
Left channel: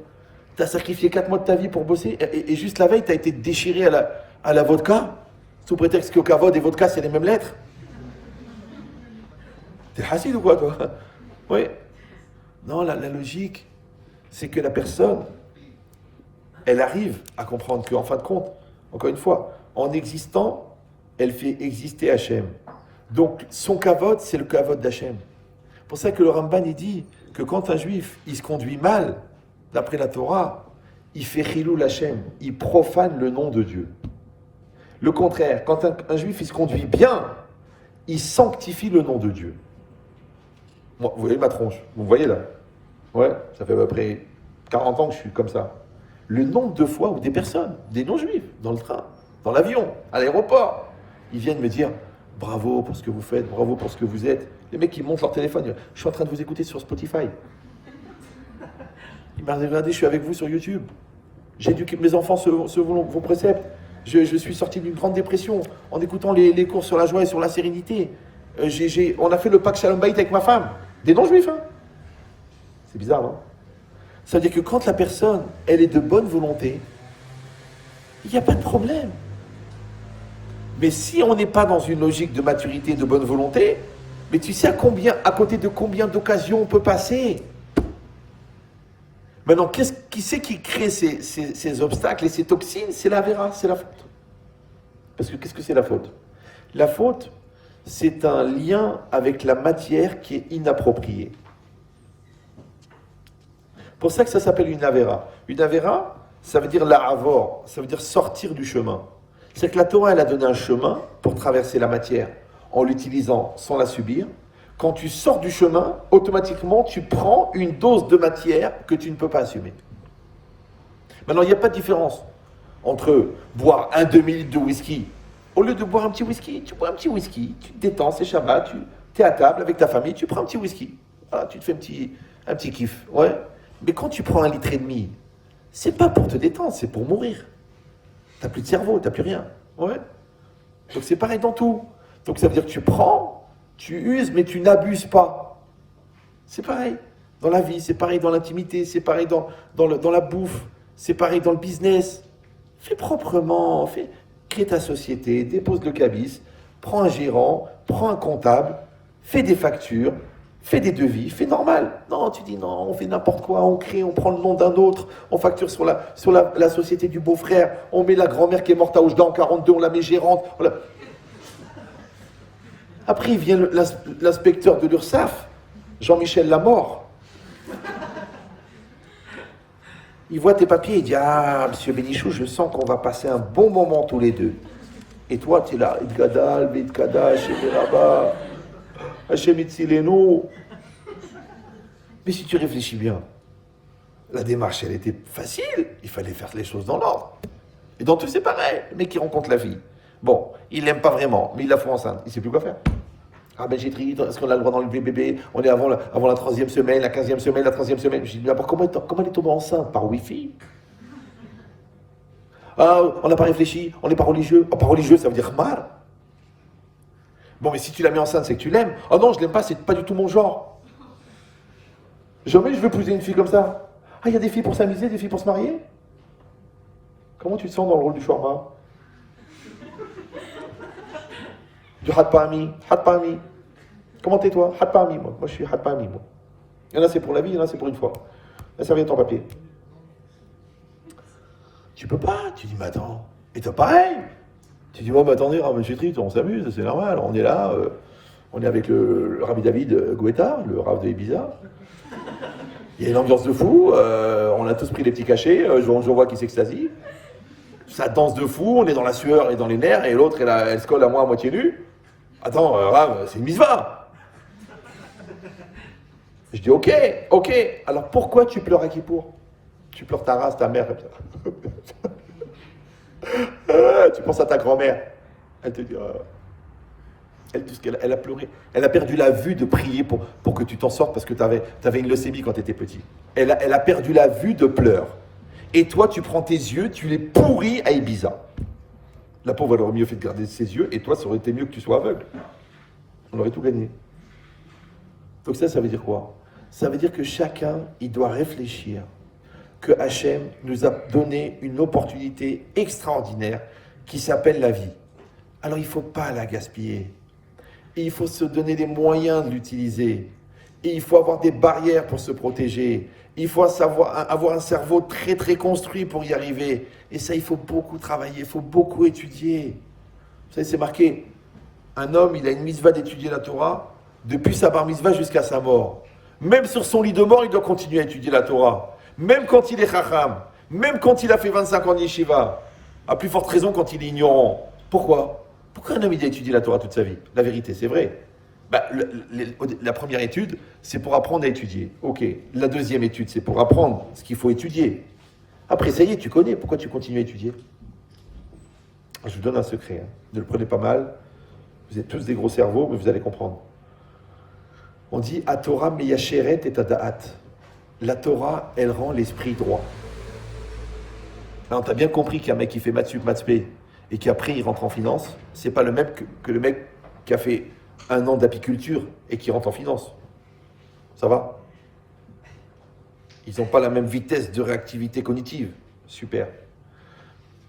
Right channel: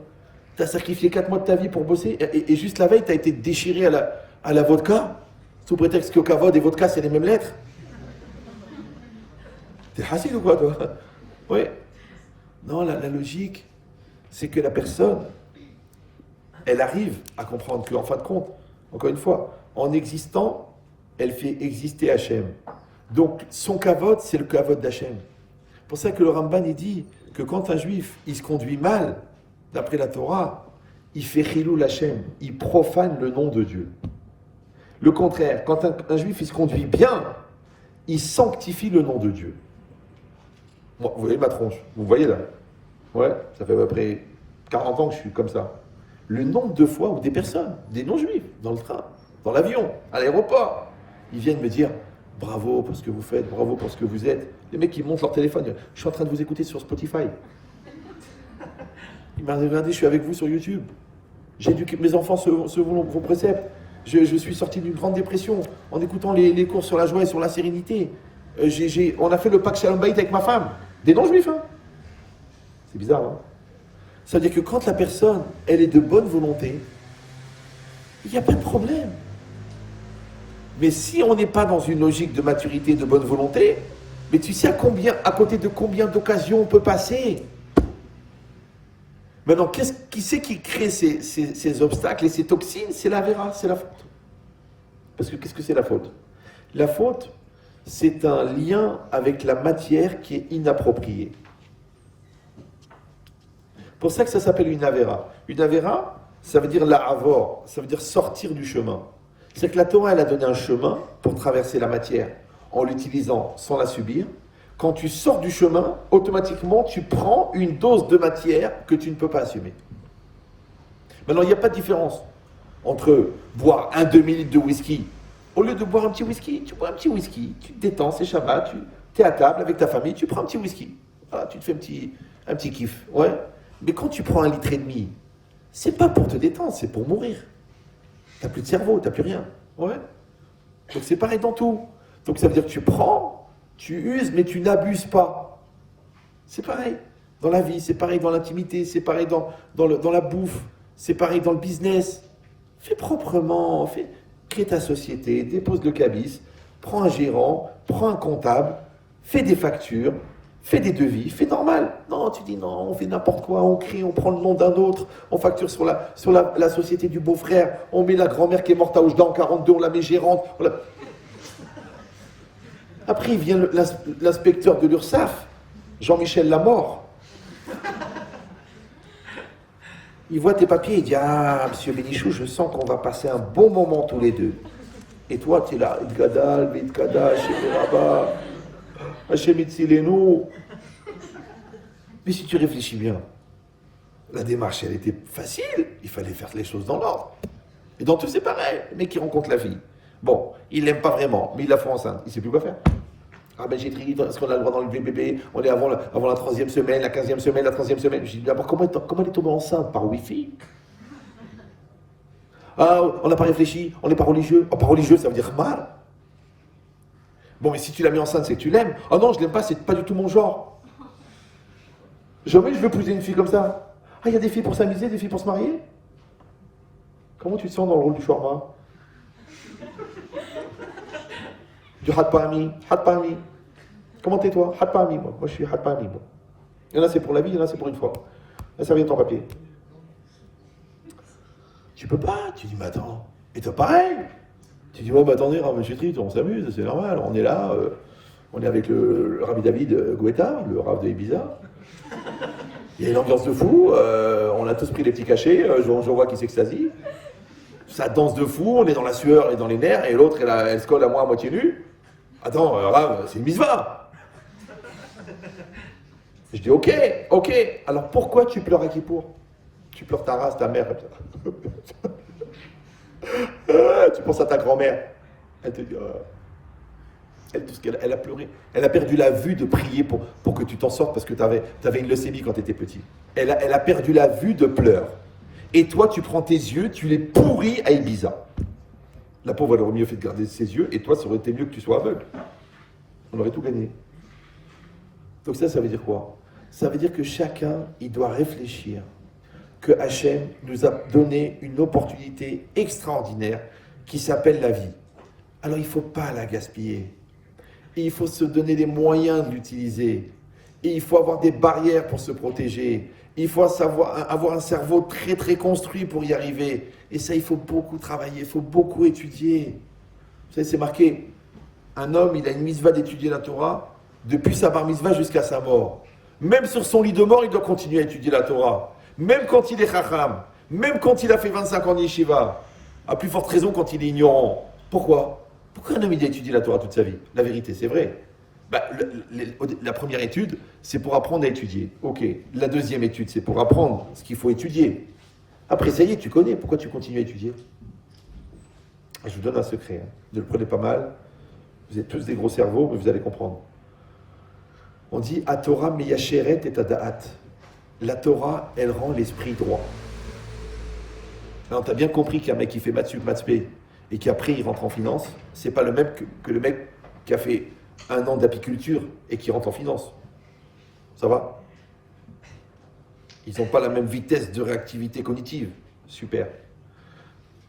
T'as sacrifié 4 mois de ta vie pour bosser et juste la veille, t'as été déchiré à la vodka sous prétexte que kavod et vodka, c'est les mêmes lettres. T'es hassid ou quoi, toi? Oui. Non, la logique, c'est que la personne, elle arrive à comprendre qu'en fin de compte, encore une fois, en existant, elle fait exister Hachem. Donc, son kavod, c'est le kavod d'Hachem. C'est pour ça que le Ramban, il dit que quand un juif, il se conduit mal, d'après la Torah, il fait chilul Hachem, il profane le nom de Dieu. Le contraire, quand un juif, il se conduit bien, il sanctifie le nom de Dieu. Bon, vous voyez ma tronche, vous me voyez là? Ouais, ça fait à peu près 40 ans que je suis comme ça. Le nombre de fois où des personnes, des non-juifs, dans le train, dans l'avion, à l'aéroport, ils viennent me dire bravo pour ce que vous faites, bravo pour ce que vous êtes. Les mecs, ils montent leur téléphone, ils disent, je suis en train de vous écouter sur Spotify. Il m'a regardé, je suis avec vous sur YouTube. J'éduque mes enfants selon vos préceptes. Je suis sorti d'une grande dépression en écoutant les cours sur la joie et sur la sérénité. On a fait le Pâques Shalom Bayit avec ma femme. Des non-juifs, hein. C'est bizarre, non? Ça veut dire que quand la personne, elle est de bonne volonté, il n'y a pas de problème. Mais si on n'est pas dans une logique de maturité, de bonne volonté, mais tu sais à côté de combien d'occasions on peut passer? Maintenant, qui c'est qui crée ces obstacles et ces toxines? C'est la vera, c'est la faute. Parce que qu'est-ce que c'est la faute? La faute, c'est un lien avec la matière qui est inappropriée. C'est pour ça que ça s'appelle une avera. Une avera, ça veut dire la'avor, ça veut dire sortir du chemin. C'est que la Torah, elle a donné un chemin pour traverser la matière en l'utilisant sans la subir. Quand tu sors du chemin, automatiquement, tu prends une dose de matière que tu ne peux pas assumer. Maintenant, il n'y a pas de différence entre boire un demi-litre de whisky. Au lieu de boire un petit whisky, tu bois un petit whisky, tu te détends, c'est Shabbat, tu es à table avec ta famille, tu prends un petit whisky. Voilà, tu te fais un petit kiff. Ouais. Mais quand tu prends 1,5 litre, c'est pas pour te détendre, c'est pour mourir. Tu n'as plus de cerveau, tu n'as plus rien. Ouais. Donc c'est pareil dans tout. Donc ça veut dire que tu prends, tu uses, mais tu n'abuses pas. C'est pareil dans la vie, c'est pareil dans l'intimité, c'est pareil dans la bouffe, c'est pareil dans le business. Fais proprement, crée ta société, dépose le cabis, prends un gérant, prends un comptable, fais des factures, fais des devis, fais normal. Non, tu dis non, on fait n'importe quoi, on crée, on prend le nom d'un autre, on facture sur la société du beau-frère, on met la grand-mère qui est morte à Oujda en 42, on la met gérante. Voilà. Après, il vient l'inspecteur de l'URSSAF, Jean-Michel Lamort. Il voit tes papiers, il dit ah, monsieur Bénichou, je sens qu'on va passer un bon moment tous les deux. Et toi, tu es là, Idgadal, Vidkada, Shemiraba, Hachemitzilenu. Mais si tu réfléchis bien, la démarche, elle était facile. Il fallait faire les choses dans l'ordre. Et dans tout, c'est pareil. Le mec qui rencontre la fille. Bon, il l'aime pas vraiment, mais il la fout enceinte. Il sait plus quoi faire. Ah ben j'ai trié, est-ce qu'on a le droit d'enlever le bébé? On est avant la 3e semaine, la 15e semaine, la 3e semaine. J'ai dit d'abord, comment elle est tombée enceinte? Par Wi-Fi? Ah, on n'a pas réfléchi, on n'est pas religieux. Oh, pas religieux, ça veut dire mal. Bon, mais si tu l'as mis enceinte, c'est que tu l'aimes. Oh non, je l'aime pas, c'est pas du tout mon genre. Jamais je veux épouser une fille comme ça. Ah, il y a des filles pour s'amuser, des filles pour se marier? Comment tu te sens dans le rôle du shawarma? Du Hatpami. Comment t'es toi? Hatpami, moi. Moi, je suis Hatpami, moi. Il y en a, c'est pour la vie, il y en a, c'est pour une fois. Là, ça vient de ton papier. Tu peux pas. Tu dis, mais attends. Et toi, pareil. Tu dis, bon, bah attendez, monsieur Trit, on s'amuse, c'est normal. On est là, on est avec le Rabbi David Guetta, le Rav de Ibiza. Il y a une ambiance de fou. On a tous pris les petits cachets. Je vois qui s'extasie. ça danse de fou, on est dans la sueur et dans les nerfs, et l'autre, elle se colle à moi à moitié nue. Attends, Rav, c'est une mitzvah. Je dis, ok. Alors pourquoi tu pleures à Kippour? Tu pleures ta race, ta mère, comme ça. Tu penses à ta grand-mère. Elle te dit, elle a pleuré. Elle a perdu la vue de prier pour que tu t'en sortes parce que tu avais une leucémie quand tu étais petit. Elle a perdu la vue de pleurs. Et toi, tu prends tes yeux, tu les pourris à Ibiza. La pauvre, elle aurait mieux fait de garder ses yeux, et toi, ça aurait été mieux que tu sois aveugle. On aurait tout gagné. Donc ça veut dire quoi? Ça veut dire que chacun, il doit réfléchir que Hachem nous a donné une opportunité extraordinaire qui s'appelle la vie. Alors il ne faut pas la gaspiller. Et il faut se donner les moyens de l'utiliser. Et il faut avoir des barrières pour se protéger. Il faut avoir un cerveau très très construit pour y arriver. Et ça, il faut beaucoup travailler, il faut beaucoup étudier. Vous savez, c'est marqué, un homme, il a une mitzvah d'étudier la Torah depuis sa bar mitzvah jusqu'à sa mort. Même sur son lit de mort, il doit continuer à étudier la Torah. Même quand il est chacham, même quand il a fait 25 ans de yeshiva. À plus forte raison quand il est ignorant. Pourquoi un homme il a étudié la Torah toute sa vie? La vérité, c'est vrai. La première étude, c'est pour apprendre à étudier. Ok. La deuxième étude, c'est pour apprendre ce qu'il faut étudier. Après, ça y est, tu connais. Pourquoi tu continues à étudier? Je vous donne un secret. Ne le prenez pas mal. Vous êtes tous des gros cerveaux, mais vous allez comprendre. On dit « A Torah meyasheret et ada'at ». La Torah, elle rend l'esprit droit. Alors, tu as bien compris qu'un mec qui fait maths sup, maths spé, et qu'après il rentre en finance, c'est pas le même que le mec qui a fait un an d'apiculture et qui rentre en finance. Ça va? Ils n'ont pas la même vitesse de réactivité cognitive. Super.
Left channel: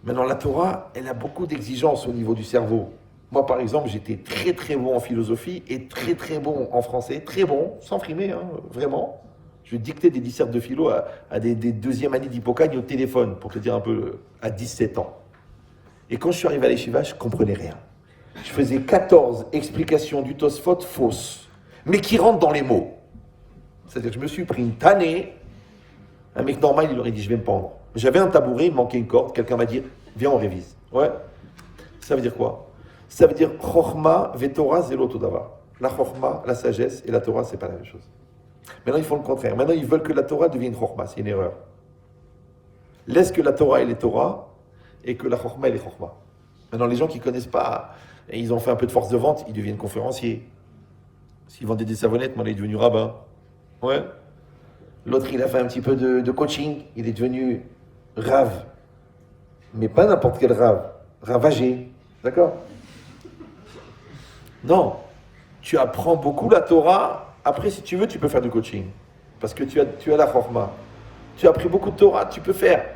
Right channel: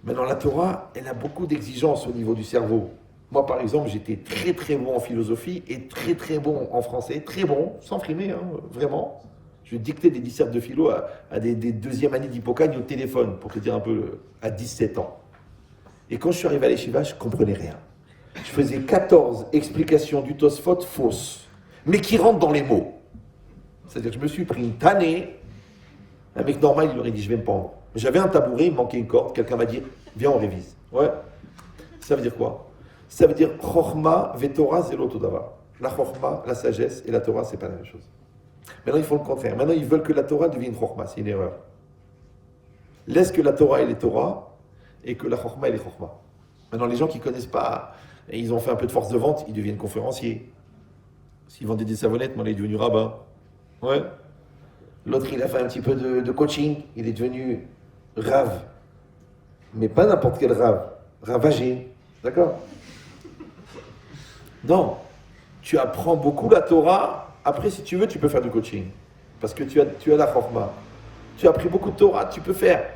Maintenant, la Torah, elle a beaucoup d'exigences au niveau du cerveau. Moi, par exemple, j'étais très très bon en philosophie et très très bon en français. Très bon, sans frimer, vraiment. Je dictais des dissertes de philo à des deuxième années d'hypocagne au téléphone, pour te dire un peu, à 17 ans. Et quand je suis arrivé à l'Yeshiva, je ne comprenais rien. Je faisais 14 explications du Tosfot fausses, mais qui rentrent dans les mots. C'est-à-dire que je me suis pris une tannée. Un mec normal, il aurait dit, je vais me pendre. J'avais un tabouret, il manquait une corde. Quelqu'un m'a dit, viens, on révise. Ouais. Ça veut dire quoi? Ça veut dire, Chochma veTorah zelo todava. La Chochma, la sagesse et la Torah, c'est pas la même chose. Maintenant, ils font le contraire. Maintenant, ils veulent que la Torah devienne Chochma. C'est une erreur. Laisse que la Torah, elle est Torah, et que la Chochma, elle est Chochma. Maintenant, les gens qui ne connaissent pas, et ils ont fait un peu de force de vente, ils deviennent conférenciers. S'ils vendaient des savonnettes, maintenant, il est devenu rabbin. Ouais. L'autre, il a fait un petit peu de coaching, il est devenu Rav. Mais pas n'importe quel Rav. Ravagé. D'accord? Non. Tu apprends beaucoup la Torah. Après, si tu veux, tu peux faire du coaching. Parce que tu as la Chochma. Tu as appris beaucoup de Torah, tu peux faire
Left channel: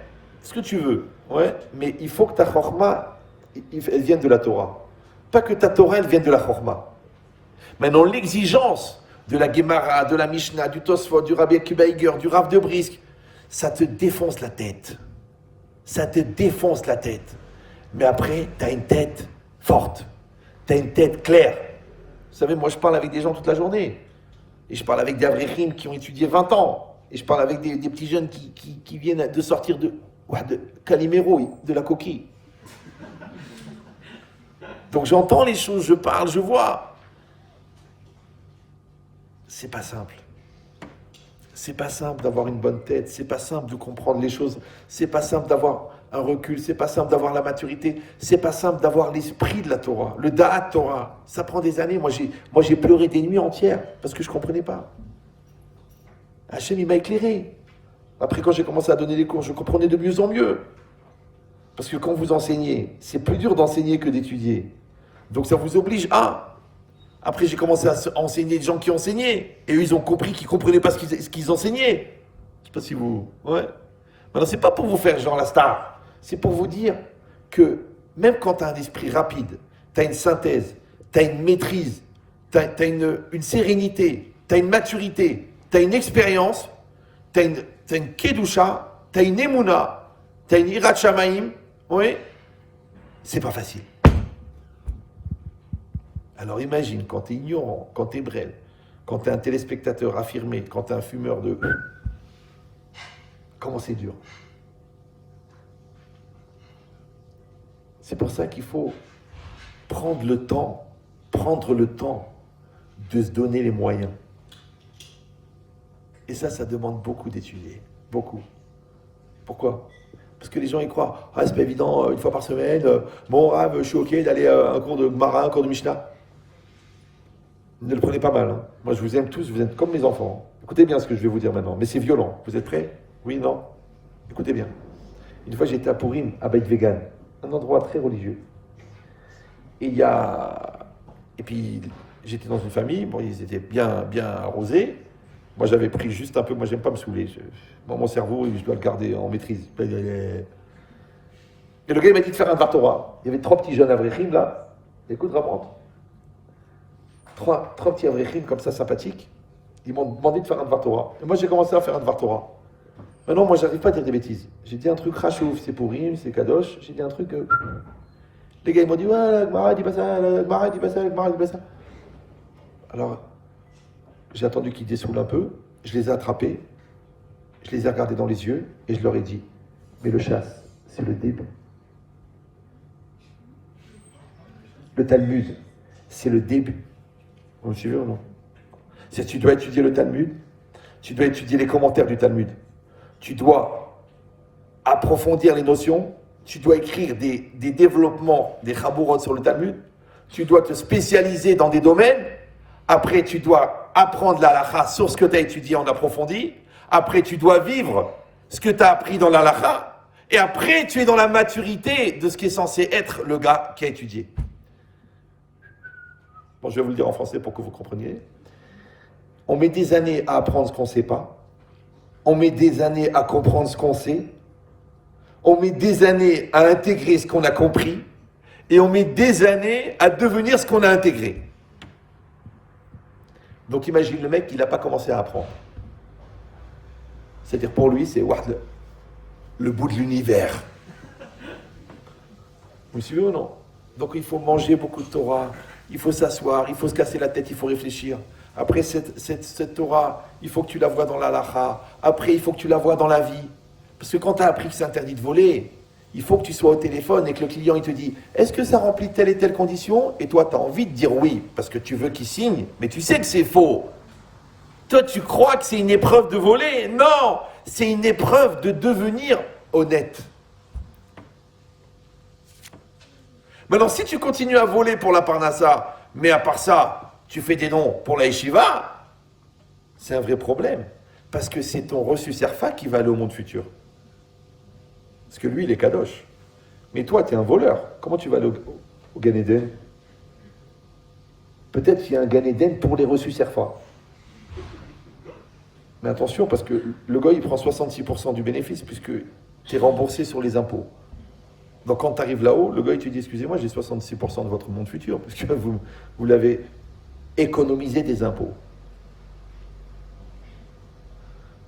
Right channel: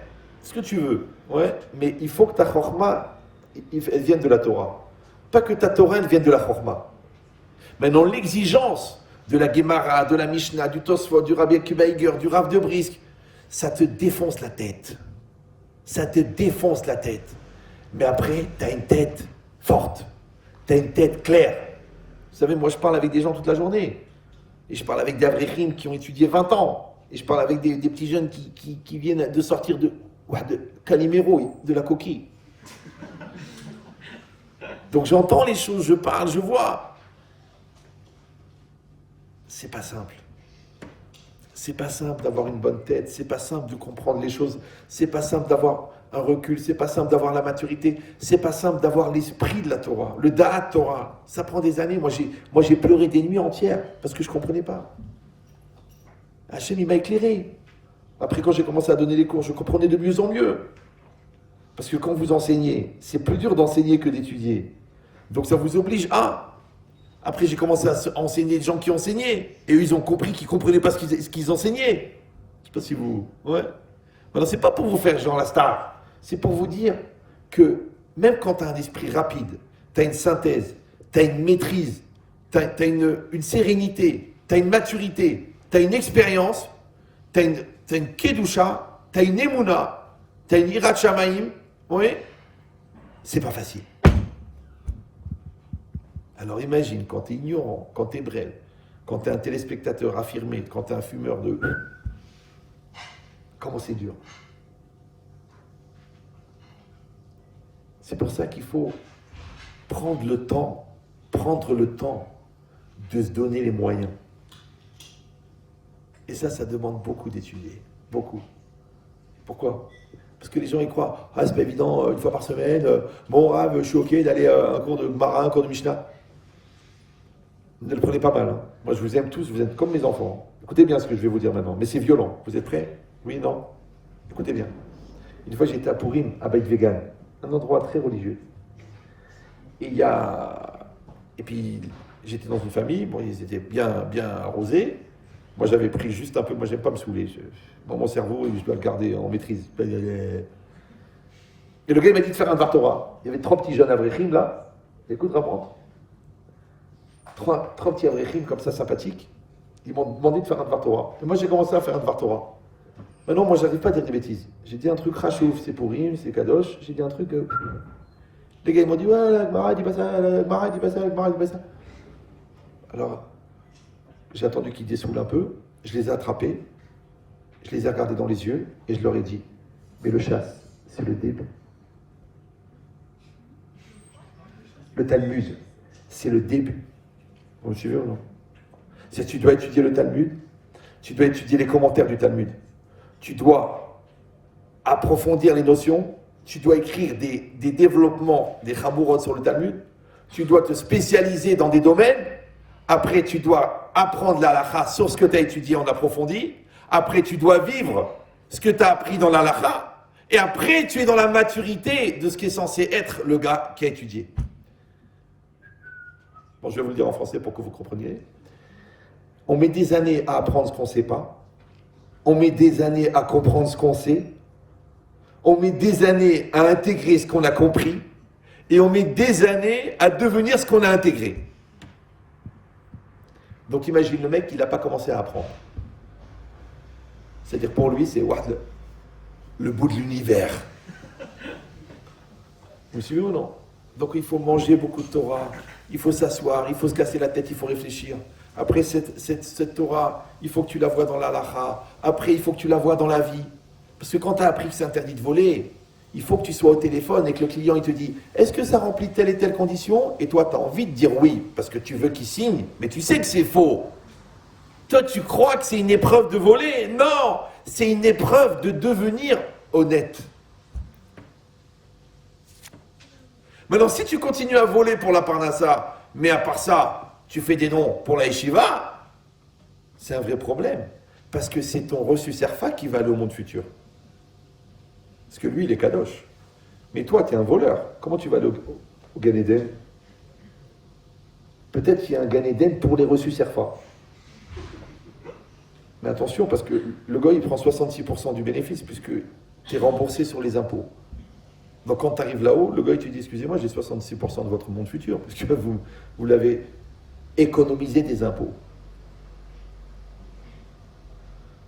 ce que tu veux. Ouais. Mais il faut que ta Chochma, elle vienne de la Torah. Pas que ta Torah, elle vienne de la Chochma. Maintenant, l'exigence de la Gemara, de la Mishnah, du Tosfot, du Rabbi Akiva Eiger, du Rav de Brisk, ça te défonce la tête. Ça te défonce la tête. Mais après, tu as une tête forte. Tu as une tête claire. Vous savez, moi, je parle avec des gens toute la journée. Et je parle avec des Avrechim qui ont étudié 20 ans. Et je parle avec des petits jeunes qui viennent de sortir de Calimero, de la coquille. Donc j'entends les choses, je parle, je vois. C'est pas simple. C'est pas simple d'avoir une bonne tête, c'est pas simple de comprendre les choses, c'est pas simple d'avoir un recul, c'est pas simple d'avoir la maturité, c'est pas simple d'avoir l'esprit de la Torah, le Da'at Torah. Ça prend des années. Moi j'ai pleuré des nuits entières parce que je comprenais pas. Hachem, il m'a éclairé. Après, quand j'ai commencé à donner les cours, je comprenais de mieux en mieux. Parce que quand vous enseignez, c'est plus dur d'enseigner que d'étudier. Donc ça vous oblige à... Après, j'ai commencé à enseigner des gens qui enseignaient. Et eux, ils ont compris qu'ils ne comprenaient pas ce qu'ils enseignaient. Je ne sais pas si vous... Ouais. Maintenant, ce n'est pas pour vous faire genre la star. C'est pour vous dire que même quand tu as un esprit rapide, tu as une synthèse, tu as une maîtrise, tu as une sérénité, tu as une maturité, tu as une expérience, tu as une kedusha, tu as une emuna, tu as une irat shamaim, oui, c'est pas facile. Alors imagine, quand tu es ignorant, quand tu es brêle, quand tu es un téléspectateur affirmé, quand tu es un fumeur de... Comment c'est dur. C'est pour ça qu'il faut prendre le temps de se donner les moyens. Et ça demande beaucoup d'étudier. Beaucoup. Pourquoi? Parce que les gens y croient. Ah, c'est pas évident, une fois par semaine, bon, Rav, je suis OK d'aller à un cours de Gemara, un cours de Mishnah. Ne le prenez pas mal. Hein. Moi, je vous aime tous, vous êtes comme mes enfants. Écoutez bien ce que je vais vous dire maintenant. Mais c'est violent. Vous êtes prêts? Oui, non? Écoutez bien. Une fois, j'étais à Purim, à Beit Vegan, un endroit très religieux. Et puis, j'étais dans une famille, bon, ils étaient bien arrosés. Moi, j'avais pris juste un peu, moi, j'aime pas me saouler. Mon cerveau, je dois le garder en maîtrise. Et le gars, il m'a dit de faire un Dvar Torah. Il y avait 3 petits jeunes Avrechim, là. Écoute, va prendre. 3 petits Avrechim, comme ça, sympathiques. Ils m'ont demandé de faire un Dvar Torah. Et moi, j'ai commencé à faire un Dvar Torah. Maintenant, moi, j'arrive pas à dire des bêtises. J'ai dit un truc rachouf, c'est Purim, c'est Kadosh. J'ai dit un truc... Les gars, ils m'ont dit, ouais, la Gemara dit pas ça, la Gemara dit pas ça, la Gemara dit pas ça. Alors, j'ai attendu qu'ils dessoulent un peu, je les ai attrapés, je les ai regardés dans les yeux et je leur ai dit, mais le chasse, c'est le début. Le Talmud, c'est le début. Vous me suivez ou non? Tu dois étudier le Talmud, tu dois étudier les commentaires du Talmud, tu dois approfondir les notions, tu dois écrire des développements, des chamourot sur le Talmud, tu dois te spécialiser dans des domaines, après tu dois apprendre la halakha sur ce que tu as étudié en approfondi, après tu dois vivre ce que tu as appris dans la halakha, et après tu es dans la maturité de ce qui est censé être le gars qui a étudié. Bon, je vais vous le dire en français pour que vous compreniez. On met des années à apprendre ce qu'on ne sait pas, on met des années à comprendre ce qu'on sait, on met des années à intégrer ce qu'on a compris, et on met des années à devenir ce qu'on a intégré. Donc imagine le mec, il n'a pas commencé à apprendre. C'est-à-dire pour lui, c'est le bout de l'univers. Vous me suivez ou non? Donc il faut manger beaucoup de Torah, il faut s'asseoir, il faut se casser la tête, il faut réfléchir. Après cette Torah, il faut que tu la vois dans la halakha. Après, il faut que tu la vois dans la vie. Parce que quand tu as appris que c'est interdit de voler, il faut que tu sois au téléphone et que le client il te dit « Est-ce que ça remplit telle et telle condition ?» Et toi, tu as envie de dire oui, parce que tu veux qu'il signe, mais tu sais que c'est faux. Toi, tu crois que c'est une épreuve de voler. Non, c'est une épreuve de devenir honnête. Maintenant, si tu continues à voler pour la Parnassa, mais à part ça, tu fais des noms pour la Yeshiva, c'est un vrai problème. Parce que c'est ton reçu serfa qui va aller au monde futur. Parce que lui, il est kadosh. Mais toi, tu es un voleur. Comment tu vas aller au Gan Eden? Peut-être qu'il y a un Gan Eden pour les reçus serfa. Mais attention, parce que le gars, il prend 66% du bénéfice, puisque tu es remboursé sur les impôts. Donc quand tu arrives là-haut, le gars, il te dit, excusez-moi, j'ai 66% de votre monde futur, puisque vous l'avez économisé des impôts.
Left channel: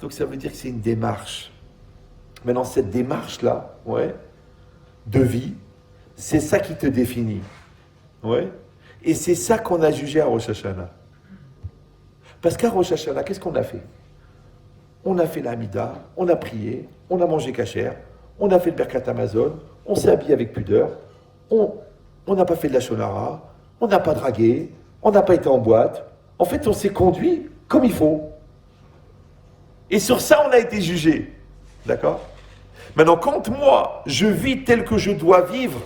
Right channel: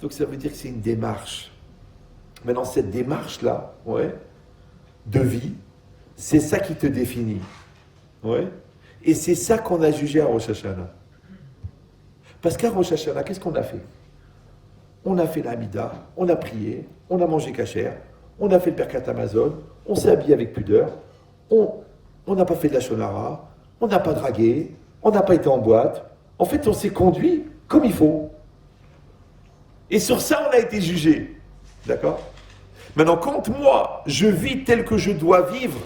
Donc ça veut dire que c'est une démarche. Maintenant, cette démarche-là, de vie, c'est ça qui te définit. Et c'est ça qu'on a jugé à Rosh Hashanah. Parce qu'à Rosh Hashanah, qu'est-ce qu'on a fait? On a fait la Hamida, on a prié, on a mangé kasher, on a fait le Birkat Hamazon, on s'est habillé avec pudeur, on n'a pas fait de la shonara, on n'a pas dragué, on n'a pas été en boîte. En fait, on s'est conduit comme il faut. Et sur ça, on a été jugé. D'accord? Maintenant, quand moi, je vis tel que je dois vivre,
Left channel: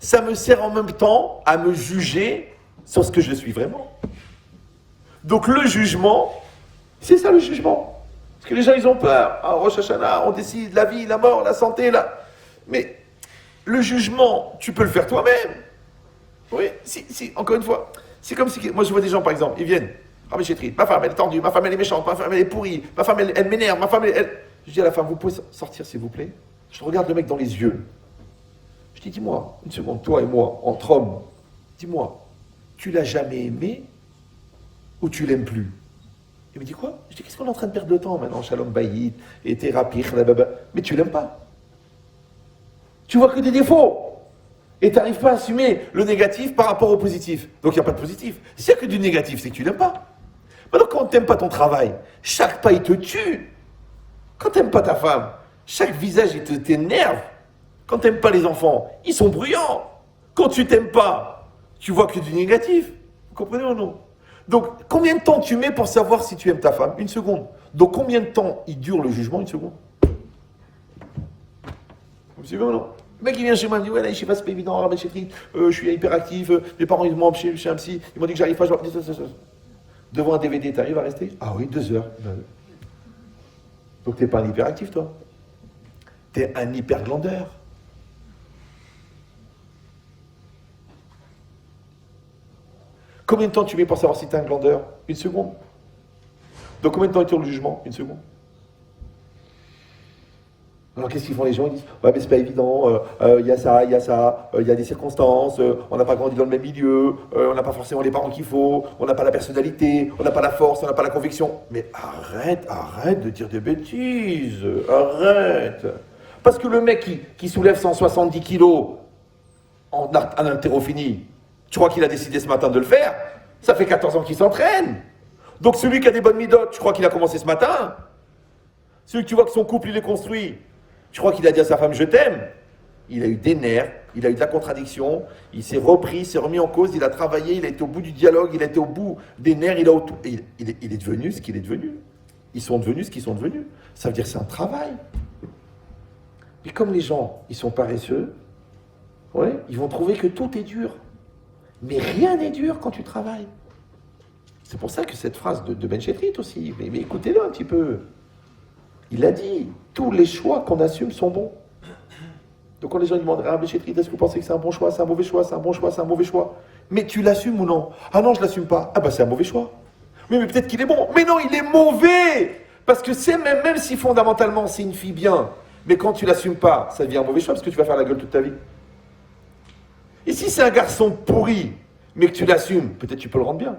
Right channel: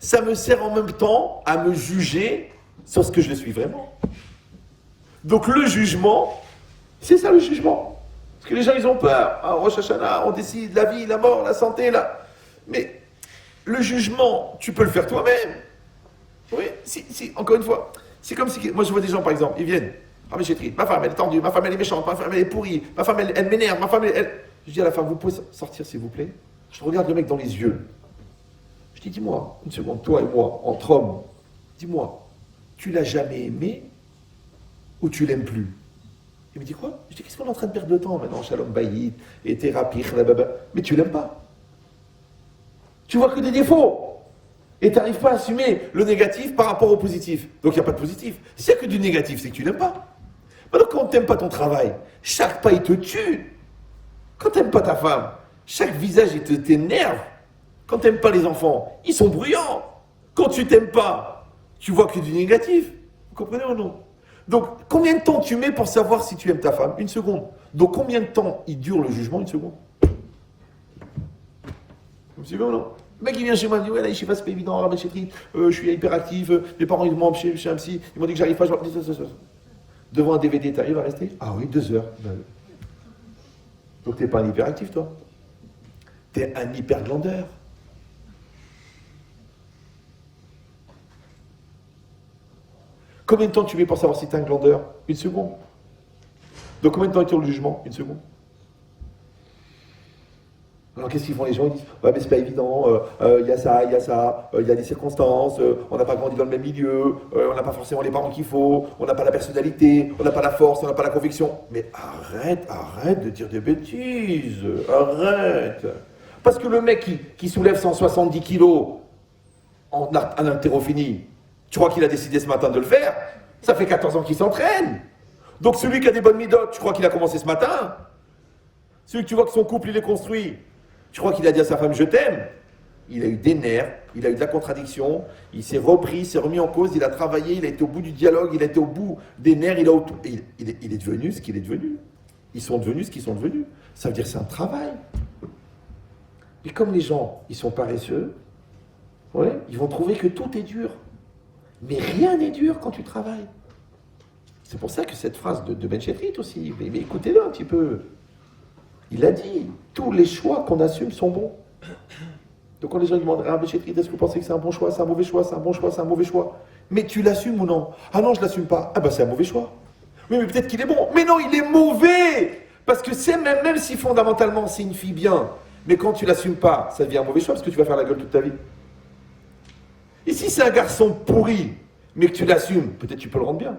ça me sert en même temps à me juger sur ce que je suis vraiment. Donc le jugement, c'est ça le jugement. Parce que les gens, ils ont peur. À Rosh Hashanah, on décide la vie, la mort, la santé, là. Mais le jugement, tu peux le faire toi-même. Oui, si, encore une fois. C'est comme si, moi je vois des gens, par exemple, ils viennent. Ah mais j'ai triste, ma femme elle est tendue, ma femme elle est méchante, ma femme elle est pourrie, ma femme elle m'énerve, ma femme elle... Je dis à la femme, vous pouvez sortir s'il vous plaît? Je regarde le mec dans les yeux. Je dis, dis-moi, une seconde, toi et moi, entre hommes, dis-moi, tu l'as jamais aimé ou tu l'aimes plus? Il me dit quoi? Je dis, qu'est-ce qu'on est en train de perdre le temps maintenant? Shalom Bayit, et thérapie, mais tu l'aimes pas. Tu vois que des défauts. Et tu n'arrives pas à assumer le négatif par rapport au positif. Donc il n'y a pas de positif. S'il n'y a que du négatif, c'est que tu l'aimes pas. Maintenant, quand tu n'aimes pas ton travail, chaque pas, il te tue. Quand tu n'aimes pas ta femme, chaque visage, il t'énerve. Quand tu n'aimes pas les enfants, ils sont bruyants. Quand tu t'aimes pas, tu vois que du négatif. Vous comprenez ou non? Donc, combien de temps tu mets pour savoir si tu aimes ta femme? Une seconde. Donc, combien de temps il dure le jugement? Une seconde. Vous suivez ou non? Le mec, il vient chez moi, il me dit, ouais, là, je sais pas, c'est pas évident, Rabbi Chetri, je suis hyperactif, mes parents, ils m'ont chez un psy, ils m'ont dit que j'arrive pas, devant un DVD, t'arrives à rester? Ah oui, 2 heures. Donc, t'es pas un hyperactif, toi. T'es un hyperglandeur. Combien de temps tu mets pour savoir si t'es un glandeur? Une seconde. Donc, combien de temps est-il le jugement? Une seconde. Alors qu'est-ce qu'ils font les gens? Ils disent ouais mais c'est pas évident, il y a ça, il y a des circonstances, on n'a pas grandi dans le même milieu, on n'a pas forcément les parents qu'il faut, on n'a pas la personnalité, on n'a pas la force, on n'a pas la conviction. Mais arrête de dire des bêtises, arrête. Parce que le mec qui soulève 170 kilos en haltérophilie, tu crois qu'il a décidé ce matin de le faire? Ça fait 14 ans qu'il s'entraîne. Donc celui qui a des bonnes midotes, tu crois qu'il a commencé ce matin? Celui que tu vois que son couple il est construit, je crois qu'il a dit à sa femme « je t'aime ». Il a eu des nerfs, il a eu de la contradiction, il s'est repris, il s'est remis en cause, il a travaillé, il a été au bout du dialogue, il a été au bout des nerfs, il est devenu ce qu'il est devenu. Ils sont devenus ce qu'ils sont devenus. Ça veut dire que c'est un travail. Et comme les gens, ils sont paresseux, ouais, ils vont trouver que tout est dur. Mais rien n'est dur quand tu travailles. C'est pour ça que cette phrase de Ben Chetrit aussi, mais écoutez-le un petit peu. Il a dit, tous les choix qu'on assume sont bons. Donc quand les gens demandent, ah, Béchetri, est-ce que vous pensez que c'est un bon choix, c'est un mauvais choix, c'est un bon choix, c'est un mauvais choix? Mais tu l'assumes ou non? Ah non, je l'assume pas. Ah bah c'est un mauvais choix. Oui, mais peut-être qu'il est bon. Mais non, il est mauvais. Parce que c'est même si fondamentalement c'est une fille bien, mais quand tu l'assumes pas, ça devient un mauvais choix parce que tu vas faire la gueule toute ta vie. Et si c'est un garçon pourri, mais que tu l'assumes, peut-être tu peux le rendre bien.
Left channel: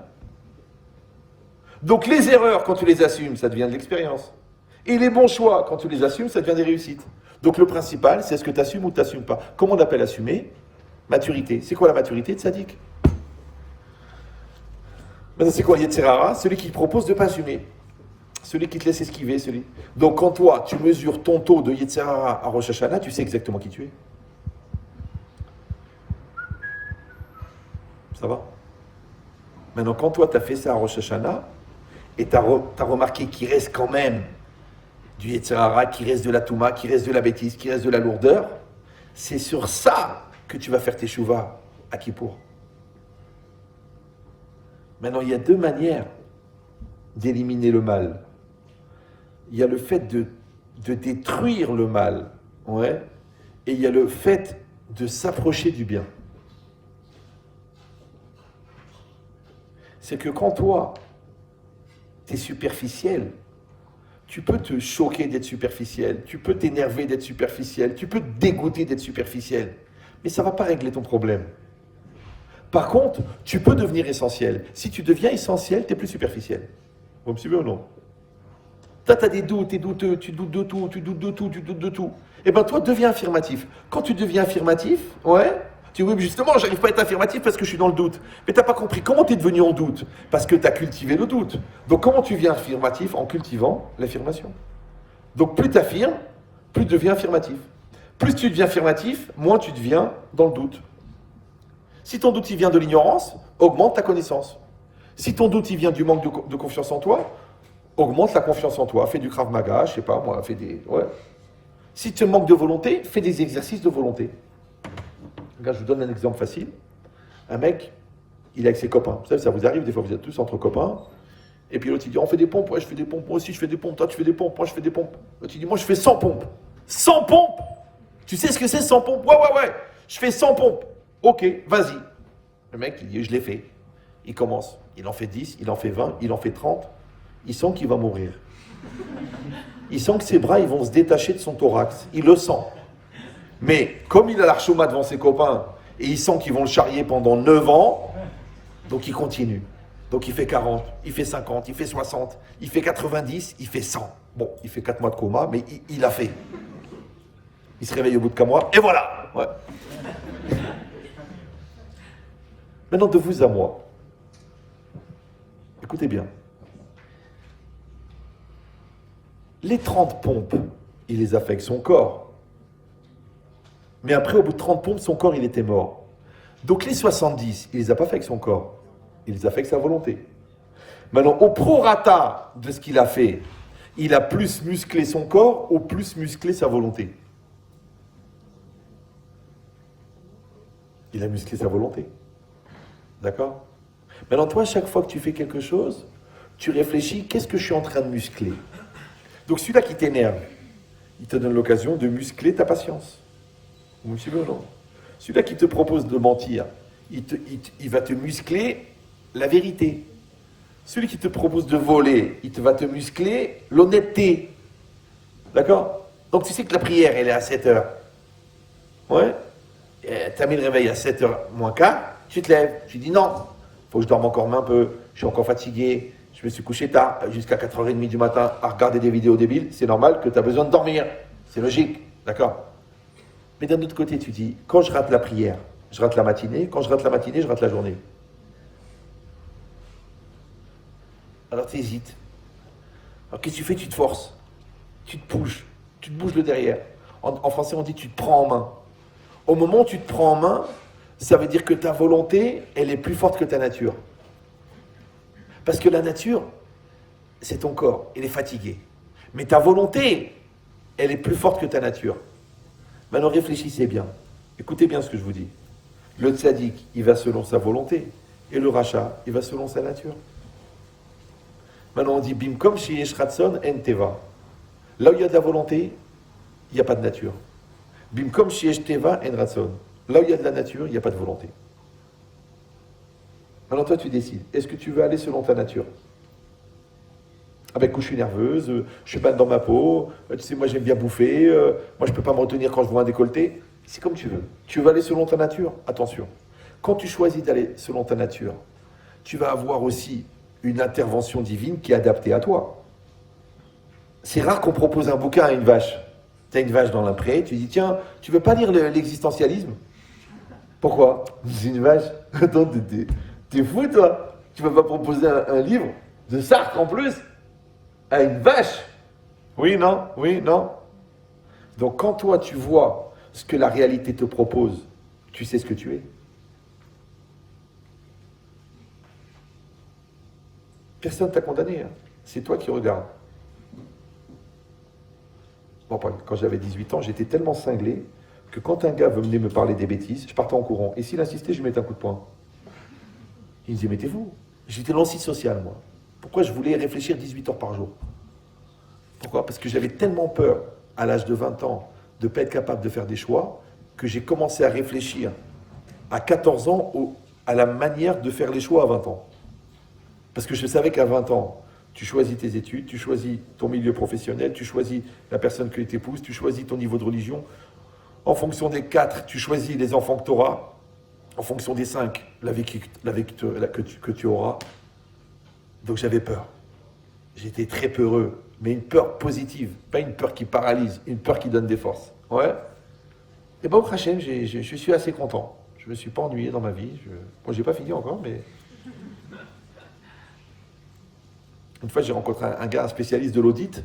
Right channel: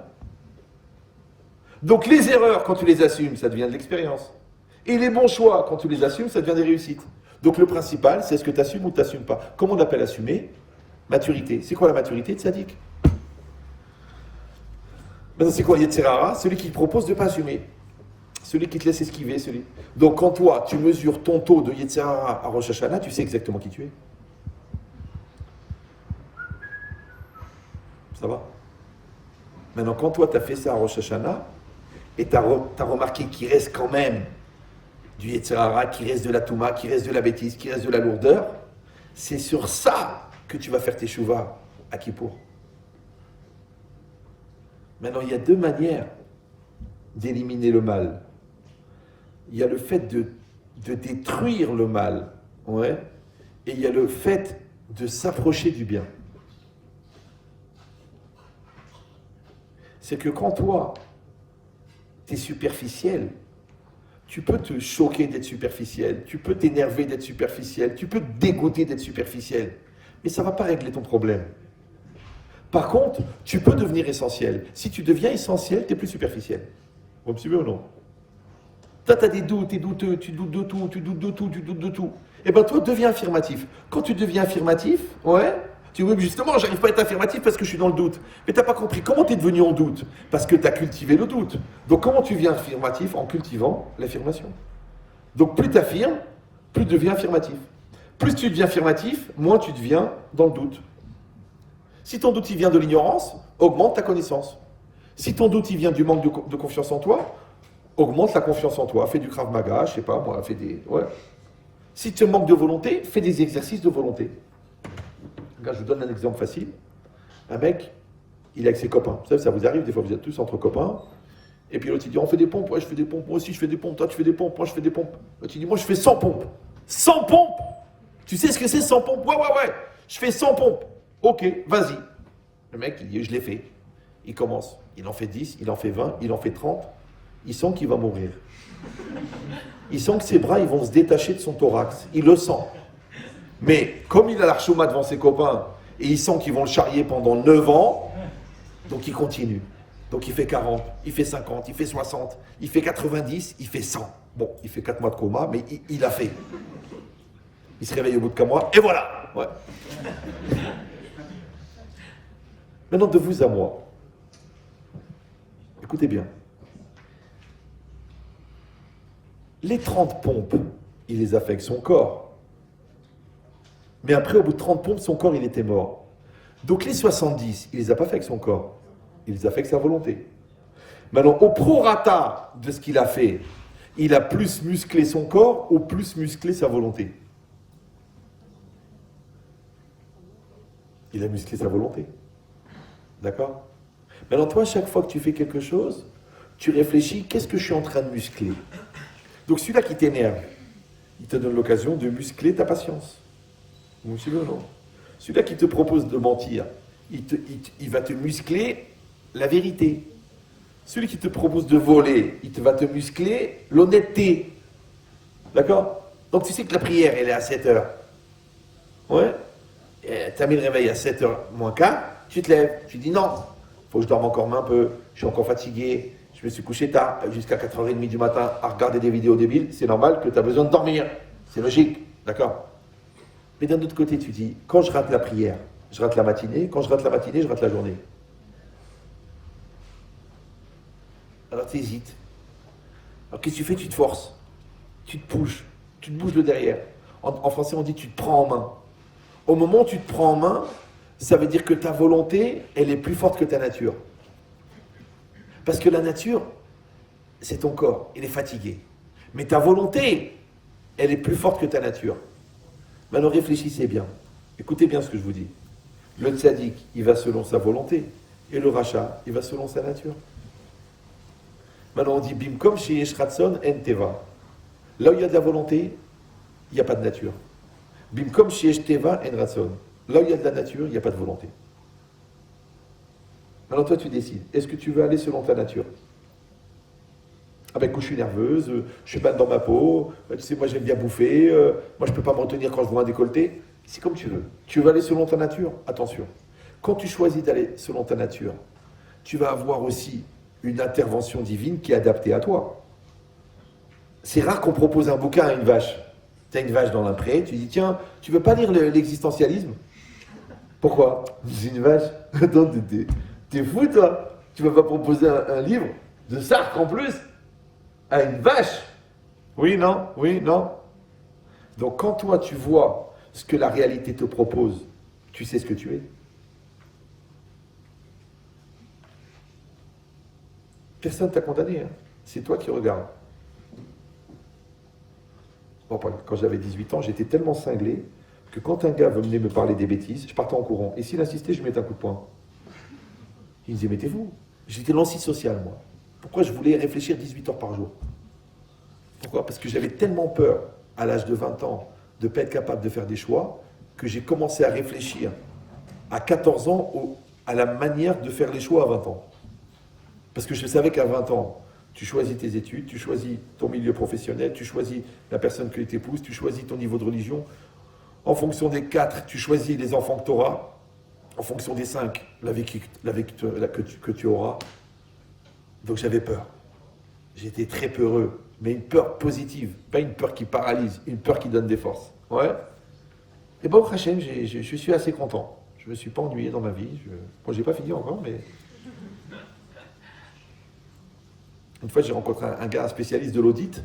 Donc les erreurs, quand tu les assumes, ça devient de l'expérience. Et les bons choix, quand tu les assumes, ça devient des réussites. Donc le principal, c'est est-ce que tu assumes ou tu n'assumes pas. Comment on appelle assumer? Maturité. C'est quoi la maturité de Tzadik? Maintenant, c'est quoi Yetzirara? Celui qui propose de ne pas assumer. Celui qui te laisse esquiver. Donc quand toi, tu mesures ton taux de Yetzirara à Rosh Hashanah, tu sais exactement qui tu es. Ça va? Maintenant, quand toi, tu as fait ça à Rosh Hashanah, et tu as remarqué qu'il reste quand même du Yetzirara, qui reste de la Touma, qui reste de la bêtise, qui reste de la lourdeur, c'est sur ça que tu vas faire tes chouvas à Kippour. Maintenant, il y a 2 manières d'éliminer le mal. Il y a le fait de détruire le mal, ouais, et il y a le fait de s'approcher du bien. C'est que quand toi, tu es superficiel, tu peux te choquer d'être superficiel, tu peux t'énerver d'être superficiel, tu peux te dégoûter d'être superficiel, mais ça ne va pas régler ton problème. Par contre, tu peux devenir essentiel. Si tu deviens essentiel, tu n'es plus superficiel. Vous me suivez ou non? Toi, tu as des doutes, tu es douteux, tu doutes de tout, tu doutes de tout, tu doutes de tout. Eh bien, toi, deviens affirmatif. Quand tu deviens affirmatif, ouais, tu dis, oui, mais justement, j'arrive pas à être affirmatif parce que je suis dans le doute. Mais tu n'as pas compris comment tu es devenu en doute. Parce que tu as cultivé le doute. Donc, comment tu deviens affirmatif? En cultivant l'affirmation. Donc, plus tu affirmes, plus tu deviens affirmatif. Plus tu deviens affirmatif, moins tu deviens dans le doute. Si ton doute il vient de l'ignorance, augmente ta connaissance. Si ton doute il vient du manque de confiance en toi, augmente la confiance en toi. Fais du Krav Maga, je sais pas moi, fais des... Ouais. Si tu manques de volonté, fais des exercices de volonté. Regarde, je vous donne un exemple facile. Un mec, il est avec ses copains. Vous savez, ça vous arrive, des fois vous êtes tous entre copains. Et puis l'autre il dit, on fait des pompes, ouais je fais des pompes, moi aussi je fais des pompes, toi tu fais des pompes, moi je fais des pompes. L'autre il dit, moi je fais 100 pompes. 100 pompes! Tu sais ce que c'est 100 pompes? Ouais. Je fais 100 pompes. Ok, vas-y. Le mec, il dit, je l'ai fait. Il commence. Il en fait 10, il en fait 20, il en fait 30. Il sent qu'il va mourir. Il sent que ses bras, ils vont se détacher de son thorax. Il le sent. Mais comme il a l'archouma devant ses copains, et il sent qu'ils vont le charrier pendant 9 ans, donc il continue. Donc il fait 40, il fait 50, il fait 60, il fait 90, il fait 100. Bon, il fait 4 mois de coma, mais il a fait. Il se réveille au bout de 4 mois, et voilà. Ouais. Maintenant, de vous à moi. Écoutez bien. Les 30 pompes, il les a fait avec son corps. Mais après, au bout de 30 pompes, son corps, il était mort. Donc les 70, il les a pas fait avec son corps. Il les a fait avec sa volonté. Maintenant, au prorata de ce qu'il a fait, il a plus musclé son corps ou plus musclé sa volonté. Il a musclé sa volonté. D'accord? Maintenant, toi, chaque fois que tu fais quelque chose, tu réfléchis, qu'est-ce que je suis en train de muscler? Donc celui-là qui t'énerve, il te donne l'occasion de muscler ta patience. Vous me suivez ou non? Celui-là qui te propose de mentir, il va te muscler la vérité. Celui qui te propose de voler, va te muscler l'honnêteté. D'accord? Donc tu sais que la prière, elle est à 7 heures. Ouais? Tu as mis le réveil à 7 heures moins quart, tu te lèves, tu dis non, il faut que je dorme encore un peu, je suis encore fatigué, je me suis couché tard, jusqu'à 4h30 du matin à regarder des vidéos débiles, c'est normal que tu as besoin de dormir. C'est logique, d'accord? Mais d'un autre côté, tu dis, quand je rate la prière, je rate la matinée, quand je rate la matinée, je rate la journée. Alors tu hésites. Alors qu'est-ce que tu fais? Tu te forces, tu te bouges le derrière. En français, on dit tu te prends en main. Au moment où tu te prends en main, ça veut dire que ta volonté, elle est plus forte que ta nature. Parce que la nature, c'est ton corps, il est fatigué. Mais ta volonté, elle est plus forte que ta nature. Maintenant, réfléchissez bien. Écoutez bien ce que je vous dis. Le tzaddik, il va selon sa volonté. Et le rachat, il va selon sa nature. Maintenant, on dit Bimkom sheyesh ratson en teva. Là où il y a de la volonté, il n'y a pas de nature. Bimkom sheyesh teva en ratson. Là où il y a de la nature, il n'y a pas de volonté. Alors toi, tu décides. Est-ce que tu veux aller selon ta nature? Ah ben, écoute, je suis nerveuse, je suis mal dans ma peau, tu sais, moi j'aime bien bouffer, moi je ne peux pas me retenir quand je vois un décolleté. C'est comme tu veux. Tu veux aller selon ta nature? Attention. Quand tu choisis d'aller selon ta nature, tu vas avoir aussi une intervention divine qui est adaptée à toi. C'est rare qu'on propose un bouquin à une vache. Tu as une vache dans la prairie, tu dis tiens, tu veux pas lire l'existentialisme? Pourquoi? C'est une vache. Attends, t'es fou toi? Tu vas pas proposer un livre de Sartre en plus à une vache? Oui, non? Oui, non? Donc quand toi tu vois ce que la réalité te propose, tu sais ce que tu es. Personne t'a condamné, hein. C'est toi qui regardes. Bon, quand j'avais 18 ans, j'étais tellement cinglé que quand un gars venait me parler des bêtises, je partais en courant. Et s'il insistait, je lui mettais un coup de poing. Il me disait, mettez-vous. J'étais l'antisocial, moi. Pourquoi je voulais réfléchir 18 heures par jour? Pourquoi? Parce que j'avais tellement peur, à l'âge de 20 ans, de ne pas être capable de faire des choix, que j'ai commencé à réfléchir à 14 ans à la manière de faire les choix à 20 ans. Parce que je savais qu'à 20 ans, tu choisis tes études, tu choisis ton milieu professionnel, tu choisis la personne que tu épouses, tu choisis ton niveau de religion. En fonction des 4, tu choisis les enfants que tu auras. En fonction des 5, la vie que tu auras. Donc j'avais peur. J'étais très peureux, mais une peur positive, pas une peur qui paralyse, une peur qui donne des forces. Ouais. Et bon, Hachem, je suis assez content. Je ne me suis pas ennuyé dans ma vie. Bon, j'ai pas fini encore, mais... Une fois, j'ai rencontré un gars, un spécialiste de l'audit.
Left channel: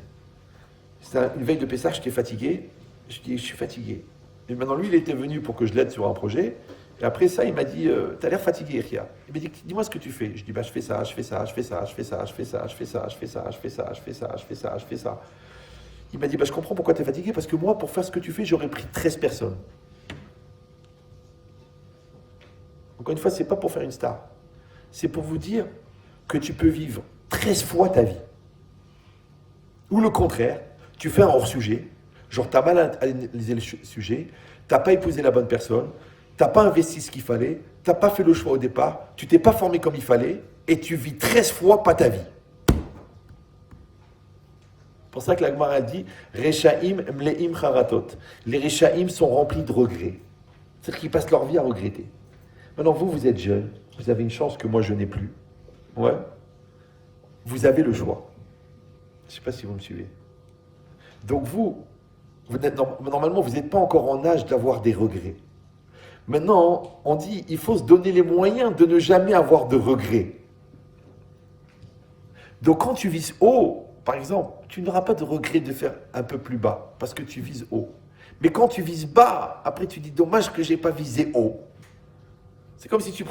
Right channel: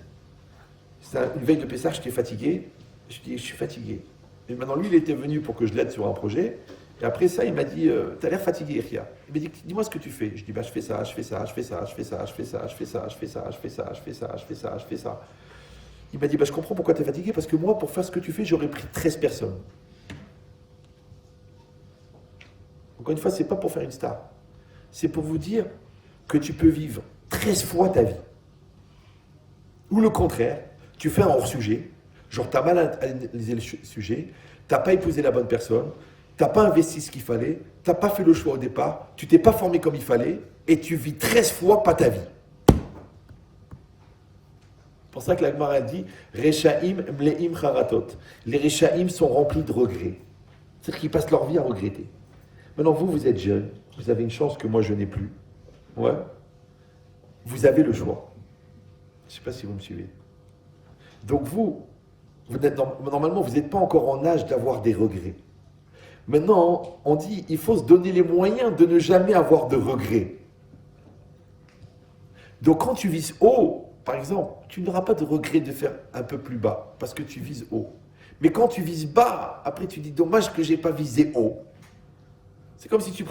C'était une veille de Pessah, j'étais fatigué. Je dis, je suis fatigué. Et maintenant, lui, il était venu pour que je l'aide sur un projet. Et après ça, il m'a dit, t'as l'air fatigué, Ria. Il m'a dit, dis-moi ce que tu fais. Je dis, bah, je fais ça, je fais ça, je fais ça, je fais ça, je fais ça, je fais ça, je fais ça, je fais ça, je fais ça, je fais ça, je fais ça. Il m'a dit, bah, je comprends pourquoi t'es fatigué, parce que moi, pour faire ce que tu fais, j'aurais pris 13 personnes. Encore une fois, c'est pas pour faire une star. C'est pour vous dire que tu peux vivre 13 fois ta vie. Ou le contraire, tu fais un hors-sujet, genre t'as mal analysé le sujet, t'as pas épousé la bonne personne, t'as pas investi ce qu'il fallait, t'as pas fait le choix au départ, tu t'es pas formé comme il fallait, et tu vis 13 fois pas ta vie. C'est pour ça que la Gemara dit Rechaim mleim charatot. Les Rechaim sont remplis de regrets. C'est-à-dire qu'ils passent leur vie à regretter. Maintenant, vous êtes jeune, vous avez une chance que moi je n'ai plus. Ouais. Vous avez le choix. Je ne sais pas si vous me suivez. Donc normalement, vous n'êtes pas encore en âge d'avoir des regrets. Maintenant, on dit, il faut se donner les moyens de ne jamais avoir de regrets. Donc quand tu vises haut, par exemple, tu n'auras pas de regret de faire un peu plus bas, parce que tu vises haut. Mais quand tu vises bas, après tu dis dommage que j'ai pas visé haut. C'est comme si tu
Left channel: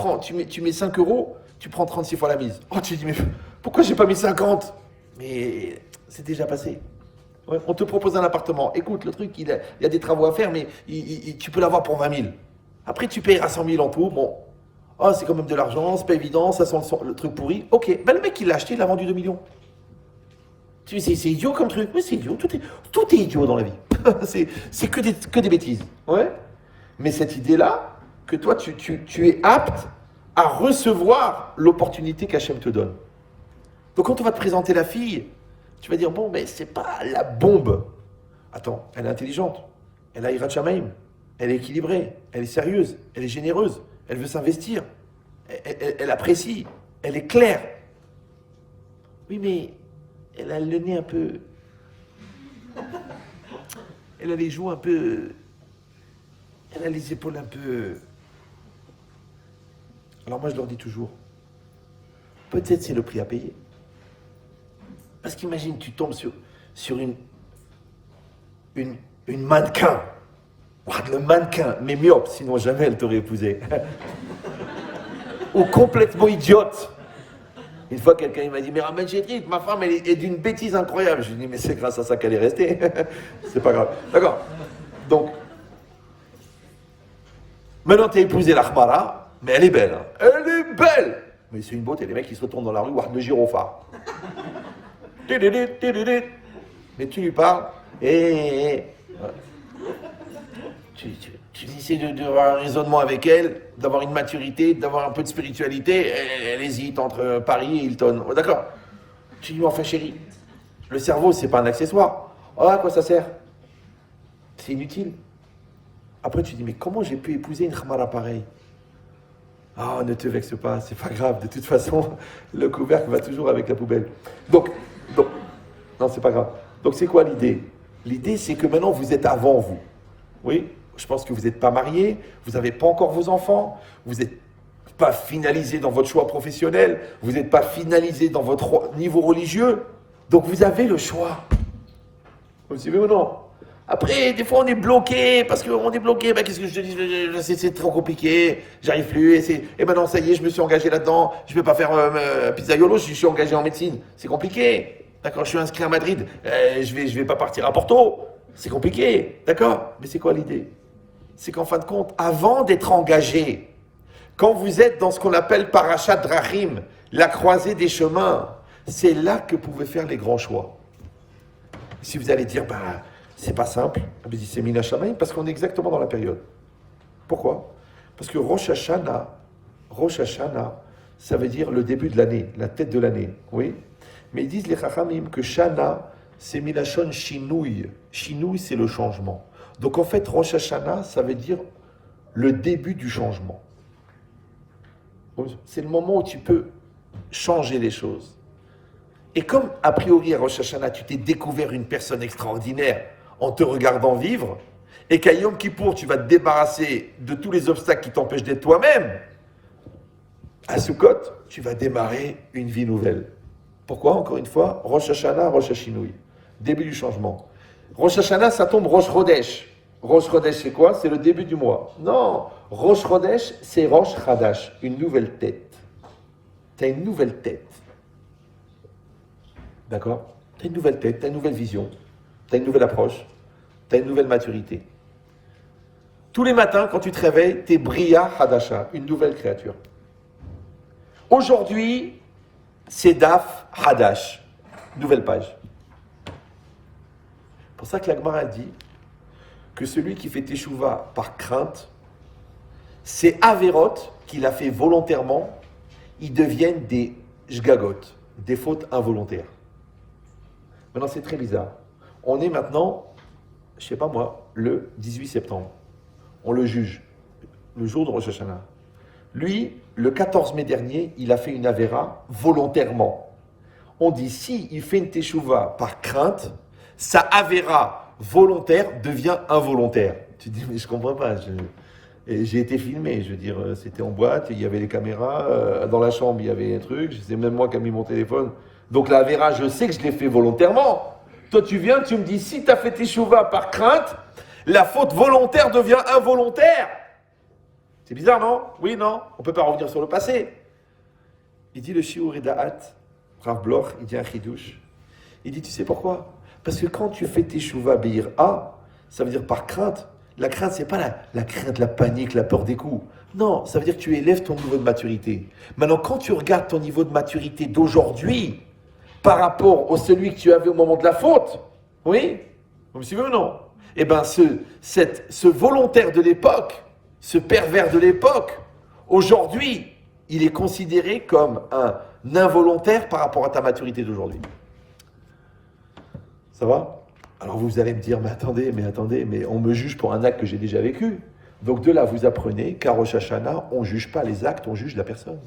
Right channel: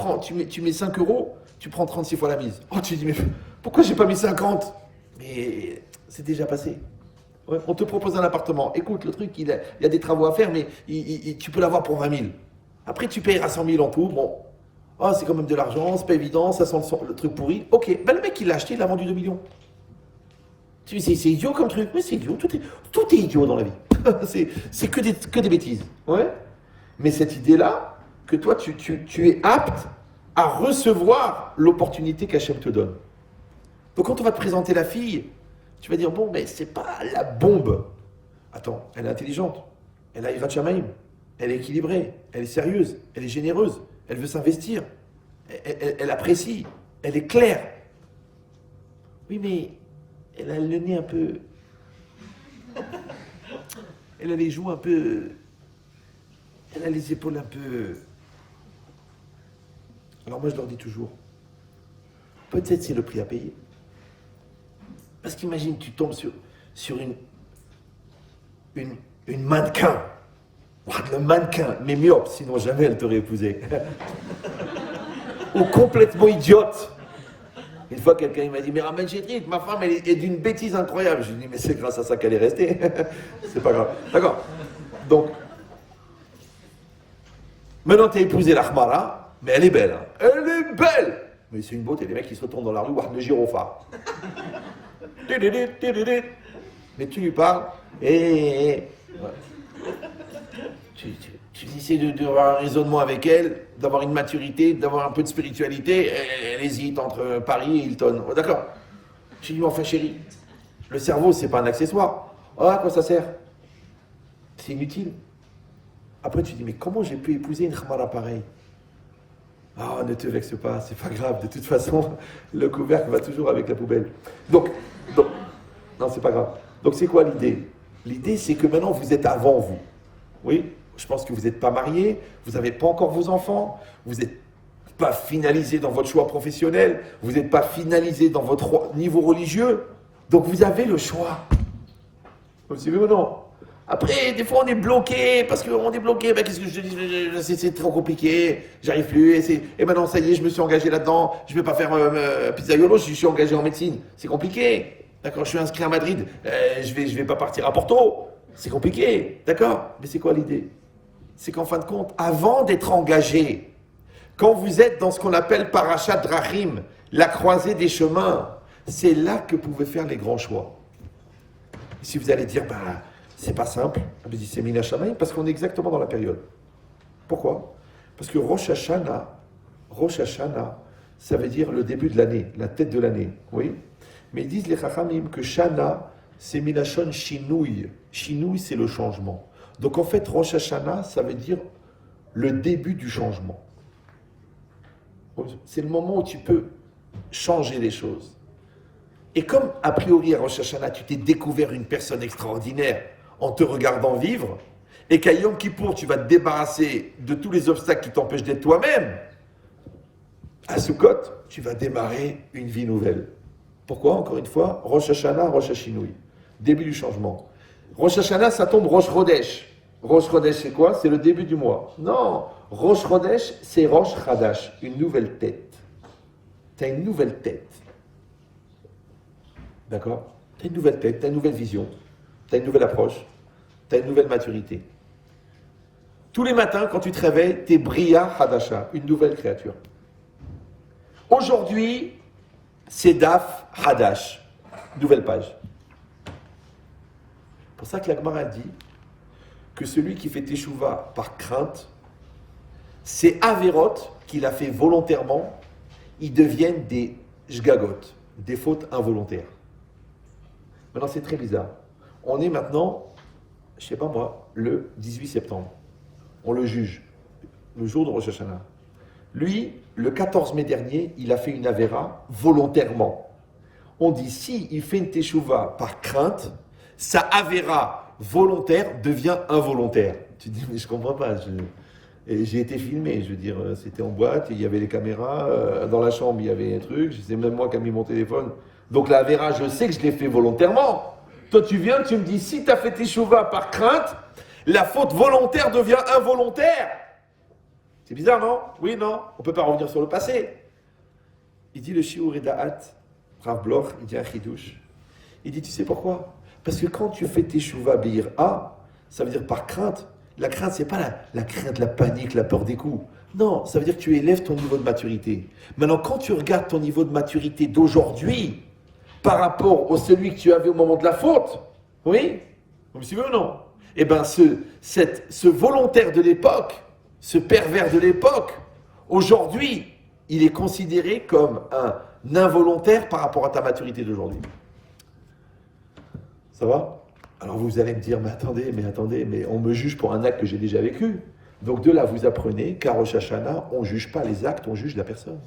mets 5 euros, tu prends 36 fois la mise. Oh, tu dis, mais pourquoi j'ai pas mis 50? Mais c'est déjà passé. Ouais, on te propose un appartement. Écoute, le truc, il y a des travaux à faire, mais tu peux l'avoir pour 20 000. Après, tu payeras 100 000 en tout. Bon, oh, c'est quand même de l'argent, c'est pas évident, ça sent le truc pourri. Ok, ben, le mec, il l'a acheté, il a vendu 2 millions. Tu dis, c'est idiot comme truc. Oui, c'est idiot. Tout est idiot dans la vie. c'est que des bêtises. Ouais. Mais cette idée-là, que toi, tu es apte à recevoir l'opportunité qu'Hachem te donne. Donc, quand on va te présenter la fille, tu vas dire, bon, mais c'est pas la bombe. Attends, elle est intelligente, elle a Yirat Shamayim, elle est équilibrée, elle est sérieuse, elle est généreuse, elle veut s'investir, elle apprécie, elle est claire. Oui, mais elle a le nez un peu... Elle a les joues un peu... Elle a les épaules un peu... Alors moi, je leur dis toujours, peut-être c'est le prix à payer. Parce qu'imagine, tu tombes sur une mannequin. Le mannequin, mais myope, sinon jamais elle t'aurait épousé. Ou complètement idiote. Une fois, quelqu'un m'a dit, mais Raman Chétrit, ma femme, elle est d'une bêtise incroyable. Je lui ai dit, mais c'est grâce à ça qu'elle est restée. C'est pas grave. D'accord. Donc, maintenant, t'as épousé la Khmara, mais elle est belle. Hein. Elle est belle. Mais c'est une beauté. Les mecs, qui se retournent dans la rue, voir de gyrophare. Mais tu lui parles, et tu essaies d'avoir un raisonnement avec elle, d'avoir une maturité, d'avoir un peu de spiritualité. Elle hésite entre Paris et Hilton. Oh, d'accord. Tu lui dis, enfin chérie, le cerveau, c'est pas un accessoire. Oh, à quoi ça sert? C'est inutile. Après, tu dis, mais comment j'ai pu épouser une Khmara pareille? Ah, ne te vexe pas, c'est pas grave. De toute façon, le couvercle va toujours avec la poubelle. Donc non, c'est pas grave. Donc, c'est quoi l'idée? L'idée, c'est que maintenant, vous êtes avant vous. Oui, je pense que vous n'êtes pas marié, vous n'avez pas encore vos enfants, vous n'êtes pas finalisé dans votre choix professionnel, vous n'êtes pas finalisé dans votre niveau religieux. Donc, vous avez le choix. Vous suivez ou non? Après, des fois, on est bloqué, parce qu'on est bloqué. Ben, qu'est-ce que je te dis? C'est trop compliqué, j'arrive plus. Et maintenant, ça y est, je me suis engagé là-dedans. Je ne vais pas faire pizzaiolo, je suis engagé en médecine. C'est compliqué. D'accord, je suis inscrit à Madrid. Je vais pas partir à Porto. C'est compliqué. D'accord? Mais c'est quoi l'idée? C'est qu'en fin de compte, avant d'être engagé, quand vous êtes dans ce qu'on appelle Parashat Drachim, la croisée des chemins, c'est là que vous pouvez faire les grands choix. Si vous allez dire, c'est pas simple, c'est Mina Shamayim, parce qu'on est exactement dans la période. Pourquoi? Parce que Rosh Hashanah, ça veut dire le début de l'année, la tête de l'année, oui. Mais ils disent les Chachamim que Shana, c'est Milachon Shinouï. Shinouï, c'est le changement. Donc en fait, Rosh Hashanah, ça veut dire le début du changement. C'est le moment où tu peux changer les choses. Et comme a priori à Rosh Hashanah, tu t'es découvert une personne extraordinaire en te regardant vivre, et qu'à Yom Kippour, tu vas te débarrasser de tous les obstacles qui t'empêchent d'être toi-même, à Sukkot, tu vas démarrer une vie nouvelle. Pourquoi? Encore une fois, Rosh Hashanah, Rosh Hashinouï. Début du changement. Rosh Hashanah, ça tombe Rosh Chodesh. Rosh Chodesh, c'est quoi? C'est le début du mois. Non, Rosh Chodesh, c'est Rosh Chadash, une nouvelle tête. Tu as une nouvelle tête. D'accord? Tu as une nouvelle tête, tu as une nouvelle vision, tu as une nouvelle approche, tu as une nouvelle maturité. Tous les matins, quand tu te réveilles, tu es Bria Hadasha, une nouvelle créature. Aujourd'hui, c'est Daf Hadash, nouvelle page. C'est pour ça que la Gemara dit que celui qui fait Teshuvah par crainte, c'est Averot qu'il a fait volontairement, ils deviennent des Jgagot, des fautes involontaires. Maintenant, c'est très bizarre. On est maintenant, je sais pas moi, le 18 septembre. On le juge, le jour de Rosh Hashanah. Lui, le 14 mai dernier, il a fait une Avera volontairement. On dit, si il fait une Teshuvah par crainte, sa Avera volontaire devient involontaire. Tu te dis, mais je comprends pas. J'ai été filmé, je veux dire, c'était en boîte, il y avait les caméras, dans la chambre, il y avait des trucs, c'est même moi qui ai mis mon téléphone. Donc la Avera, je sais que je l'ai fait volontairement. Toi, tu viens, tu me dis, si tu as fait Teshuvah par crainte, La faute volontaire devient involontaire. C'est bizarre, non? Oui, non? On ne peut pas revenir sur le passé. Il dit le Shiur Da'at, Rav Bloch, il dit un chidouche. Il dit, tu sais pourquoi? Parce que quand tu fais tes shuvah be'ira, ça veut dire par crainte. La crainte, c'est pas la crainte, la panique, la peur des coups. Non, ça veut dire que tu élèves ton niveau de maturité. Maintenant, quand tu regardes ton niveau de maturité d'aujourd'hui par rapport au celui que tu avais au moment de la faute, oui? Vous me suivez ou non? Eh bien, ce volontaire de l'époque, ce pervers de l'époque, aujourd'hui, il est considéré comme un involontaire par rapport à ta maturité d'aujourd'hui. Ça va? Alors vous allez me dire, mais attendez, mais on me juge pour un acte que j'ai déjà vécu. Donc de là, vous apprenez qu'à Rosh Hashanah, on ne juge pas les actes, on juge la personne.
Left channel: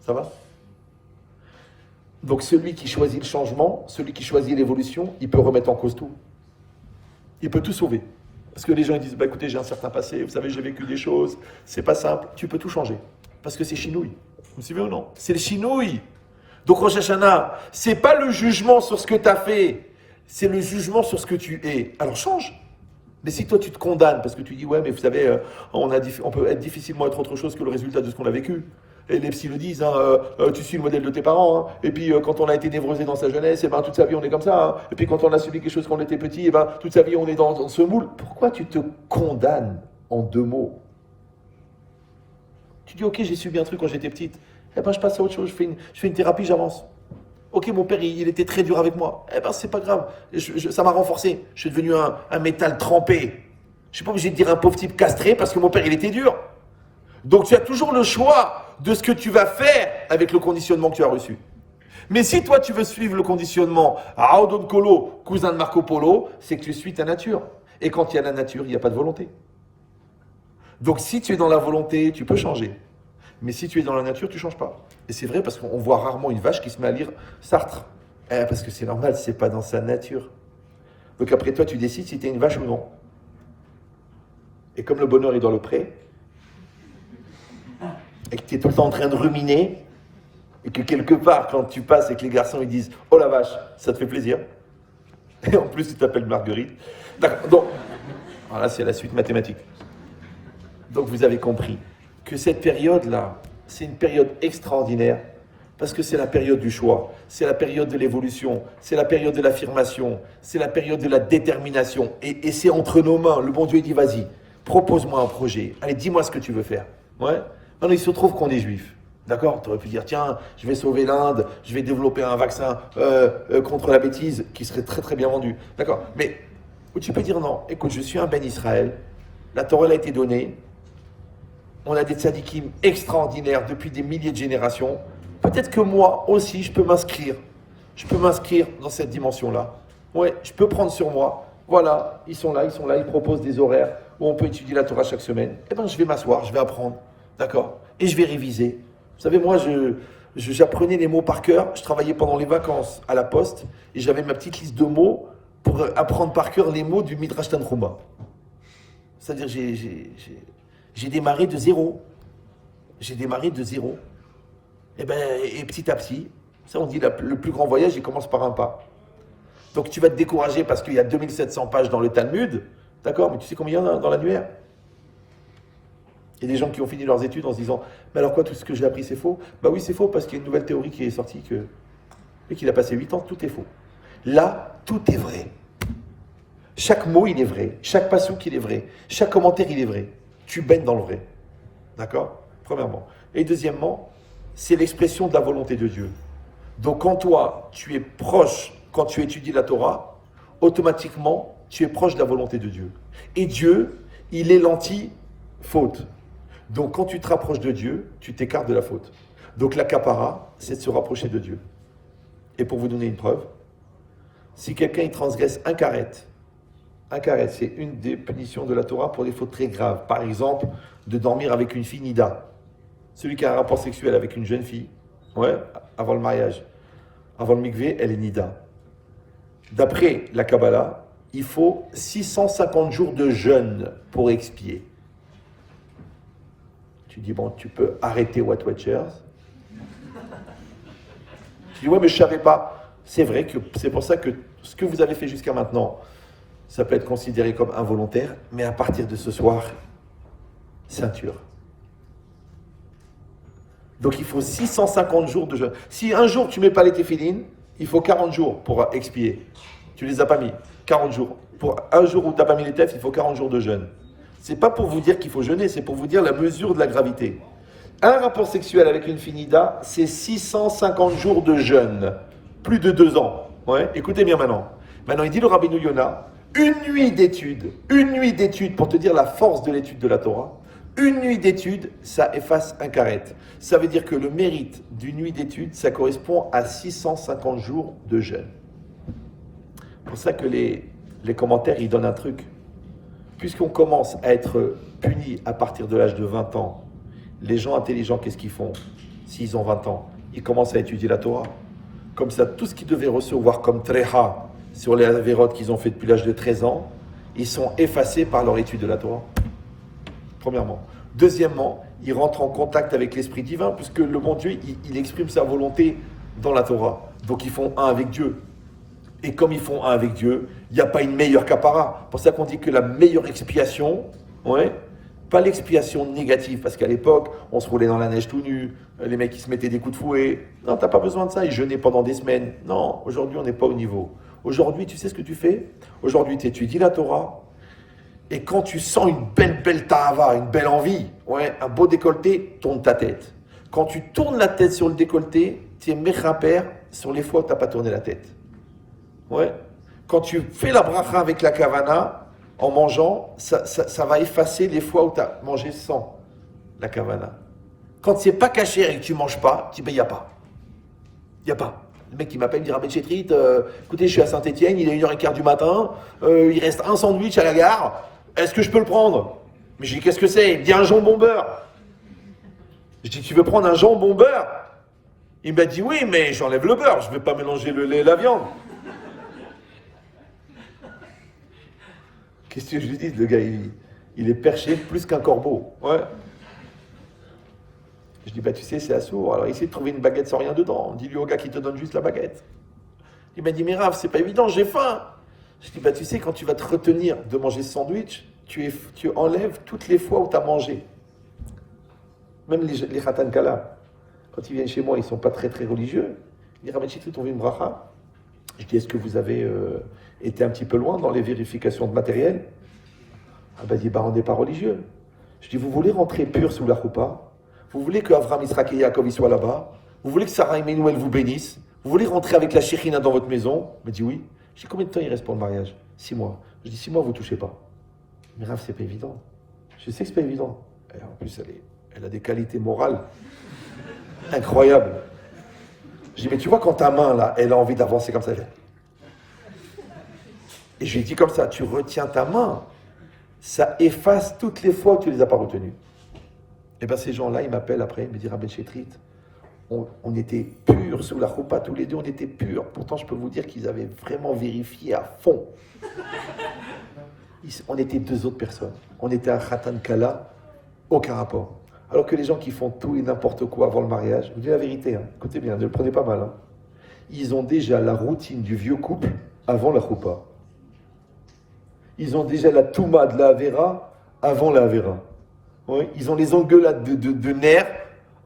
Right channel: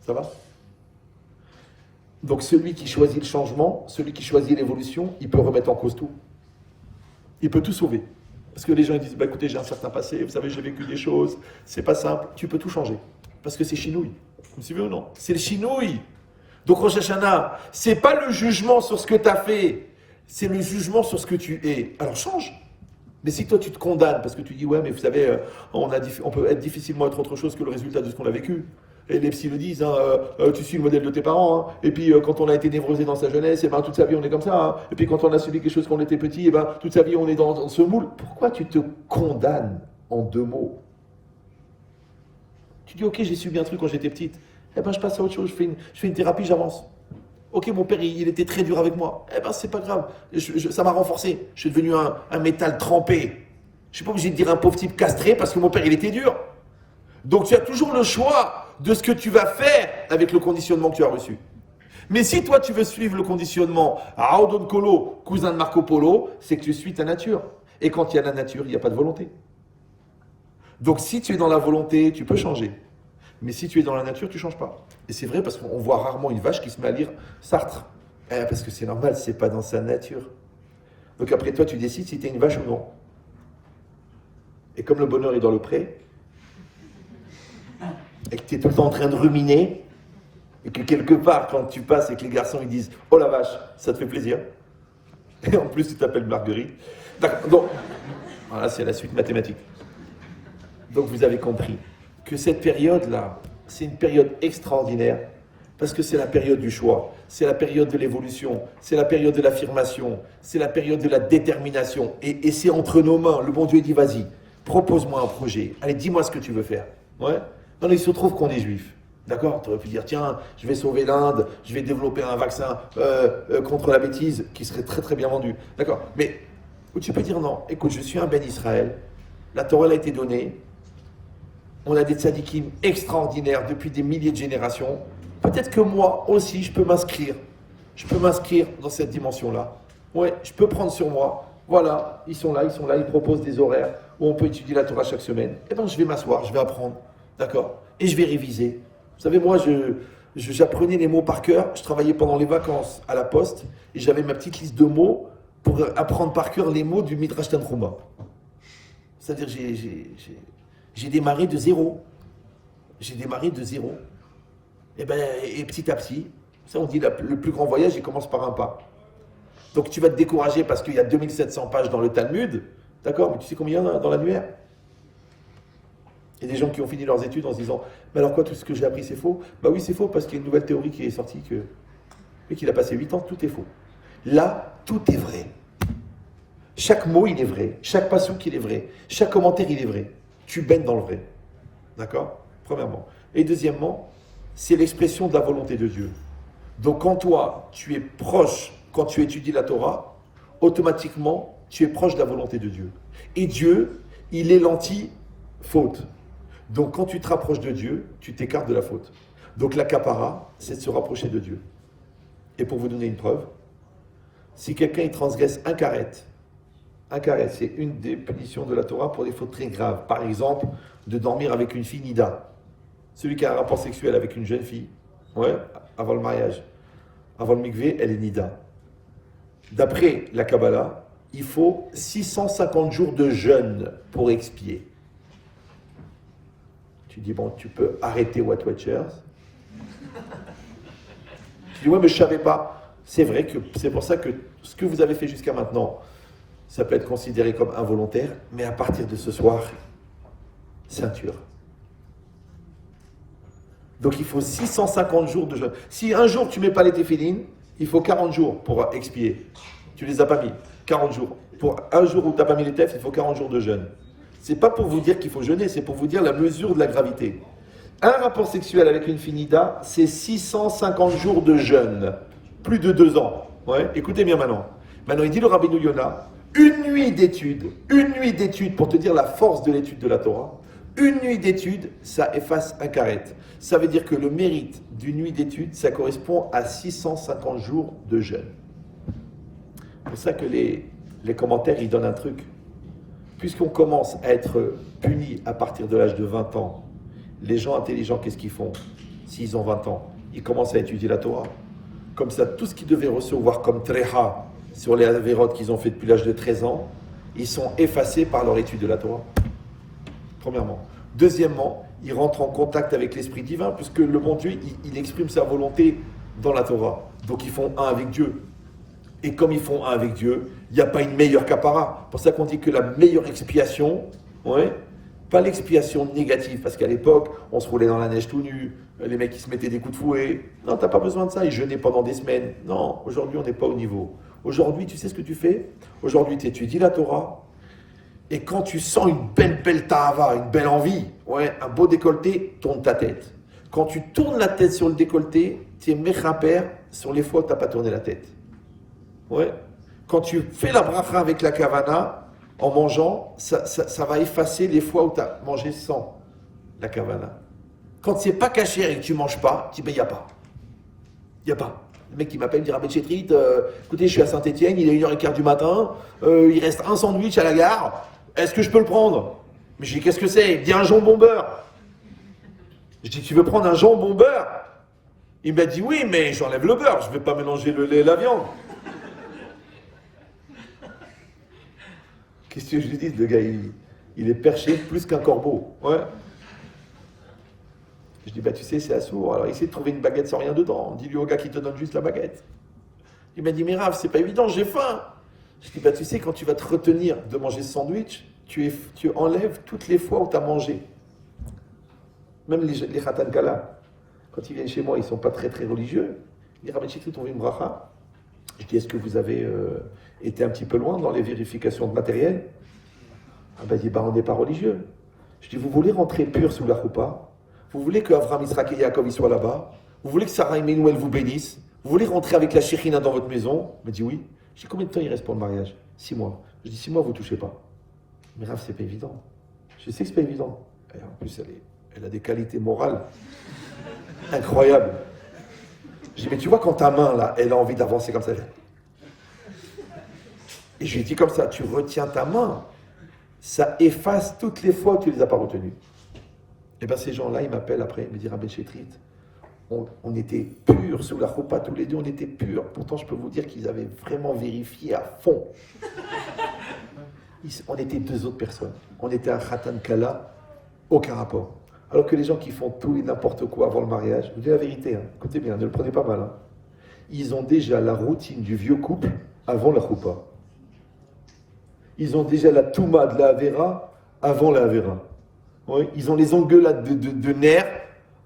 Ça va? Donc celui qui choisit le changement, celui qui choisit l'évolution, il peut remettre en cause tout. Il peut tout sauver. Parce que les gens ils disent, bah écoutez, j'ai un certain passé, vous savez, j'ai vécu des choses, c'est pas simple. Tu peux tout changer. Parce que c'est chinouille. Vous me suivez ou non? C'est le chinouille. Donc Rosh Hashanah, c'est pas le jugement sur ce que tu as fait, c'est le jugement sur ce que tu es. Alors change. Mais si toi tu te condamnes parce que tu dis ouais mais vous savez on peut être difficilement être autre chose que le résultat de ce qu'on a vécu. Et les psys le disent, tu suis le modèle de tes parents. Hein. Et puis quand on a été névrosé dans sa jeunesse, et ben, toute sa vie on est comme ça. Hein. Et puis quand on a subi quelque chose quand on était petit, et ben, toute sa vie on est dans ce moule. Pourquoi tu te condamnes en deux mots? Tu dis ok j'ai subi un truc quand j'étais petite. Eh ben je passe à autre chose, je fais une thérapie, j'avance. Ok, mon père, il était très dur avec moi. Eh ben, c'est pas grave. Ça m'a renforcé. Je suis devenu un métal trempé. Je suis pas obligé de dire un pauvre type castré parce que mon père, il était dur. Donc, tu as toujours le choix de ce que tu vas faire avec le conditionnement que tu as reçu. Mais si toi, tu veux suivre le conditionnement à Audon Colo, cousin de Marco Polo, c'est que tu suis ta nature. Et quand il y a la nature, il n'y a pas de volonté. Donc, si tu es dans la volonté, tu peux changer. Mais si tu es dans la nature, tu ne changes pas. Et c'est vrai parce qu'on voit rarement une vache qui se met à lire Sartre. Parce que c'est normal, c'est pas dans sa nature. Donc après toi, tu décides si tu es une vache ou non. Et comme le bonheur est dans le pré, et que tu es tout le temps en train de ruminer, et que quelque part, quand tu passes et que les garçons ils disent « Oh la vache, ça te fait plaisir », et en plus tu t'appelles Marguerite. D'accord, donc, voilà, c'est la suite mathématique. Donc vous avez compris que cette période-là, c'est une période extraordinaire parce que c'est la période du choix, c'est la période de l'évolution, c'est la période de l'affirmation, c'est la période de la détermination. Et c'est entre nos mains. Le bon Dieu dit, vas-y, propose-moi un projet. Allez, dis-moi ce que tu veux faire. Ouais. Non, il se trouve qu'on est juif. D'accord? Tu aurais pu dire, tiens, je vais sauver l'Inde, je vais développer un vaccin contre la bêtise qui serait très très bien vendu. D'accord? Mais où tu peux dire, non, écoute, je suis un Ben Israël, la Torah a été donnée, on a des tzadikim extraordinaires depuis des milliers de générations. Peut-être que moi aussi, je peux m'inscrire. Je peux m'inscrire dans cette dimension-là. Ouais, je peux prendre sur moi. Voilà, ils sont là, ils proposent des horaires où on peut étudier la Torah chaque semaine. Eh bien, je vais m'asseoir, je vais apprendre. D'accord? Et je vais réviser. Vous savez, moi, j'apprenais les mots par cœur. Je travaillais pendant les vacances à la poste et j'avais ma petite liste de mots pour apprendre par cœur les mots du Midrash Tanhuma. C'est-à-dire, j'ai démarré de zéro. Et petit à petit, ça on dit le plus grand voyage, il commence par un pas. Donc tu vas te décourager parce qu'il y a 2700 pages dans le Talmud, d'accord, mais tu sais combien il y en a dans l'annuaire? Il y a des gens qui ont fini leurs études en se disant, mais alors quoi, tout ce que j'ai appris c'est faux? Bah oui, c'est faux parce qu'il y a une nouvelle théorie qui est sortie et qu'il a passé 8 ans, tout est faux. Là, tout est vrai. Chaque mot, il est vrai. Chaque passouk, il est vrai. Chaque commentaire, il est vrai. Tu baignes dans le vrai. D'accord? Premièrement. Et deuxièmement, c'est l'expression de la volonté de Dieu. Donc quand toi, tu es proche, quand tu étudies la Torah, automatiquement, tu es proche de la volonté de Dieu. Et Dieu, il est l'anti-faute. Donc quand tu te rapproches de Dieu, tu t'écartes de la faute. Donc la kapara, c'est de se rapprocher de Dieu. Et pour vous donner une preuve, si quelqu'un il transgresse un karet, c'est une des punitions de la Torah pour des fautes très graves. Par exemple, de dormir avec une fille nida. Celui qui a un rapport sexuel avec une jeune fille, ouais, avant le mariage, avant le mikvé, elle est nida. D'après la Kabbalah, il faut 650 jours de jeûne pour expier. Tu dis, bon, tu peux arrêter What Watchers. Tu dis, ouais, mais je ne savais pas. C'est vrai que c'est pour ça que ce que vous avez fait jusqu'à maintenant, ça peut être considéré comme involontaire, mais à partir de ce soir, ceinture. Donc il faut 650 jours de jeûne. Si un jour tu ne mets pas les téphilines, il faut 40 jours pour expier. Tu ne les as pas mis, 40 jours. Pour un jour où tu n'as pas mis les têtes, il faut 40 jours de jeûne. C'est pas pour vous dire qu'il faut jeûner, c'est pour vous dire la mesure de la gravité. Un rapport sexuel avec une finida, c'est 650 jours de jeûne. Plus de 2 ans. Ouais. Écoutez bien maintenant. Maintenant, il dit le Rabbeinu Yonah, une nuit d'étude pour te dire la force de l'étude de la Torah. Une nuit d'étude, ça efface un karet. Ça veut dire que le mérite d'une nuit d'étude, ça correspond à 650 jours de jeûne. C'est pour ça que les commentaires, ils donnent un truc. Puisqu'on commence à être puni à partir de l'âge de 20 ans, les gens intelligents, qu'est-ce qu'ils font? S'ils ont 20 ans, ils commencent à étudier la Torah. Comme ça, tout ce qu'ils devaient recevoir comme treha sur les avérotes qu'ils ont fait depuis l'âge de 13 ans, ils sont effacés par leur étude de la Torah. Premièrement. Deuxièmement, ils rentrent en contact avec l'Esprit divin, puisque le bon Dieu, il exprime sa volonté dans la Torah. Donc ils font un avec Dieu. Et comme ils font un avec Dieu, il n'y a pas une meilleure kapara. C'est pour ça qu'on dit que la meilleure expiation, ouais, pas l'expiation négative, parce qu'à l'époque, on se roulait dans la neige tout nu, les mecs ils se mettaient des coups de fouet. Non, t'as pas besoin de ça, ils jeûnaient pendant des semaines. Non, aujourd'hui on n'est pas au niveau. Aujourd'hui, tu sais ce que tu fais? Aujourd'hui, tu étudies la Torah, et quand tu sens une belle tahava, une belle envie, ouais, un beau décolleté, tourne ta tête. Quand tu tournes la tête sur le décolleté, tu es mechaper sur les fois où tu n'as pas tourné la tête. Ouais. Quand tu fais la bracha avec la kavana, en mangeant, ça va effacer les fois où tu as mangé sans la kavana. Quand c'est pas caché et que tu manges pas, tu dis, ben, il n'y a pas. Il n'y a pas. Le mec qui m'appelle, il dit, Rabbi Chetrit, écoutez, je suis à Saint-Étienne, il est 1h15 du matin, il reste un sandwich à la gare, est-ce que je peux le prendre? Mais je dis, qu'est-ce que c'est? Il dit, un jambon beurre. Je dis, tu veux prendre un jambon beurre? Il m'a dit, oui, mais j'enlève le beurre, je ne vais pas mélanger le lait et la viande. Qu'est-ce que je lui dis, le gars, il est perché plus qu'un corbeau. Ouais. Je dis, bah tu sais, c'est assourd. Alors, essaie de trouver une baguette sans rien dedans. Dis-lui au gars qui te donne juste la baguette. Il m'a dit, mais Rav, c'est pas évident, j'ai faim. Je dis, bah tu sais, quand tu vas te retenir de manger ce sandwich, tu enlèves toutes les fois où tu as mangé. Même les Khatan Kala, quand ils viennent chez moi, ils ne sont pas très religieux. Ils disent, Rabbi Chetrit, on veut une bracha. Je dis, est-ce que vous avez été un petit peu loin dans les vérifications de matériel? Ah ben, il dit, bah on n'est pas religieux. Je dis, vous voulez rentrer pur sous la choupa? Vous voulez que Avraham, Yitzhak et Yaakov soient là-bas? Vous voulez que Sarah et Menuel vous bénissent? Vous voulez rentrer avec la Shekhinah dans votre maison? Il me dit oui. Je dis, combien de temps il reste pour le mariage? 6 mois. Je dis, 6 mois, vous ne touchez pas. Mais Rav, c'est pas évident. Je sais que c'est pas évident. Et en plus, elle a des qualités morales incroyables. Je dis, mais tu vois, quand ta main, là, elle a envie d'avancer comme ça. Et je lui dis comme ça, tu retiens ta main, ça efface toutes les fois que tu ne les as pas retenues. Et bien ces gens-là, ils m'appellent après, ils me disent, Rabbi Chetrit, on était purs sous la choupa, tous les deux, on était purs. Pourtant, je peux vous dire qu'ils avaient vraiment vérifié à fond. On était 2 autres personnes. On était un Khatan Kala, aucun rapport. Alors que les gens qui font tout et n'importe quoi avant le mariage, je vous dis la vérité, hein, écoutez bien, ne le prenez pas mal. Hein, ils ont déjà la routine du vieux couple avant la choupa. Ils ont déjà la touma de la Avera avant la Avera. Ouais, ils ont les engueulades de nerfs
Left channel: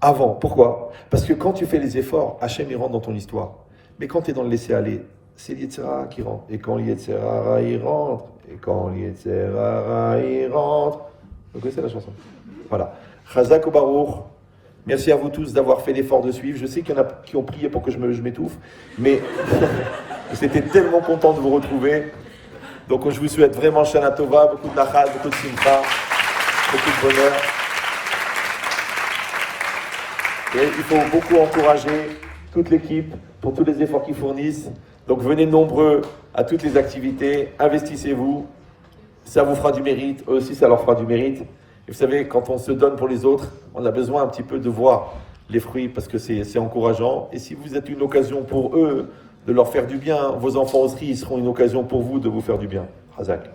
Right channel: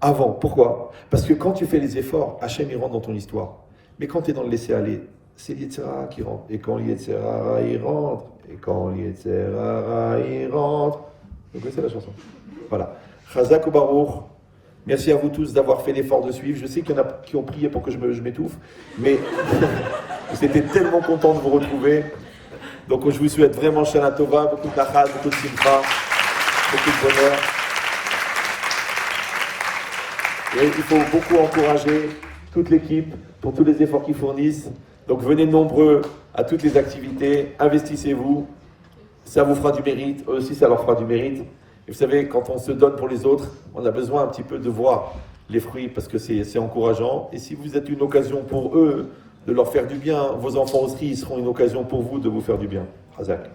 avant. Pourquoi? Parce que quand tu fais les efforts, Hachem il rentre dans ton histoire. Mais quand tu es dans le laisser-aller, c'est l'Yetzirah qui rentre. Et quand l'Yetzirah il rentre, il rentre. Vous connaissez la chanson? Voilà. Chazak ou Baruch. Merci à vous tous d'avoir fait l'effort de suivre. Je sais qu'il y en a qui ont prié pour que je m'étouffe, mais c'était tellement content de vous retrouver. Donc je vous souhaite vraiment Shana Tova, beaucoup de nachal, beaucoup de simcha, beaucoup de bonheur. Et il faut beaucoup encourager toute l'équipe pour tous les efforts qu'ils fournissent. Donc venez nombreux à toutes les activités, investissez-vous, ça vous fera du mérite, eux aussi ça leur fera du mérite. Et vous savez, quand on se donne pour les autres, on a besoin un petit peu de voir les fruits parce que c'est encourageant. Et si vous êtes une occasion pour eux de leur faire du bien, vos enfants aussi ils seront une occasion pour vous de vous faire du bien. Razak.